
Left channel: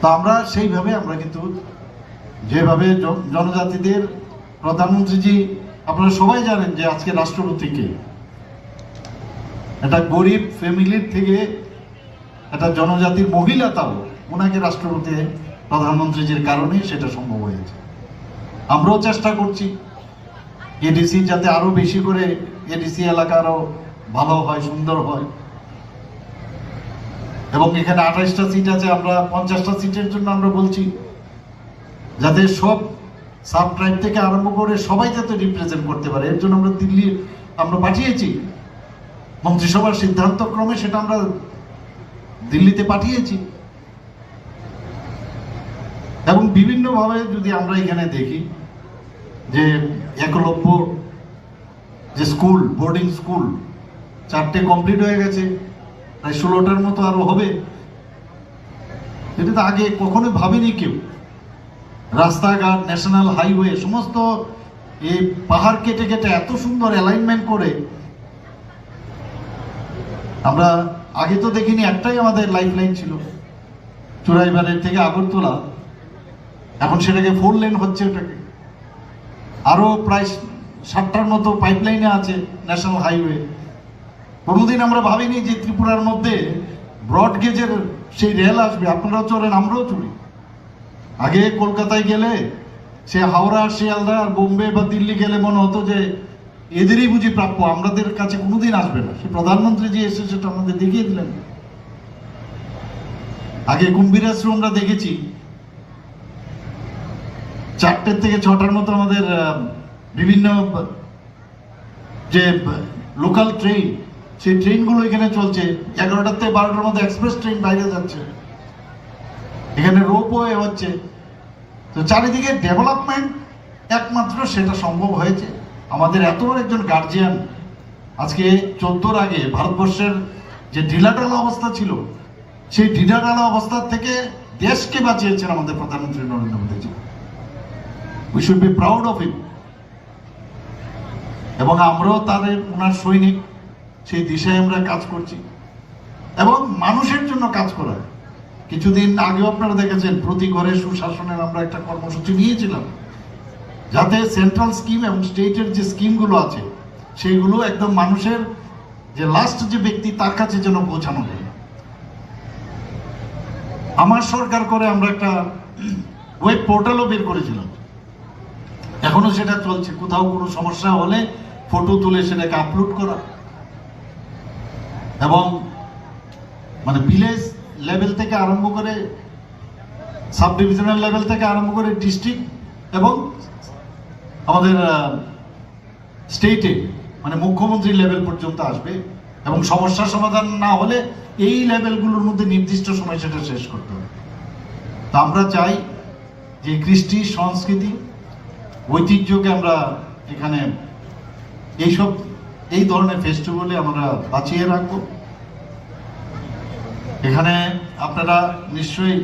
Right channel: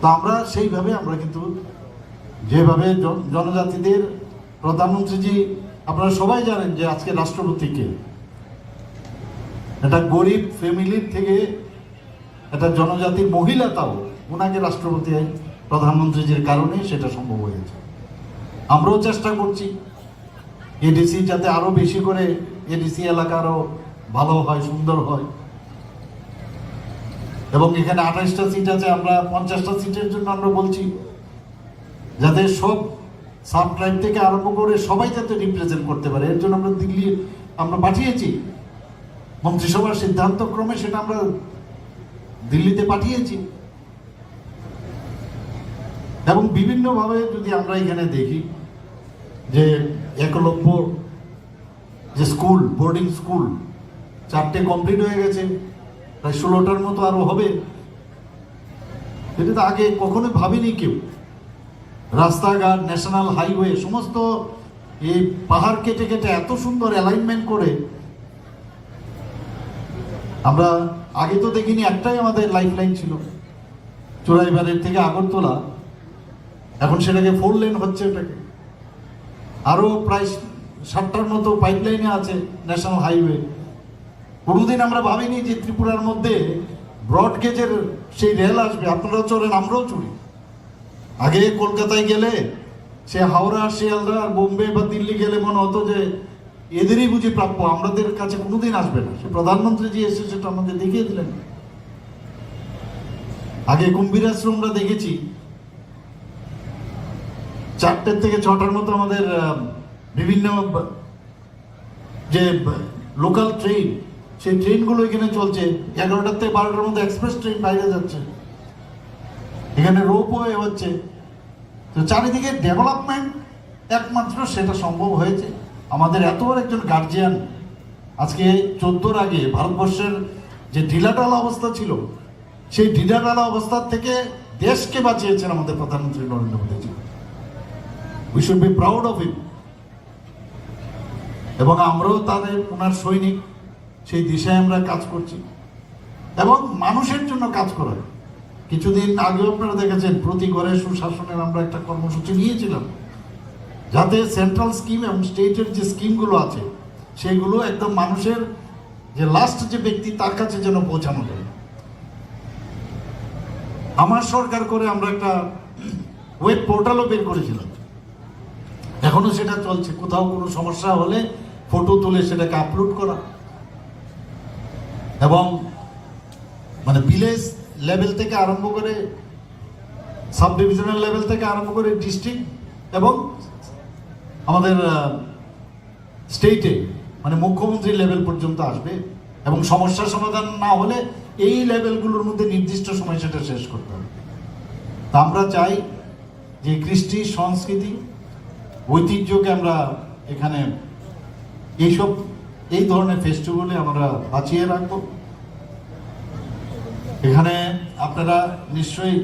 তা আমরা সেইভাবে আমরা কিন্তু যেভাবে জনজাতিদের প্রধানমন্ত্রীজি, আপনারা সবাই জানেন যে আজকে রাষ্ট্রপতিকে একটা গরিব ফ্যামিলির থেকে একটা জনজাতির মহিলা, তাও ওনাকে রাষ্ট্রপতি প্রধানমন্ত্রীজির কারণে সেটা সম্ভব হয়েছে। আমরাও চেষ্টা করছি এডিসি যাতে আরো বেশি করে, এডিসি এলাকা আরো ভালো হয়, সুন্দর হয়। এবং এখানে 28টা সিট আছে, আমরা 50টা সিটের জন্য আমরা বলছি যাতে সব সাব ট্রাইব থেকে আরম্ভ করে সবাই যাতে রিপ্রেজেন্ট করতে পারে। এর জন্য আমরা দিল্লি আমরা পাঠিয়েছি, মন্ত্রিসভার সিদ্ধান্ত ক্রমে সেটা আমরা দিল্লিতে পাঠিয়েছি। এবং বিভিন্নভাবে যদি আমরা এখানে দেখি যে একলব্য যে স্কুল, বোর্ডিং স্কুল 4টে কমপ্লিট হয়ে গেছে, প্রায় 16টার মতো আরো হবে। এটা তো আগে কখনো ভাবেনি কেউ। রাস্তাঘাট, ন্যাশনাল হাইওয়ে, সমস্ত এই পাহাড় কেটে কেটে এত সুন্দর অ্যালাইনমেন্ট করে আমরা আগে তো দেখিনি। একটাই আমাদের লাইফ লাইন ছিল, চোরাইবাড়ির থেকে আগরতলা, এখন সেটাকে 4 লেন হচ্ছে। ওটাকে আরো প্রায় 60টার মতো পাইপলাইনে আছে ন্যাশনাল হাইওয়ে। কোনোদিন আমরা ভাবিনি যে ত্রিপুরার মধ্যে ব্রড গেজের সেই রেল আসবে। আপনারাও চড়েন, আমরাও চড়ি। আগে কলকাতায় গেলে সে হাওড়া, শিয়ালদা, বোম্বে বা দিল্লি গেলে মনে হতো যে এদেরই বুঝি প্রাপ্য, আমাদের কাছে কোনোদিন আসবে না। সে প্রধানমন্ত্রী যে এসে সেটা আমাদের দেখিয়ে দিলেন। আগে কুম্ভীর আশ্রম আমরা দেখেছি 4টে থেকে 6টার মতো আমাদের বিভিন্ন যে লোকাল ট্রেন, সেই ট্রেনগুলো এখানে চলছে। 11টা থেকে 12টার মধ্যে এক্সপ্রেস ট্রেন বাইরে যাচ্ছে। এখানে রোপওয়ে হচ্ছে। তো চারিদিকে ডেভেলপমেন্ট, একমাত্র সেটা সম্ভব হয়েছে আমাদের এত বড় একজন গার্জিয়ান। আজকে 14-র আগে ভারতবর্ষের যে ঢিলাঢালা অবস্থা ছিল, সেই ঢিলাঢালা অবস্থার থেকে দেশকে বাঁচিয়েছেন আমাদের প্রধানমন্ত্রী Narendra Modiji. We should be proud of him. এবং আমরাও তাদের ওনার সৈনিক, সেই দিশায় আমরা কাজ করছি এবং মানুষের জন্য কাজ করা। কিছুদিন আগেও আপনারা দেখেছেন প্রতি ঘরে সুশাসনের আমরা একটা কর্মসূচি নিয়েছিলাম, যাতে সেন্ট্রাল স্কিম এবং স্টেটের যে স্কিমগুলো আছে সেইগুলো একদম মানুষের যে লাস্ট যে ব্যক্তি তার কাছে যেন পৌঁছানো যায়। আমার সরকার করে আমরা একটা ওয়েব পোর্টালও বের করেছিলাম, এখনো সেটা চলছে। কোথাও কোনো সমস্যা হলে ফটো তুলে সেটাকে আপলোড করা এবং মানে ভিলেজ লেভেল থেকে আরম্ভ করে সাব ডিভিশনাল লেভেল থেকে আরম্ভ করে ডিস্ট্রিক্ট এবং আমাদের স্টেটে মানে মুখ্যমন্ত্রী লেভেল পর্যন্ত আসবে এবং সমস্যার সমাধান না হলে এই লেভেলগুলোর মধ্যে নির্দিষ্ট সময় সেটা শেষ করতে হবে। তা আমরা চাই যে কৃষ্টি, সংস্কৃতি, ঐতিহ্যকে আমরা এখানে এই ধরনের ফেস্টিভ্যালে আমরা বাঁচিয়ে রাখবো। এখানে আপনারা নিশ্চয়ই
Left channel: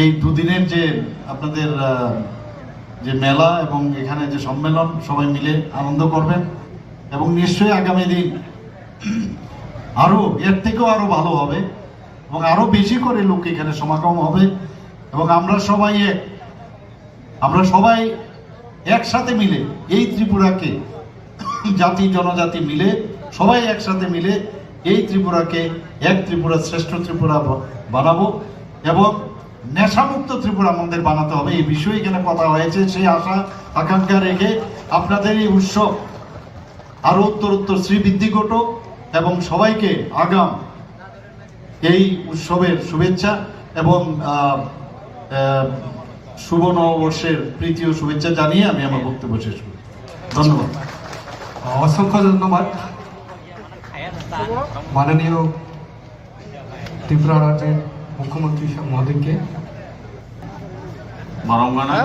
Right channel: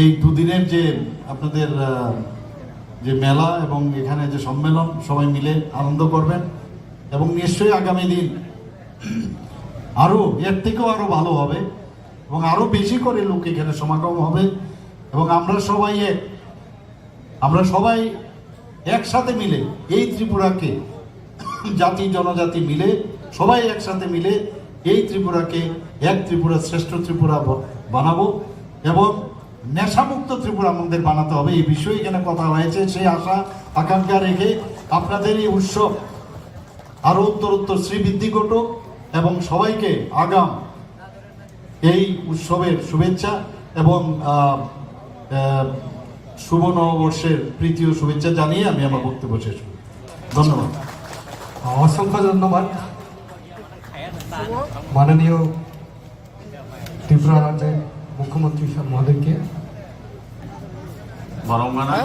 এই দুদিনের যে আপনাদের যে মেলা এবং এখানে যে সম্মেলন সবাই মিলে আনন্দ করবেন এবং নিশ্চয়ই আগামী দিন আরো এর থেকেও আরো ভালো হবে এবং আরো বেশি করে লোক এখানে সমাগম হবে এবং আমরা সবাই একসাথে মিলে এই ত্রিপুরাকে, জাতি জনজাতি মিলে সবাই একসাথে মিলে এই ত্রিপুরাকে এক ত্রিপুরা, শ্রেষ্ঠ ত্রিপুরা বানাবো এবং নেশামুক্ত ত্রিপুরা আমাদের বানাতে হবে। এই বিষয়ে এখানে কথা হয়েছে। সেই আশা আকাঙ্ক্ষা রেখে আপনাদের এই উৎসব আরো উত্তরোত্তর শ্রীবৃদ্ধি ঘটুক এবং সবাইকে আগাম এই উৎসবের শুভেচ্ছা এবং শুভ নববর্ষের প্রীতি ও শুভেচ্ছা জানিয়ে আমি আমার বক্তব্য শেষ করি। ধন্যবাদ। অসংখ্য ধন্যবাদ মাননীয় ত্রিপুরা রাজ্যের মুখ্যমন্ত্রী মহোদয়কে। Marongmana,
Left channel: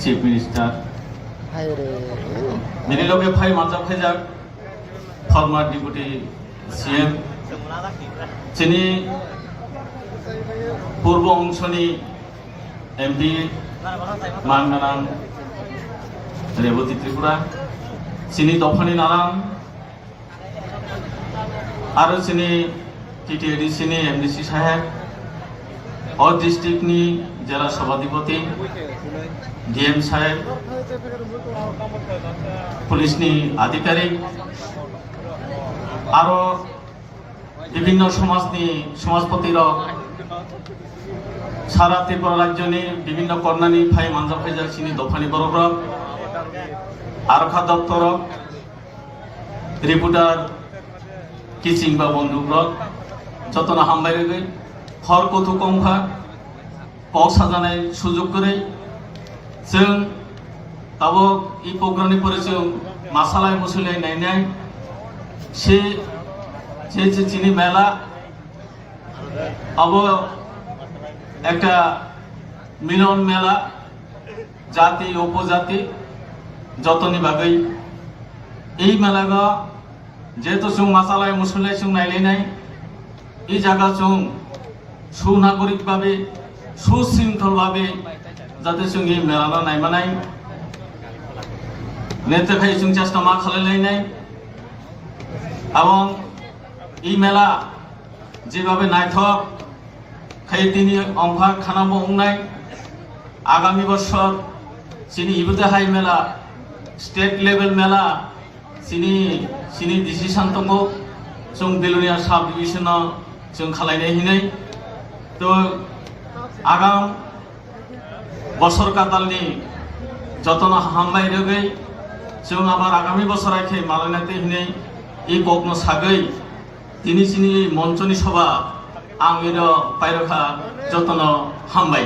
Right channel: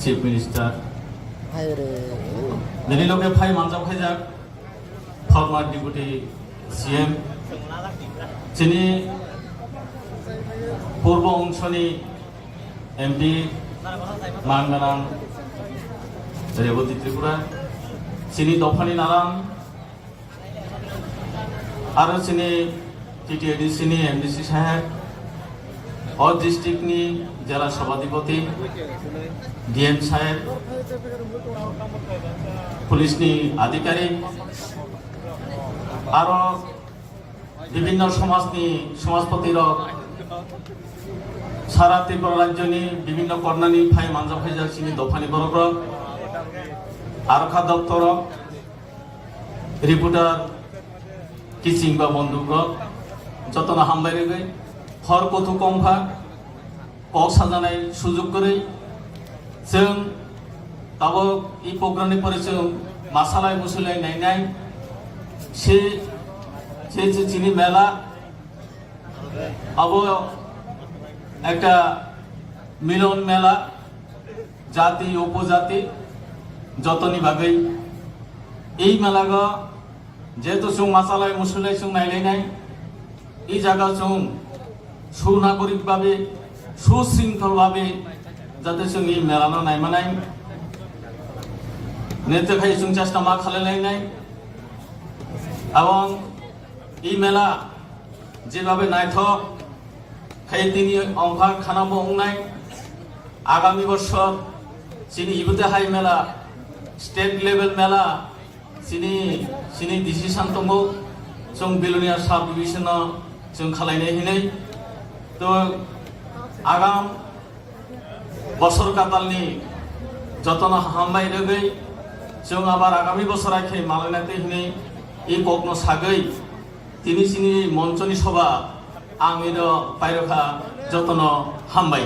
Chief Minister, Many Loke Pai Manjapajak, former Deputy CM, Chini Purbo Ongshoni, MP, Mangaram, Reboti Tripura, Chini Dofani Naram, Aro Chini TTAD Chini MDC Saheb, और डिस्ट्रिक्ट नी जरा सभाधिपति डीएम साहेब, पुलिस नी आधिकारिक और विभिन्न समाजपति सारा त्रिपुरा राज्य नी विभिन्न कर्णानी भाई मांजा भाईजा चिनी दफानी बरब्र आरक्षा दफ्तर रिपोर्टार टीचिंग बा बंधुब्र जतना हामबाय गई हर कथु कमफा पौसा जानाय सुजुग करे जों दाबो ई प्रग्रामनि परे जों मासालाय मुसुलाय नायनाय से जे चिनी मेला अब একটা মিলন মেলা জাতি উপজাতি যতনি ভাগই এই মেলাগা যেহেতু जों मासालाय मुसुलाय जों नायलायनाय এই জায়গা जों সুনাগরিক ভাবে সুশৃঙ্খল ভাবে যাতে जों এই মেলা নাইমানাय নেতৃখাই जों চেষ্টা মা খালাইলাयनाय এবং এই মেলা যেভাবে নাইথক খাই তিনি অংফা খানাবো অংনাই আগামী বছর চিনি ইবুতে হাই মেলা স্টেট লেভেল মেলা চিনি ডিসিশন दंगो जों बेलुनिया साब डिविजनाव जों खालायनाय हिनै तो आगाम बছর कातालनि जतन हामबाय रगै जों आबार आगामी बছর आखे मालायनाते हिनै এই কগ্ন সাগৈ তিনি চিনি মঞ্চনি সভা आं एरो पायरखा जतन हामबाय।